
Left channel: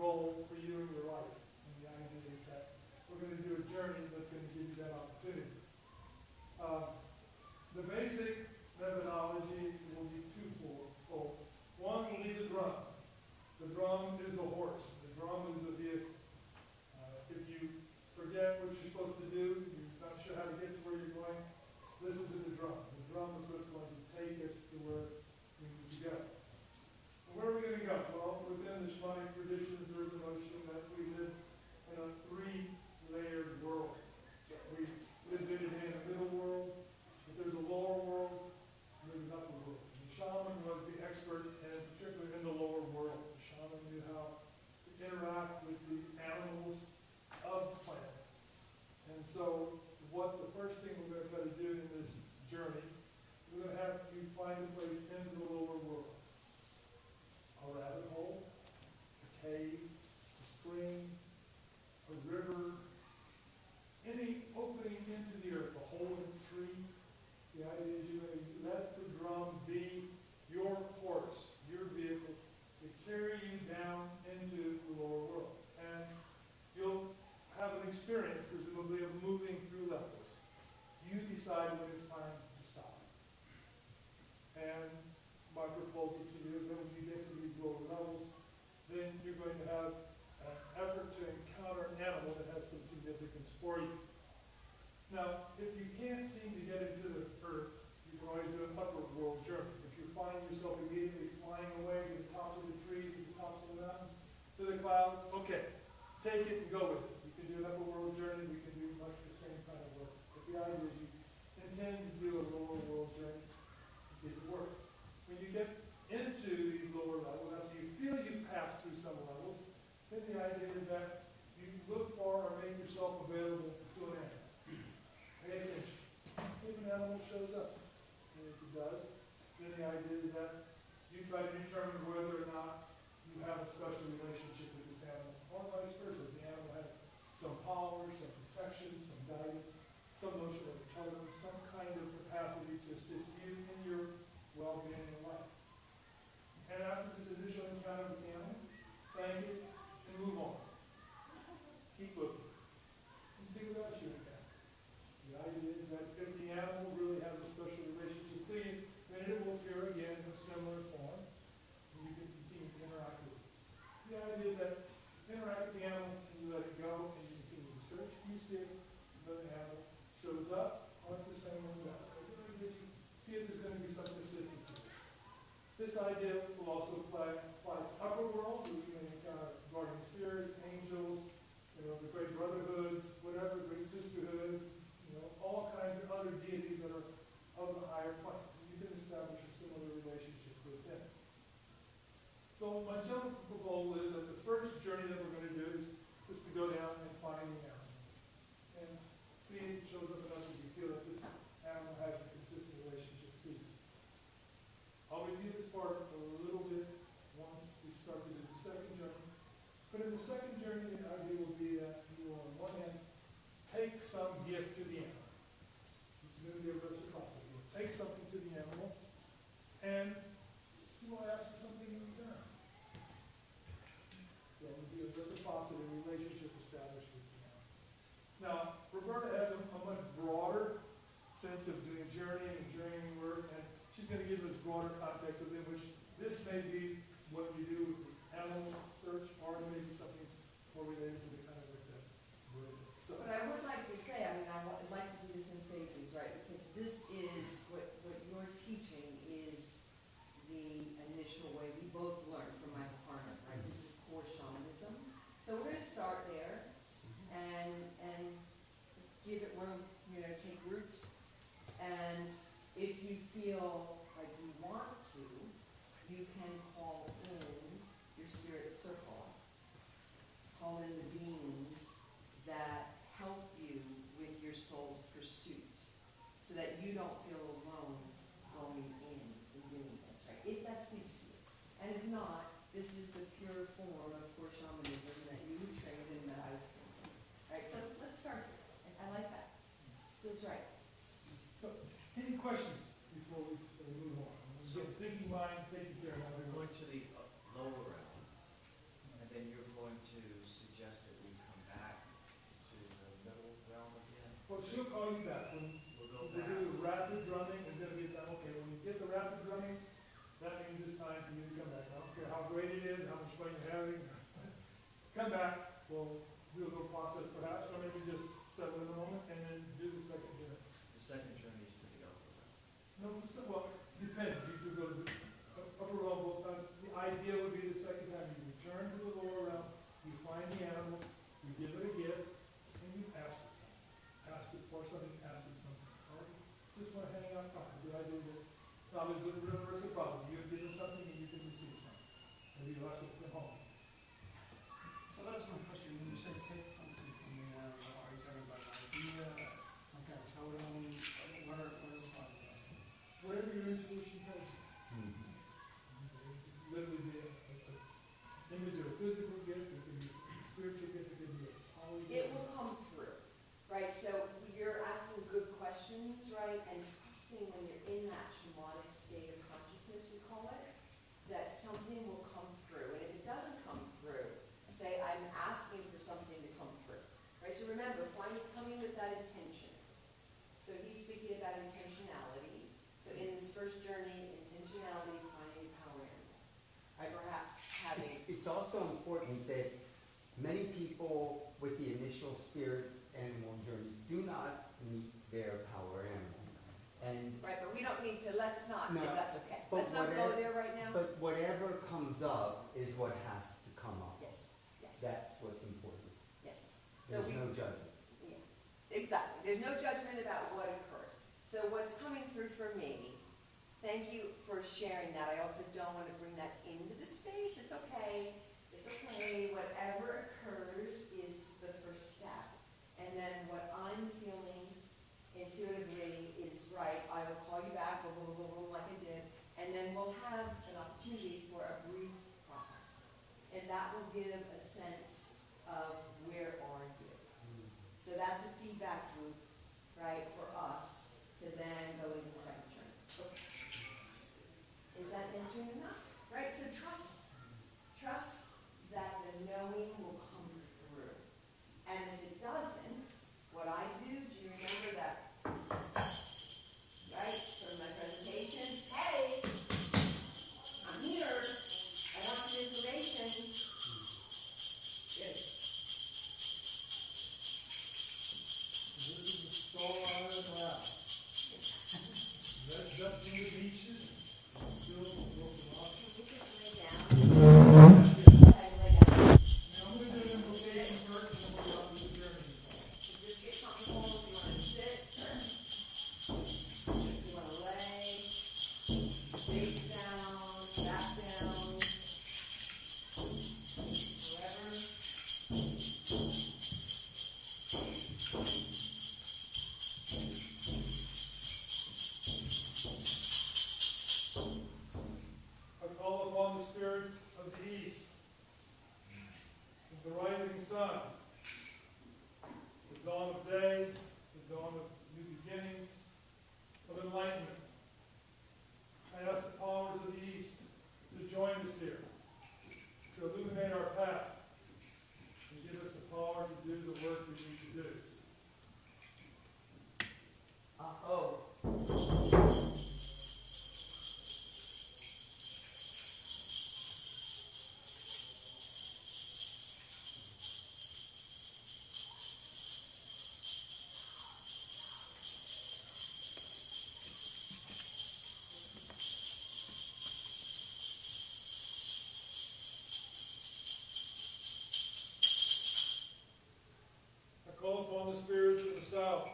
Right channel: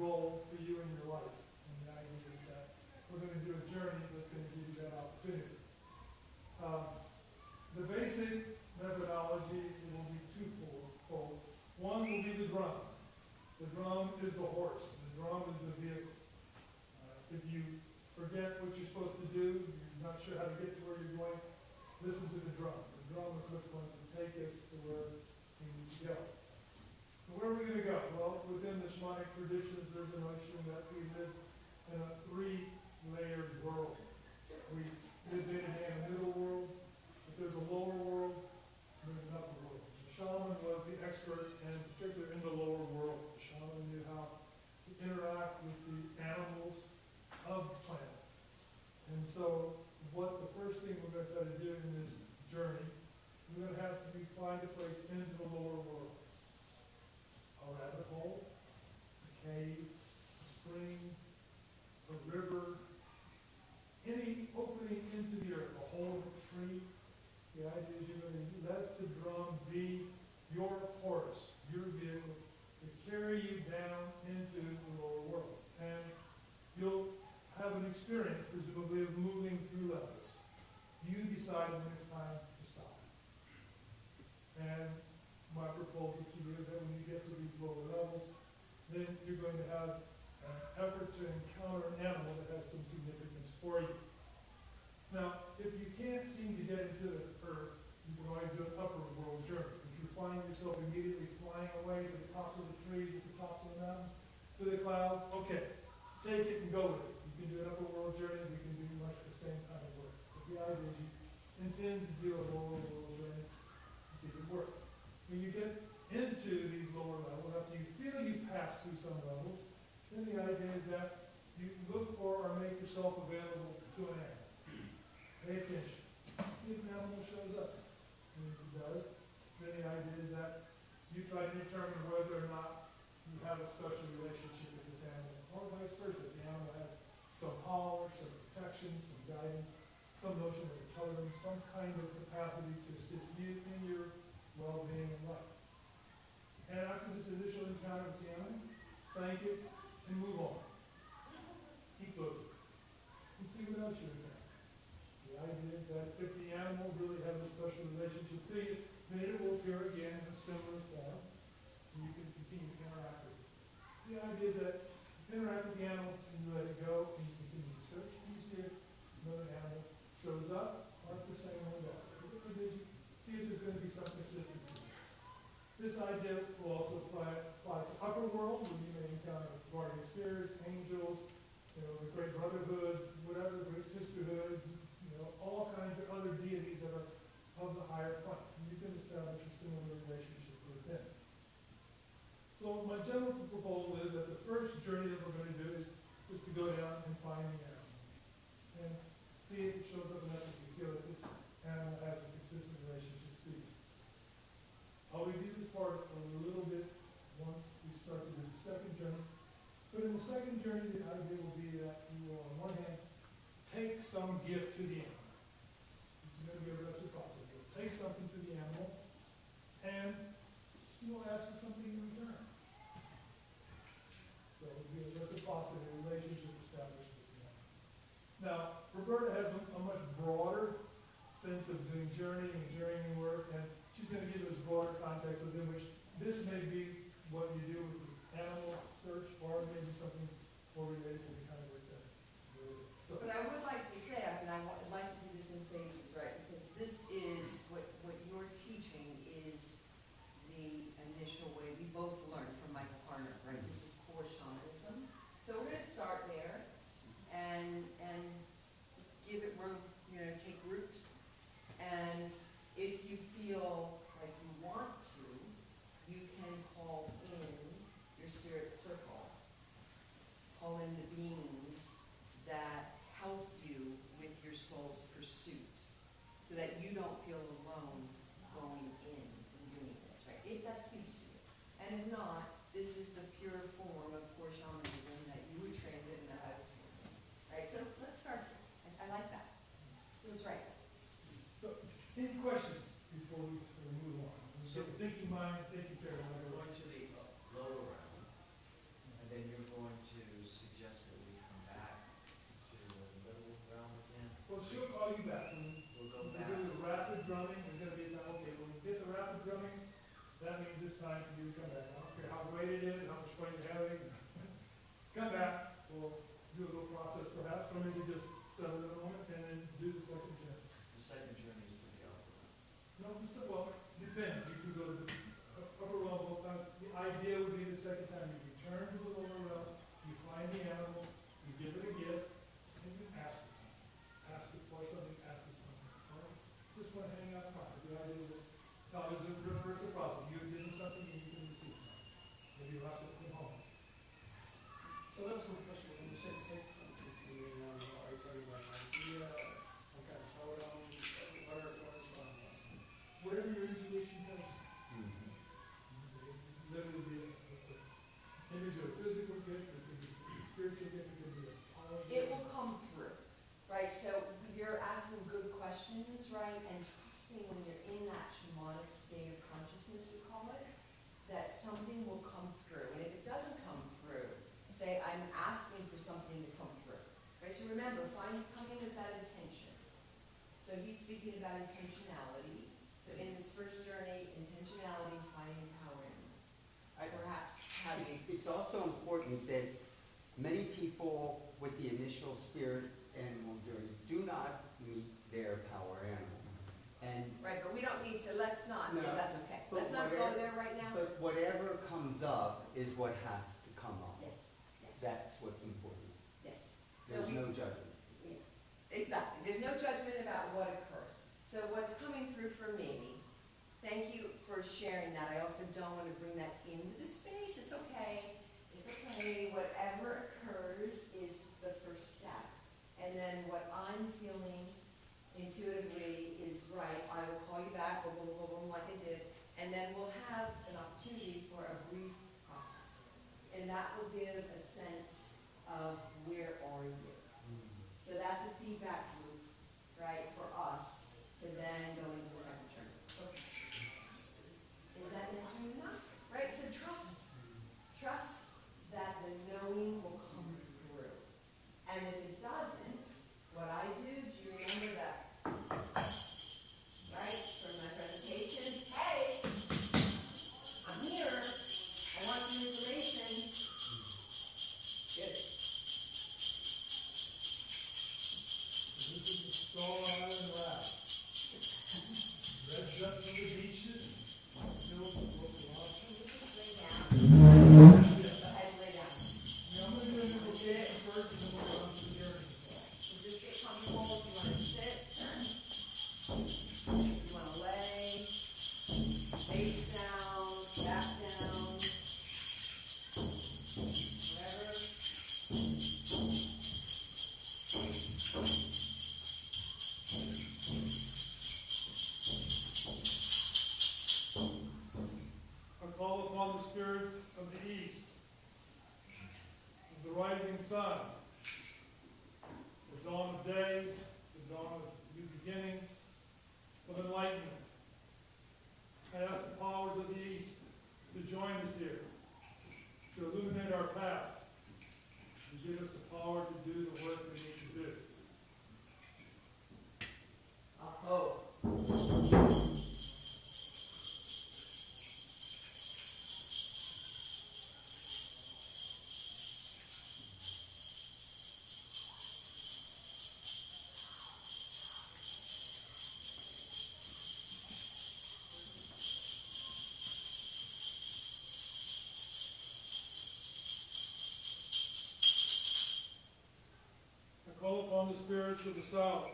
role for you in your life. And the idea is that we're going to do a journey that's going to give you that opportunity. The basic methodology will be twofold. One will be the drum. The drum is the horse. The drum is the vehicle. If you forget what you're supposed to do, you're not sure how to get to where you're going, listen to the drum. The drum is what's going to take us to where we need to go. And where are we going to go? Well, within the shamanic traditions, there's a notion that we live in a three-layered world. We live in a middle world, but there's a lower world, and there's an upper world. The shaman was the expert, and particularly in the lower world. The shaman knew how to interact with the animals of the planet. And so what the first thing we're going to try to do in this journey, we're going to have to find a place into the lower world. A rabbit hole, a cave, a spring, a river, any opening into the earth, a hole in a tree. The idea is you're going to let the drum be your horse, your vehicle, to carry you down into the lower world. And you'll have an experience, presumably, of moving through levels. You decide when it's time to stop. And my proposal to you is that when you get to these lower levels, then you're going to have an effort to encounter an animal that has some significance for you. Now, if you can't seem to get into the earth, you can always do an upper world journey. If you find yourself immediately flying away to the tops of the trees, at the tops of the mountains, to the clouds, okay, take it and go with it. You can do an upper world journey, we can do much the same kind of work. But the idea is you intend to do a lower world journey and see if it works. When you get into these lower levels, after you feel you pass through some levels, then the idea is that you look for or make yourself available to an animal. Pay attention. See if an animal shows up. And if it does, then the idea is that you try to determine whether or not you have a special relationship with this animal, or vice versa. The animal has some power, some protection, some guidance, some notion of intelligence, some kind of capacity to assist you in your well-being in life. And after this initial encounter with the animal, thank it and move on. Keep looking. And see what else you encounter. The idea is that if the animal really has a special relationship to you, then it will appear again in a similar form, and you can continue to interact with it. The idea is that you interact with the animal, and you let it go, and you continue to search, and you see if another animal shows up, or if the same one does. See if there's going to be some consistency. This idea will also apply to upper world, where you may encounter guardian spirits, angels, the great brotherhoods, whatever, great sisterhoods, all kinds of other deities that are of the higher plane. And you can establish a similar relationship with them. So my general proposal is that the first journey that we're going to do is to go down and find the animal. And see if it shows up enough if you feel that this animal has a consistent relationship to you. I'll review this part a little bit once we start to do the second journey. But in the second journey, the idea will be that you will, on one hand, take some gift to the animal. This is going to be a reciprocity. You'll take something to the animal, and you will ask for something in return. So it'll be a reciprocity, a relationship established with the animal. Now, Roberta has a much broader sense of doing journeying and journeying work, and she's going to give us broader context within which this may be what you do with the animal search, or it may be something more related to the kind of work that you're doing. So, But I would like to say, I would like to do this in phases, right? Because this is, what you're teaching is the initial way we both learned from Michael Harner, right? This is core shamanism. So we're going to start there and give it room, take root. And if you feel like you want to, you can call in your spirit circle. Call in the beings that help you with your soul's pursuit, so that you don't feel alone going in and doing this, right? If that speaks to you. And if not, this is the pure form of core shamanism that you were trained in, that I was trained in. Right? So let's start here. I like that. Feels right. So, any questions before we move on? So, Thinking mind, taking care of we're other going to the Now, there's a reverse problem. You have given something and you can receive something. Maybe you have to come home. So that's my question. When you say take something from me now, are you talking about an idea, some kind of totem? What are you talking about? Whatever your intuition tells you. Literally be an image of a physical gift, it could be a spiritual gift, it could be a power It gift. will come through, right? So you're asking good questions, right? And trusting when you're in that shamanic state of consciousness, we call it, that something will come through. And if it doesn't come through, say, I'm asking for something to come through, right? So remember, coming with that intention. So he's speaking about intentionality. So in this first journey, intentionality, finding power in. Perhaps having. It's also important that many people with the initial spirit animal journey do not meet their power animal. And Right, but we don't need to, let's not, No, yeah, that's okay. but Let's not go whatever- there right now. but whatever comes up is what has to come up. Yes, yes, That's what's important. yes. So There's we, no judgment. yeah, exactly, there's no judgment about what occurs. So what's coming through for me, thank you for sharing that. I also don't want to bring that into the space. It's okay. It's okay. Whatever occurs is the first step. And then what I'm feeling intuitively is right. I will call you back, boom, boom, boom, boom, like I did. And then we'll have an opportunity for a brief process. And that will give a sense of where are you. So that's a feedback loop, right, for us to then go into the second journey. Okay. Is that answering enough? Right, so trust that the knowing will come through. And if it doesn't, what I do you remember that? Right, from my presentation, hey, I'm here, I want some information. Good. This is the Star Island Route. That's up from the beaches, built local options. Lay down. And lay down. Now, I'm going to do an invocation first, and then we'll go on to the journey. So just get comfortable if you want to sit, if you want to lay, face down, back down, wherever. I call upon the spirits of the east, of the rising sun, the dawn of day, the dawn of new beginnings, of enlightenment. I ask the powers of the east to join us here, to illuminate our path, and give us the power to do the work we need to do. Aho. I call upon the spirits of the south,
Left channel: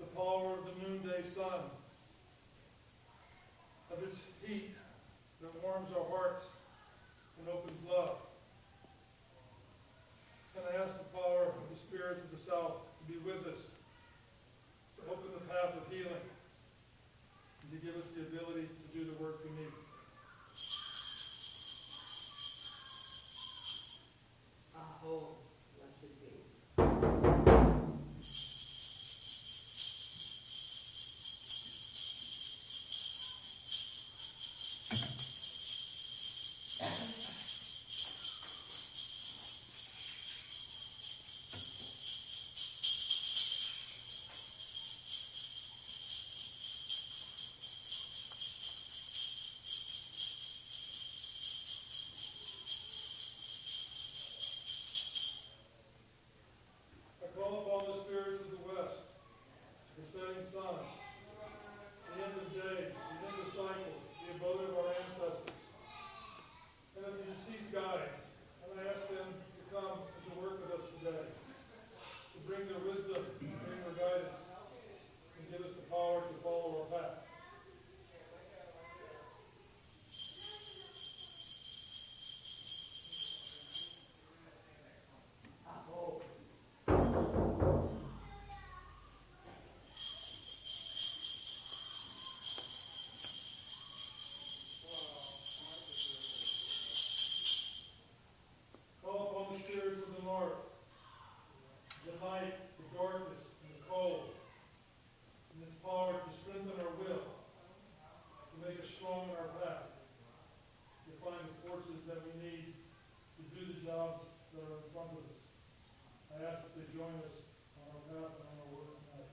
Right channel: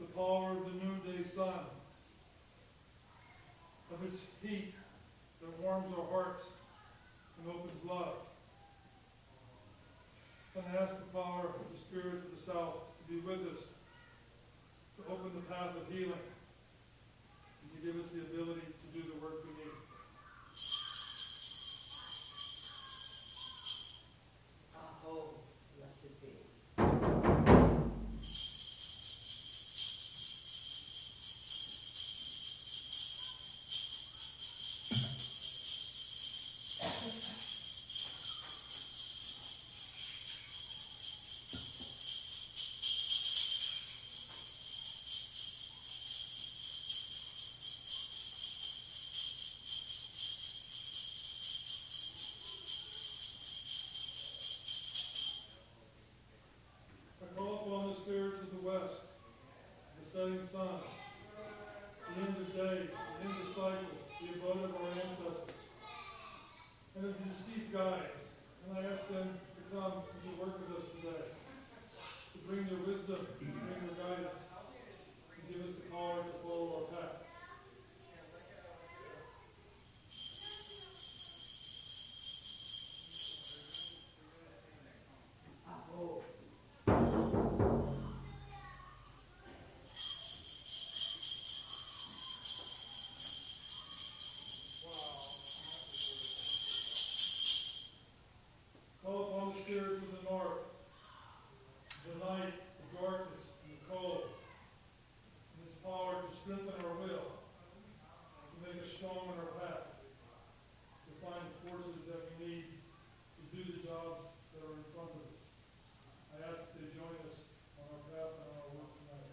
the power of the noonday sun, of its heat that warms our hearts and opens love. And I ask the power of the spirits of the south to be with us, to open the path of healing, and to give us the ability to do the work we need. Aho, blessed be. I call upon the spirits of the west, the setting sun, the end of days, the end of cycles, the abode of our ancestors, and of the deceased guides, and I ask them to come and to work with us today, to bring their wisdom, to bring their guidance, and give us the power to follow our path. jobs that are in front of us. I ask that they join us on our path and our work tonight.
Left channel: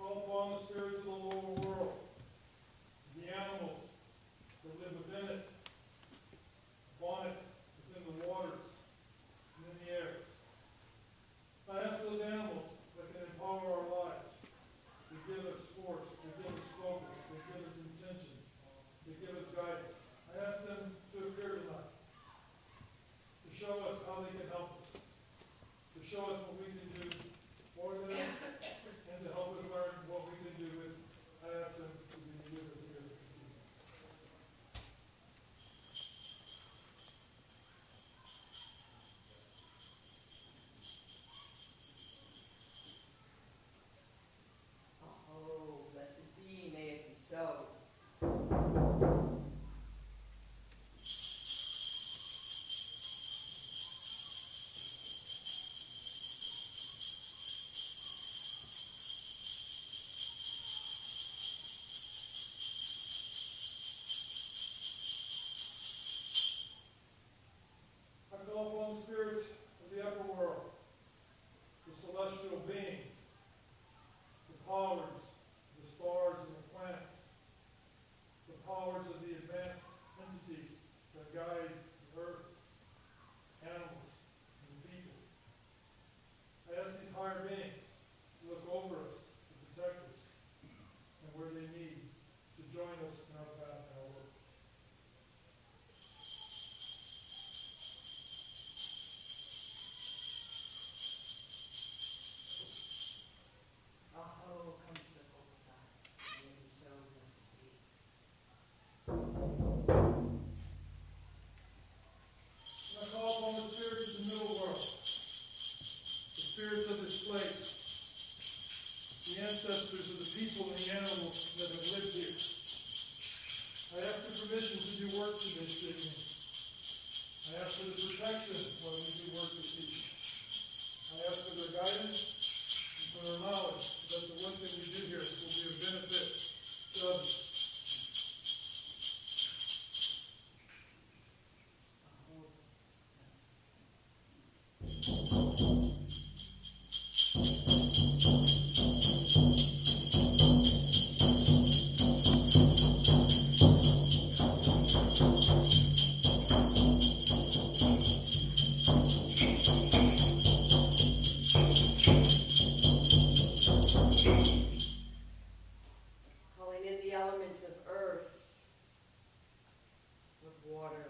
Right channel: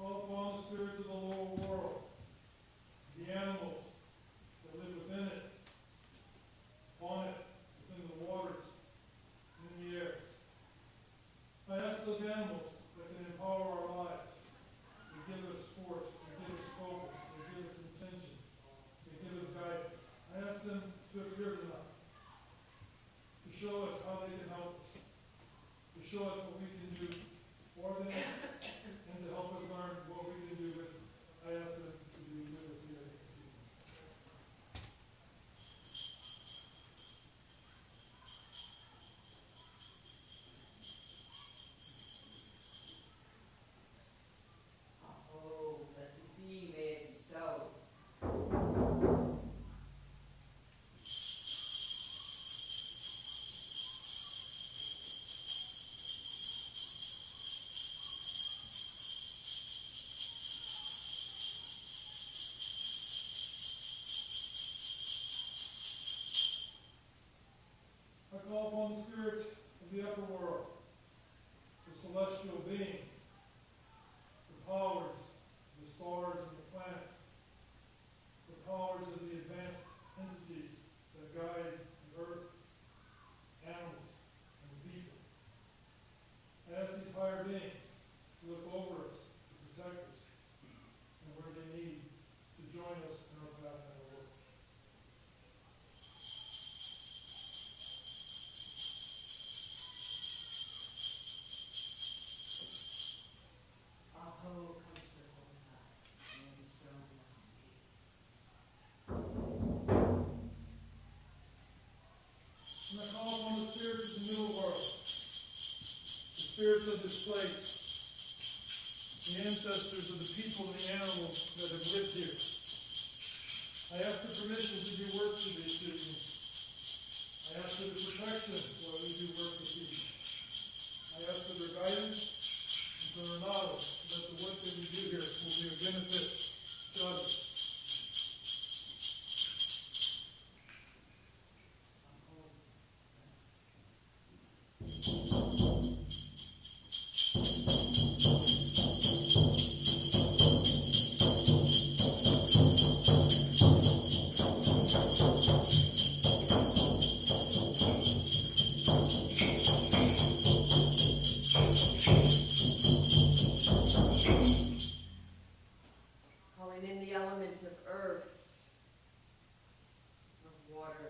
Call upon the spirits of the lower world, the animals that live within it, upon it, within the waters, and in the air. I ask those animals that can empower our lives. They give us force, they give us focus, they give us intention, they give us guidance. I ask them to appear tonight, to show us how they can help us, to show us what we can do for them, and to help us learn what we can do with. I ask them to be with us here this evening. Oh, blessed be, may it be so. I call upon the spirits of the upper world, the celestial beings, the powers, the stars and the planets, the powers of the advanced entities that guide the earth, animals, and the people. I ask these higher beings to look over us, to protect us, and where they need, to join us in our path and our work. Aho, come circle with us, may it be so, blessed be. And I call upon the spirits of the middle world, the spirits of this place, the ancestors of the people and the animals that have lived here. I ask for permission to do work for this evening. I ask for the protection while we do work this evening. I ask for their guidance and for their knowledge that the work that we do here will be of benefit to others. Calling in the elements of earth, of water,